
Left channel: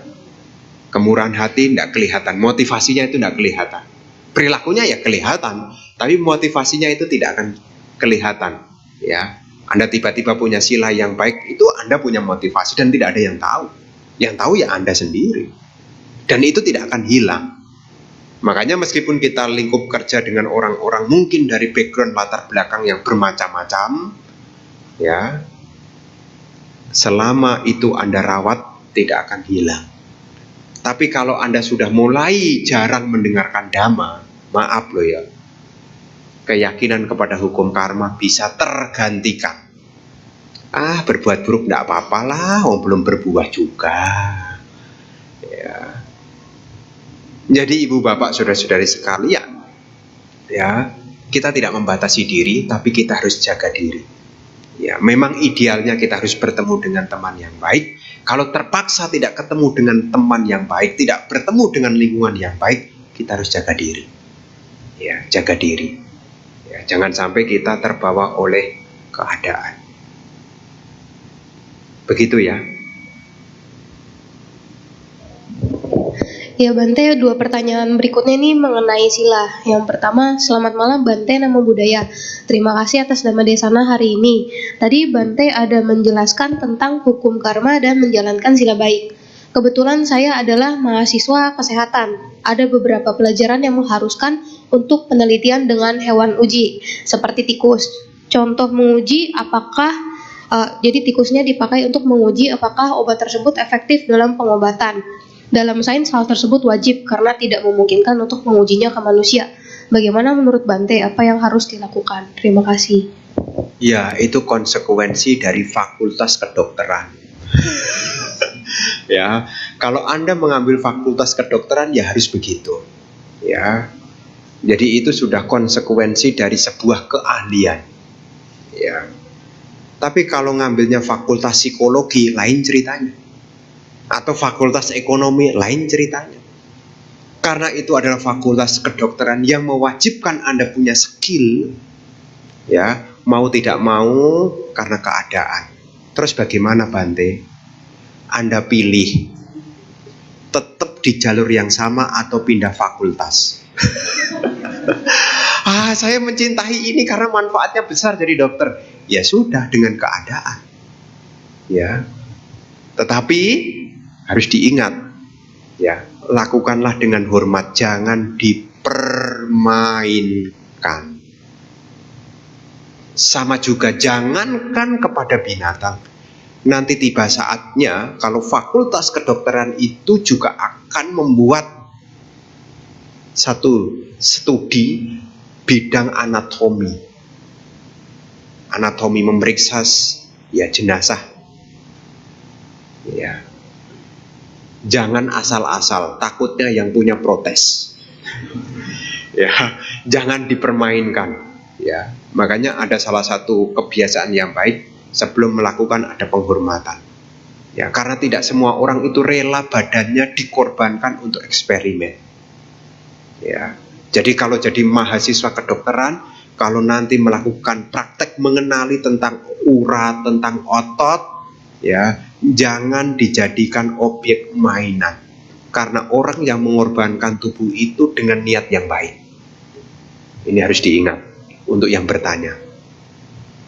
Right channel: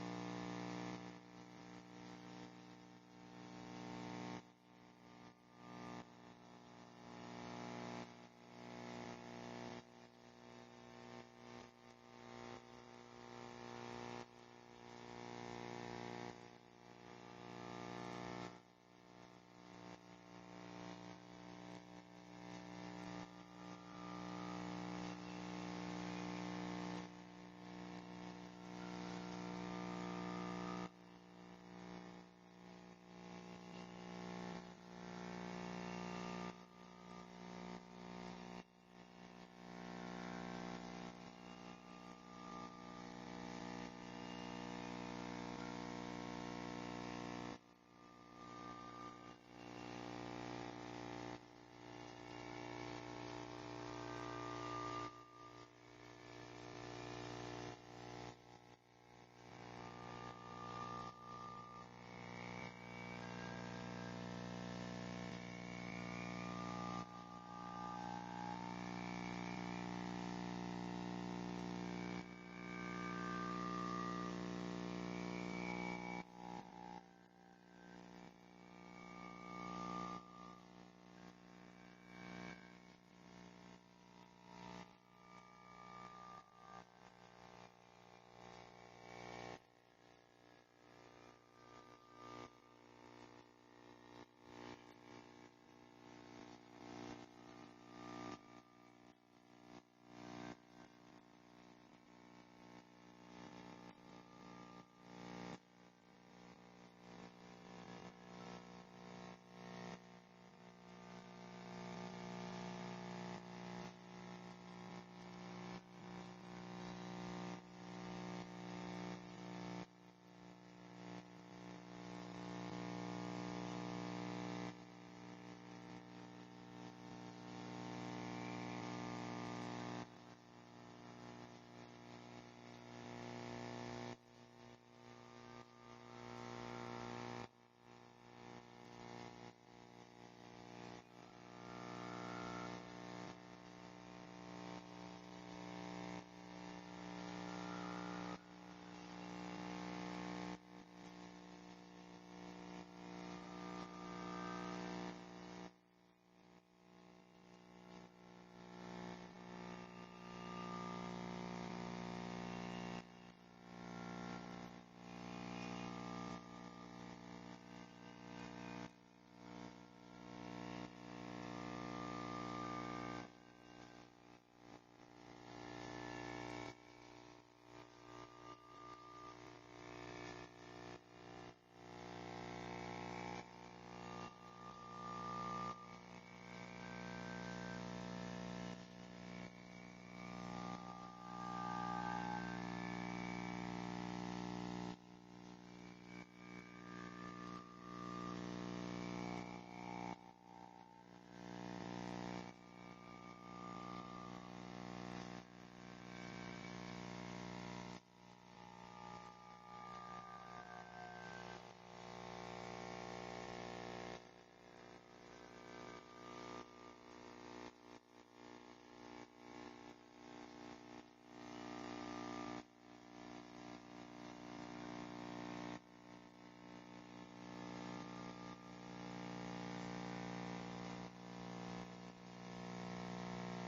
Kemurahan hati tidak kelihatan, motivasinya itu tidak kelihatan. Perilakunya ya kelihatan, tapi motivasinya itu tidak akan kelihatan. Ya, Anda tiba-tiba punya sila yang baik, itu Anda punya motivasi dan tidak ada yang tahu. Yang tahu ya Anda sendiri. Dan itu tidak akan hilang. Makanya meskipun kita lingkup kerja dengan orang-orang mungkin dari background latar belakang yang bermacam-macam, ya, selama itu Anda rawat tidak akan hilang. Tapi kalau Anda sudah mulai jarang mendengarkan dhamma, maaf loh ya, keyakinan kepada hukum karma bisa tergantikan. Berbuat buruk tidak apa-apalah, belum berbuah juga. Ya. Jadi ibu bapak saudara-saudari sekalian, ya, kita tidak membatasi diri, tapi kita harus jaga diri. Ya, memang idealnya kita harus bertemu dengan teman yang baik. Kalau terpaksa tidak ketemu dengan teman yang baik, tidak bertemu dengan lingkungan yang baik, kita harus jaga diri. Ya, jaga diri. Ya, jangan sampai kita terbawa oleh keadaan. Begitu ya. Ya Bante, 2 pertanyaan berikutnya ini mengenai sila. Yang pertama, selamat malam Bante, Namo Buddhaya. Terima kasih atas Dhamma Desana hari ini. Tadi Bante ada menjelaskan tentang hukum karma dan menjalankan sila baik. Kebetulan saya adalah mahasiswa kesehatan. Ada beberapa pelajaran yang mengharuskan untuk penelitian dengan hewan uji, seperti tikus. Contoh menguji apakah, jadi tikusnya dipakai untuk menguji apakah obat tersebut efektif dalam pengobatan. Dalam sains hal tersebut wajib karena tidak memungkinkan untuk mengujinya ke manusia. Bagaimana menurut Bante, apa yang harus dilakukan? Terima kasih. Ya, itu konsekuensi dari fakultas kedokteran. Ya, kalau Anda mengambil fakultas kedokteran ya harus begitu. Ya. Jadi itu sudah konsekuensi dari sebuah keahlian. Ya. Tapi kalau ngambilnya fakultas psikologi lain ceritanya. Atau fakultas ekonomi lain ceritanya. Karena itu adalah fakultas kedokteran yang mewajibkan Anda punya skill, ya, mau tidak mau karena keadaan. Terus bagaimana Bante? Anda pilih tetap di jalur yang sama atau pindah fakultas. Saya mencintai ini karena manfaatnya besar jadi dokter. Ya sudah, dengan keadaan. Ya. Tetapi harus diingat, ya, lakukanlah dengan hormat, jangan dipermainkan. Sama juga jangankan kepada binatang. Nanti tiba saatnya kalau fakultas kedokteran itu juga akan membuat satu studi bidang anatomi. Anatomi memeriksa ya jenazah. Ya. Jangan asal-asal, takutnya yang punya protes. Ya, jangan dipermainkan. Ya, makanya ada salah satu kebiasaan yang baik sebelum melakukan ada penghormatan. Ya, karena tidak semua orang itu rela badannya dikorbankan untuk eksperimen. Ya, jadi kalau jadi mahasiswa kedokteran, kalau nanti melakukan praktek mengenali tentang urat, tentang otot, ya, jangan dijadikan objek mainan. Karena orang yang mengorbankan tubuh itu dengan niat yang baik. Ini harus diingat untuk yang bertanya.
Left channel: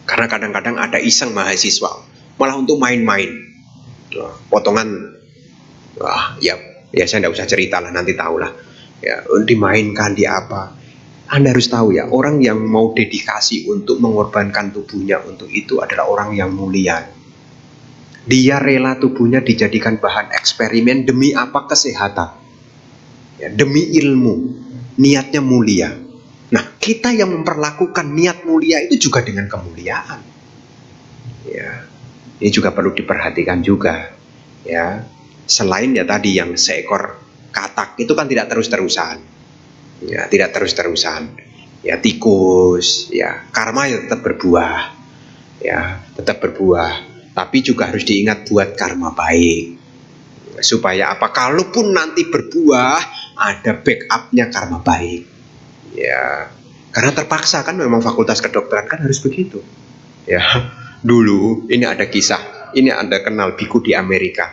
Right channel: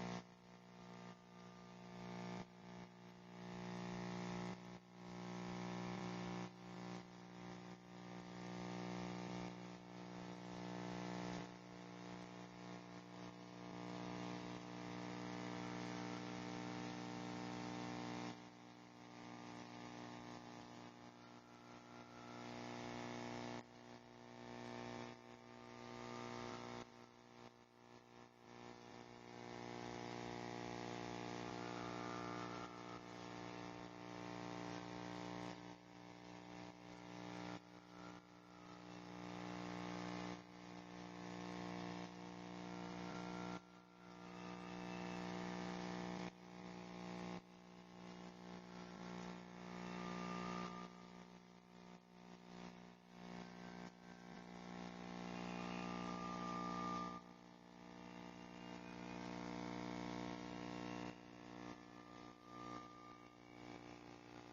Karena kadang-kadang ada iseng mahasiswa, malah untuk main-main. Potongan, ya saya tidak usah cerita lah, nanti tahulah. Ya, dimainkan di apa? Anda harus tahu ya, orang yang mau dedikasi untuk mengorbankan tubuhnya untuk itu adalah orang yang mulia. Dia rela tubuhnya dijadikan bahan eksperimen demi apa? Kesehatan. Ya, demi ilmu. Niatnya mulia. Nah, kita yang memperlakukan niat mulia itu juga dengan kemuliaan. Ya, ini juga perlu diperhatikan juga. Ya, Selain ya tadi yang seekor katak itu kan tidak terus-terusan. Ya, tidak terus-terusan. Ya tikus, ya karma ya tetap berbuah. Ya, tetap berbuah. Tapi juga harus diingat buat karma baik. Supaya apa? Kalaupun nanti berbuah, ada backupnya karma baik. Ya, karena terpaksa kan memang fakultas kedokteran kan harus begitu. Ya, dulu ini ada kisah. Ini Anda kenal biku di Amerika.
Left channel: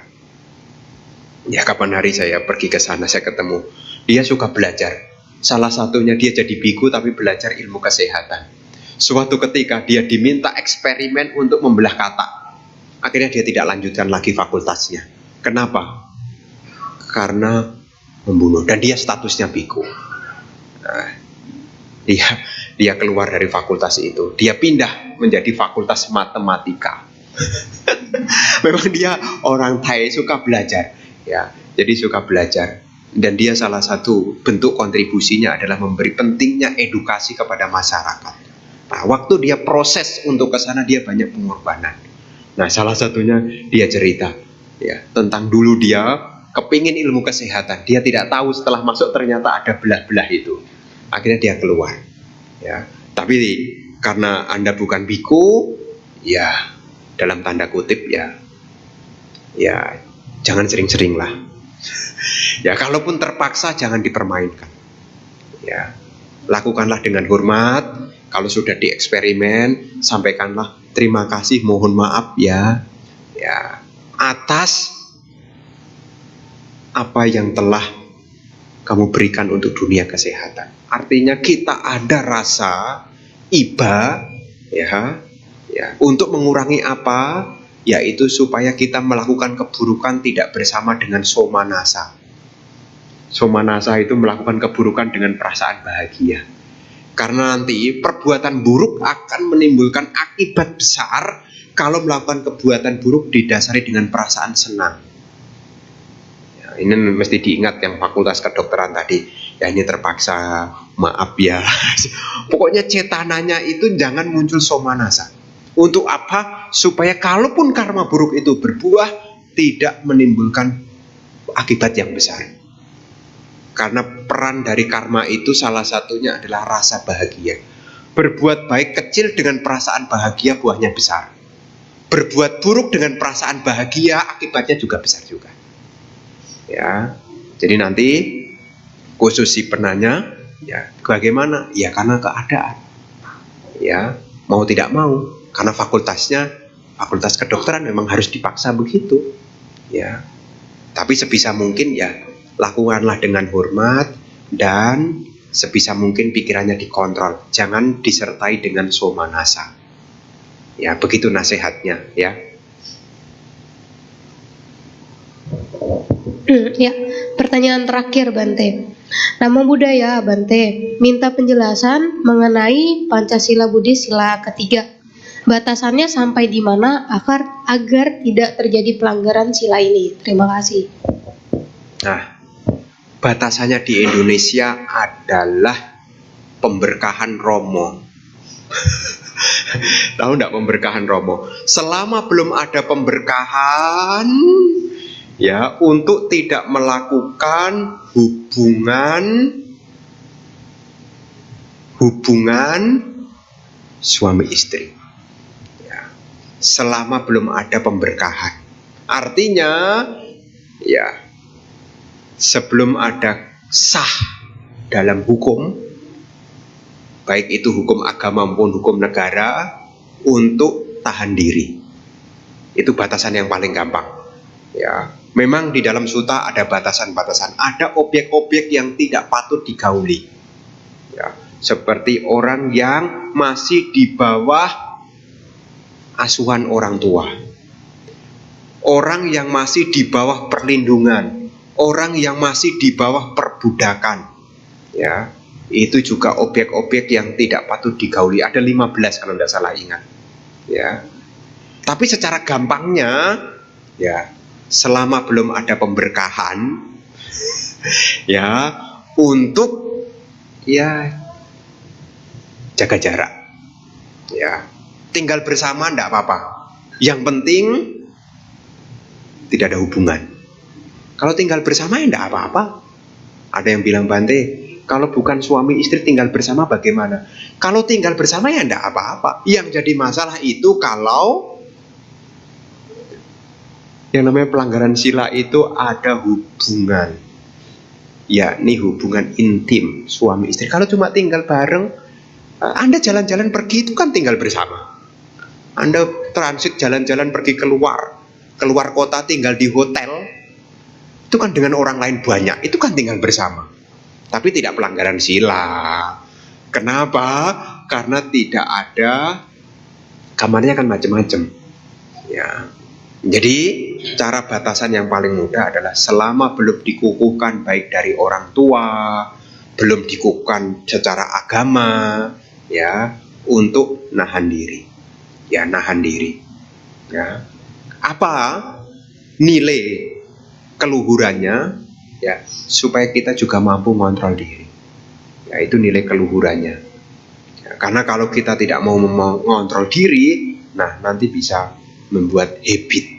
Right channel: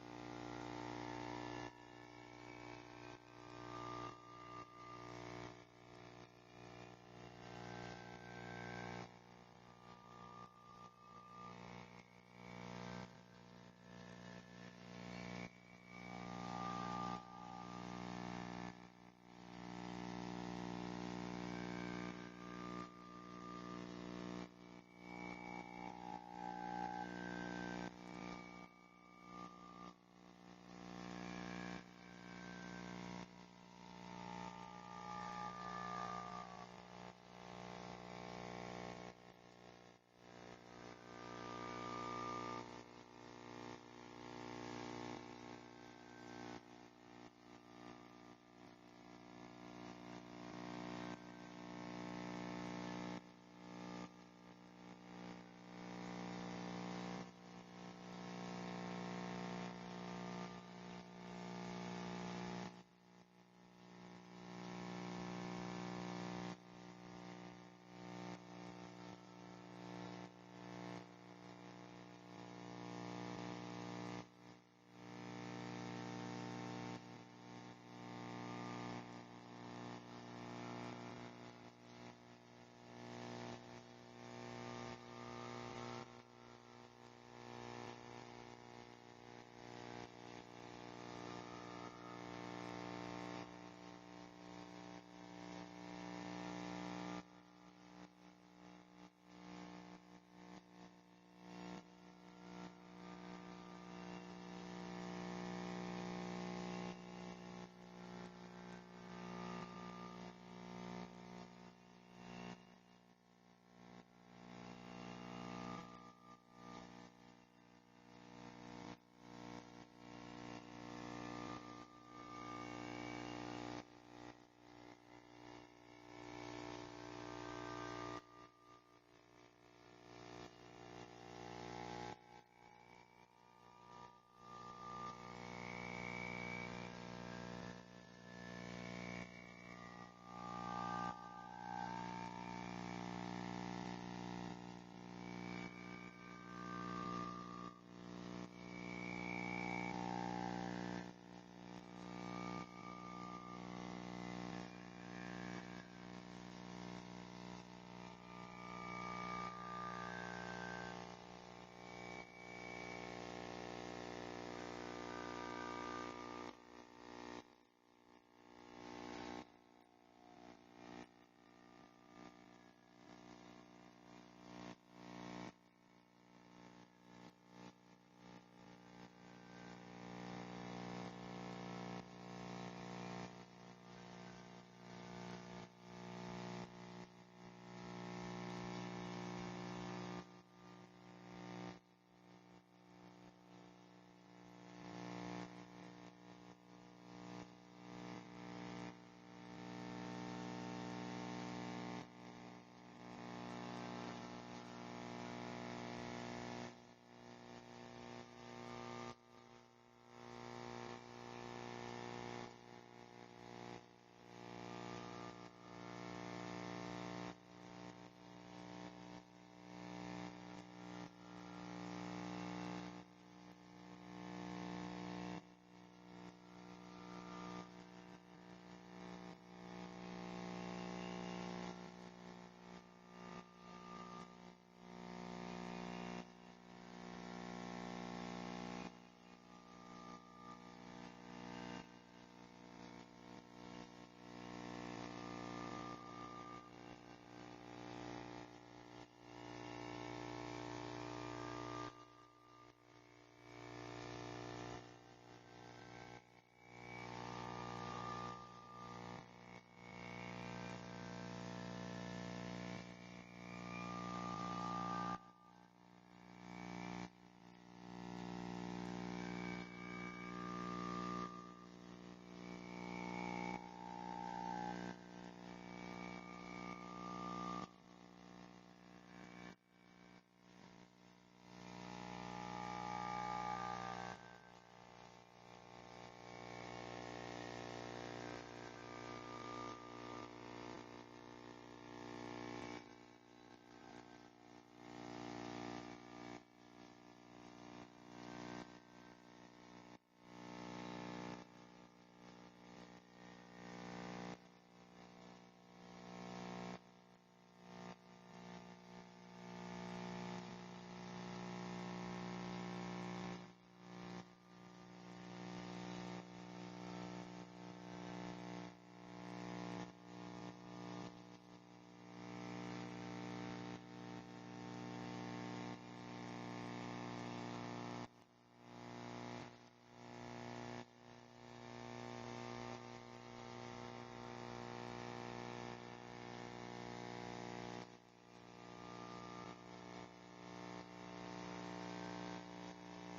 Ya, kapan hari saya pergi ke sana, saya ketemu. Dia suka belajar. Salah satunya dia jadi biku tapi belajar ilmu kesehatan. Suatu ketika dia diminta eksperimen untuk membelah katak. Akhirnya dia tidak lanjutkan lagi fakultasnya. Kenapa? Karena membunuh. Dan dia statusnya biku. Nah, dia keluar dari fakultas itu. Dia pindah menjadi fakultas matematika. Memang dia orang Thai, suka belajar. Ya, jadi suka belajar. Dan dia salah satu bentuk kontribusinya adalah memberi pentingnya edukasi kepada masyarakat. Nah, waktu dia proses untuk ke sana dia banyak pengorbanan. Nah, salah satunya dia cerita ya tentang dulu dia kepingin ilmu kesehatan. Dia tidak tahu setelah masuk ternyata ada belah-belah itu. Akhirnya dia keluar. Ya, tapi karena Anda bukan biku, ya dalam tanda kutip ya jangan sering-sering lah. Ya, kalaupun terpaksa jangan dipermainkan. Ya, lakukanlah dengan hormat. Kalau sudah dieksperimen, sampaikanlah terima kasih, mohon maaf ya atas apa yang telah kamu berikan untuk dunia kesehatan. Artinya kita ada rasa iba ya untuk mengurangi apa? Yaitu supaya kita melakukan keburukan tidak bersama dengan somanasa. Somanasa itu melakukan keburukan dengan perasaan bahagia. Karena nanti perbuatan buruk akan menimbulkan akibat besar kalau melakukan perbuatan buruk didasari dengan perasaan senang. Ya, ini mesti diingat yang fakultas kedokteran tadi. Ya ini terpaksa, maaf ya. Pokoknya cetananya itu jangan muncul somanasa. Untuk apa? Supaya kalaupun karma buruk itu berbuah, tidak menimbulkan akibat yang besar. Karena peran dari karma itu salah satunya adalah rasa bahagia. Berbuat baik kecil dengan perasaan bahagia buahnya besar. Berbuat buruk dengan perasaan bahagia akibatnya juga besar juga. Ya, jadi nanti khusus si penanya, ya bagaimana? Ya karena keadaan. Ya, mau tidak mau, karena fakultas kedokteran memang harus dipaksa begitu. Ya, tapi sebisa mungkin ya lakukanlah dengan hormat dan sebisa mungkin pikirannya dikontrol. Jangan disertai dengan somanasa. Ya, begitu nasihatnya ya. Ya, pertanyaan terakhir Bante. Nama budaya Bante minta penjelasan mengenai Pancasila Buddhis sila ketiga. Batasannya sampai di mana agar tidak terjadi pelanggaran sila ini. Terima kasih. Nah, batasannya di Indonesia adalah pemberkahan Romo. Tahu enggak pemberkahan Romo? Selama belum ada pemberkahan, ya untuk tidak melakukan hubungan suami istri. Ya, selama belum ada pemberkahan. Artinya, ya sebelum ada sah dalam hukum, baik itu hukum agama maupun hukum negara, untuk tahan diri. Itu batasan yang paling gampang. Ya, memang di dalam suta ada batasan-batasan, ada objek-objek yang tidak patut digauli. Ya, seperti orang yang masih di bawah asuhan orang tua, orang yang masih di bawah perlindungan, orang yang masih di bawah perbudakan. Ya, itu juga objek-objek yang tidak patut digauli. Ada 15 kalau tidak salah ingat. Ya. Tapi secara gampangnya, ya, selama belum ada pemberkahan, ya, untuk ya jaga jarak. Ya, tinggal bersama enggak apa-apa. Yang penting tidak ada hubungan. Kalau tinggal bersama ya enggak apa-apa. Ada yang bilang, Bante, kalau bukan suami istri tinggal bersama bagaimana? Kalau tinggal bersama ya enggak apa-apa. Yang jadi masalah itu kalau yang namanya pelanggaran sila itu ada hubungan, yakni hubungan intim suami istri. Kalau cuma tinggal bareng, Anda jalan-jalan pergi itu kan tinggal bersama. Anda transit jalan-jalan pergi keluar kota, tinggal di hotel, itu kan dengan orang lain banyak, itu kan tinggal bersama. Tapi tidak pelanggaran sila. Kenapa? Karena tidak ada, kamarnya kan macam-macam. Ya. Jadi cara batasan yang paling mudah adalah selama belum dikukuhkan baik dari orang tua, belum dikukuhkan secara agama, ya, untuk nahan diri. Ya, nahan diri. Ya. Apa nilai keluhurannya, ya, supaya kita juga mampu mengontrol diri. Ya, itu nilai keluhurannya. Ya, karena kalau kita tidak mau mengontrol diri, nah nanti bisa membuat habit.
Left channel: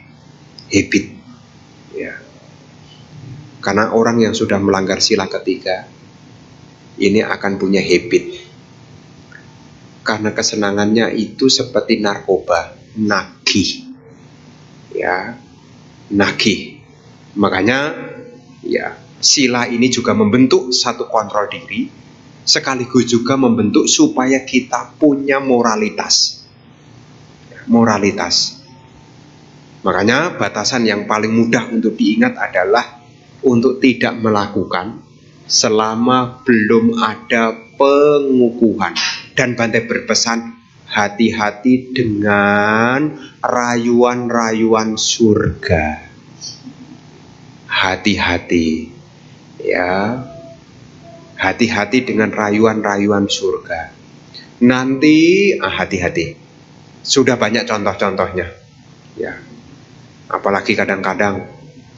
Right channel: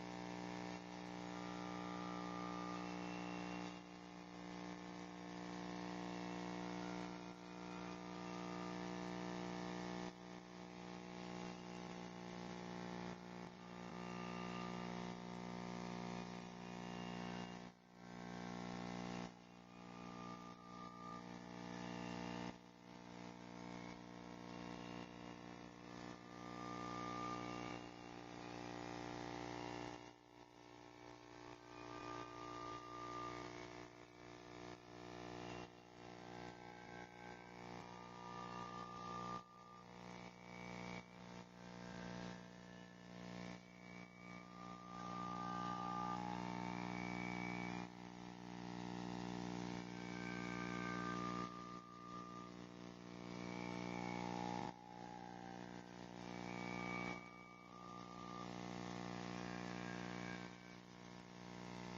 Ya. Karena orang yang sudah melanggar sila ketiga ini akan punya habit. Karena kesenangannya itu seperti narkoba, nagih. Ya, nagih. Makanya ya, sila ini juga membentuk satu kontrol diri, sekaligus juga membentuk supaya kita punya moralitas. Moralitas. Makanya batasan yang paling mudah untuk diingat adalah untuk tidak melakukan selama belum ada pengukuhan. Dan Bante berpesan, hati-hati dengan rayuan-rayuan surga. Hati-hati, ya, hati-hati dengan rayuan-rayuan surga. Nanti hati-hati. Sudah banyak contoh-contohnya, ya. Apalagi kadang-kadang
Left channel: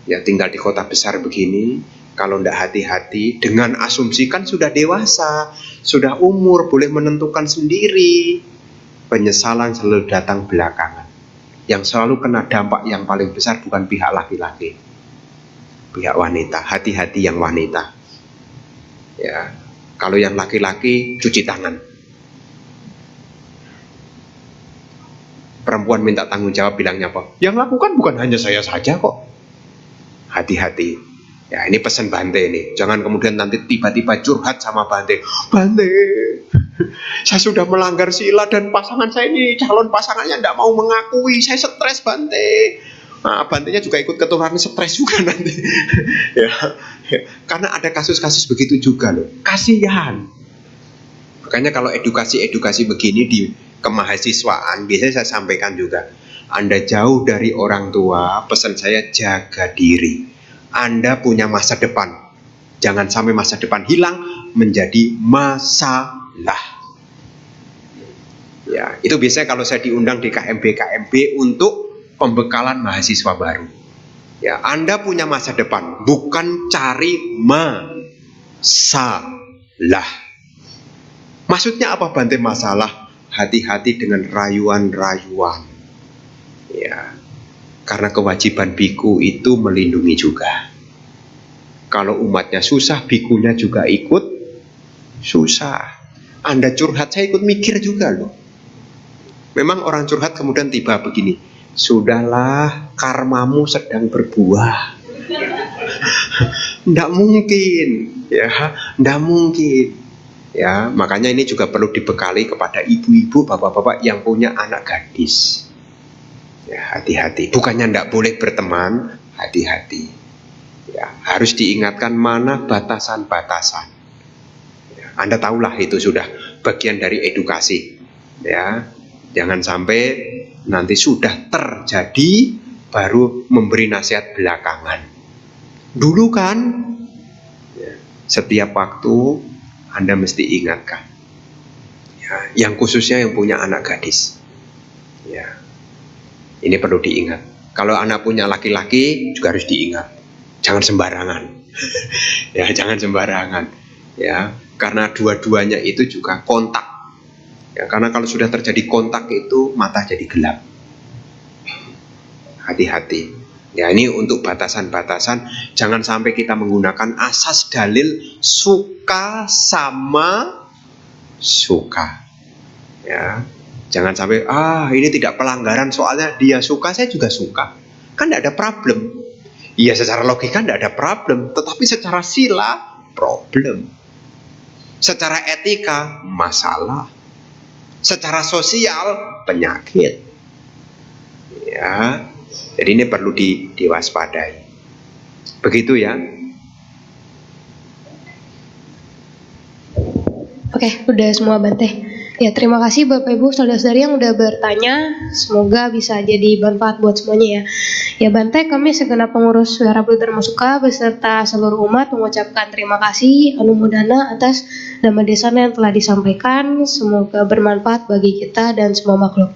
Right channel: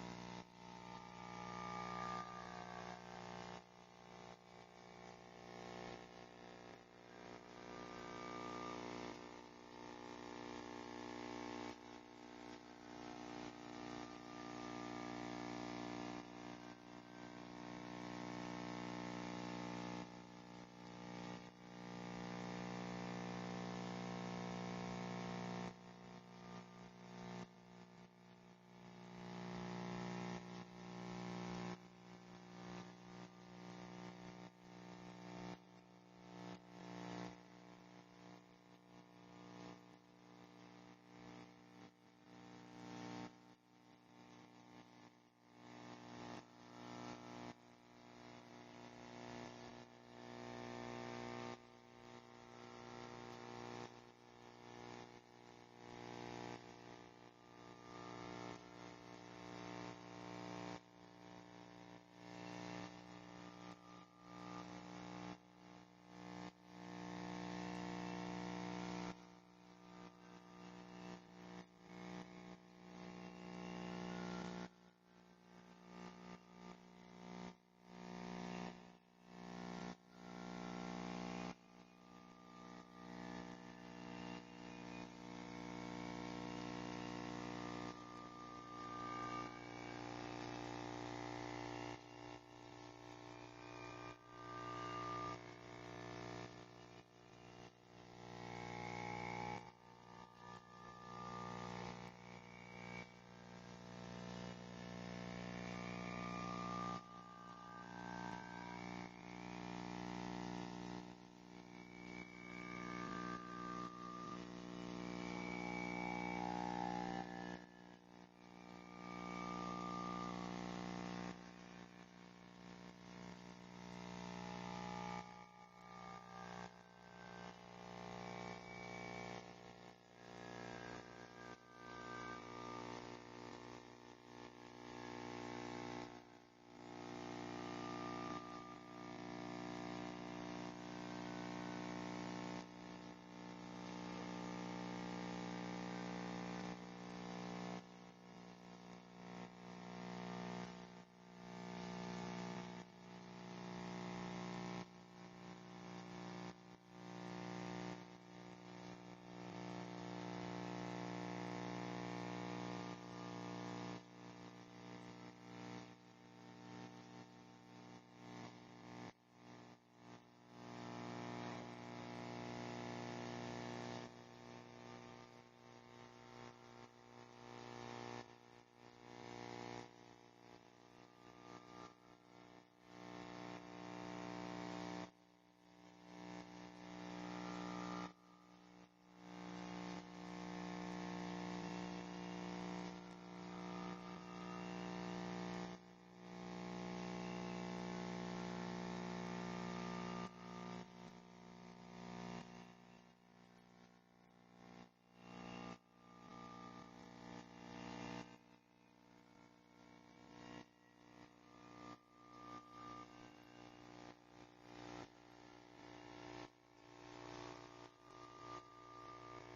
ya tinggal di kota besar begini, kalau tidak hati-hati dengan asumsi kan sudah dewasa, sudah umur, boleh menentukan sendiri. Penyesalan selalu datang belakangan. Yang selalu kena dampak yang paling besar bukan pihak laki-laki, pihak wanita. Hati-hati yang wanita. Ya, kalau yang laki-laki cuci tangan. Perempuan minta tanggung jawab, bilangnya apa? Yang lakukan bukan hanya saya saja kok. Hati-hati. Ya, ini pesan Bante ini. Jangan kemudian nanti tiba-tiba curhat sama Bante. Bante, saya sudah melanggar sila dan pasangan saya ini, calon pasangannya tidak mau mengakui. Saya stres, Bante. Nah, Bantenya juga ikut ketularan stres juga nanti. Ya, karena ada kasus-kasus begitu juga loh. Kasihan. Makanya kalau edukasi begini di kemahasiswaan, biasanya saya sampaikan juga, Anda jauh dari orang tua, pesan saya jaga diri. Anda punya masa depan. Jangan sampai masa depan hilang menjadi masalah. Ya, itu biasanya kalau saya diundang di KMB untuk pembekalan mahasiswa baru. Ya, Anda punya masa depan, bukan cari masalah. Maksudnya apa Bante masalah? Hati-hati dengan rayuan-rayuan. Ya, karena kewajiban biku itu melindungi juga. Kalau umatnya susah, bikunya juga ikut susah. Anda curhat, saya ikut mikir juga loh. Memang orang curhat kemudian tiba begini, sudahlah, karmamu sedang berbuah. Nggak mungkin, ya, nggak mungkin. Ya, makanya ini juga perlu dibekali kepada ibu-ibu, bapak-bapak yang punya anak gadis. Ya, hati-hati. Bukannya tidak boleh berteman, hati-hati. Ya, harus diingatkan mana batasan-batasan. Ya, Anda tahulah itu sudah bagian dari edukasi. Ya, jangan sampai nanti sudah terjadi baru memberi nasihat belakangan. Dulu kan, ya, setiap waktu Anda mesti ingatkan. Ya, yang khususnya yang punya anak gadis. Ya, ini perlu diingat. Kalau anak punya laki-laki juga harus diingat. Jangan sembarangan. Ya, jangan sembarangan. Ya, karena dua-duanya itu juga kontak. Ya, karena kalau sudah terjadi kontak itu mata jadi gelap. Hati-hati. Ya, ini untuk batasan-batasan, jangan sampai kita menggunakan asas dalil suka sama suka. Ya, jangan sampai ini tidak pelanggaran soalnya dia suka, saya juga suka. Kan tidak ada problem. Iya, secara logika tidak ada problem, tetapi secara sila problem. Secara etika masalah. Secara sosial penyakit. Ya. Jadi ini perlu diwaspadai. Begitu ya. Oke, udah semua Bante. Ya, terima kasih Bapak Ibu saudara-saudari yang udah bertanya. Semoga bisa jadi manfaat buat semuanya ya. Ya Bante, kami segenap pengurus Wihara Bodhi Dharma Sukha beserta seluruh umat mengucapkan terima kasih anumodana atas dhamma desana yang telah disampaikan. Semoga bermanfaat bagi kita dan semua makhluk.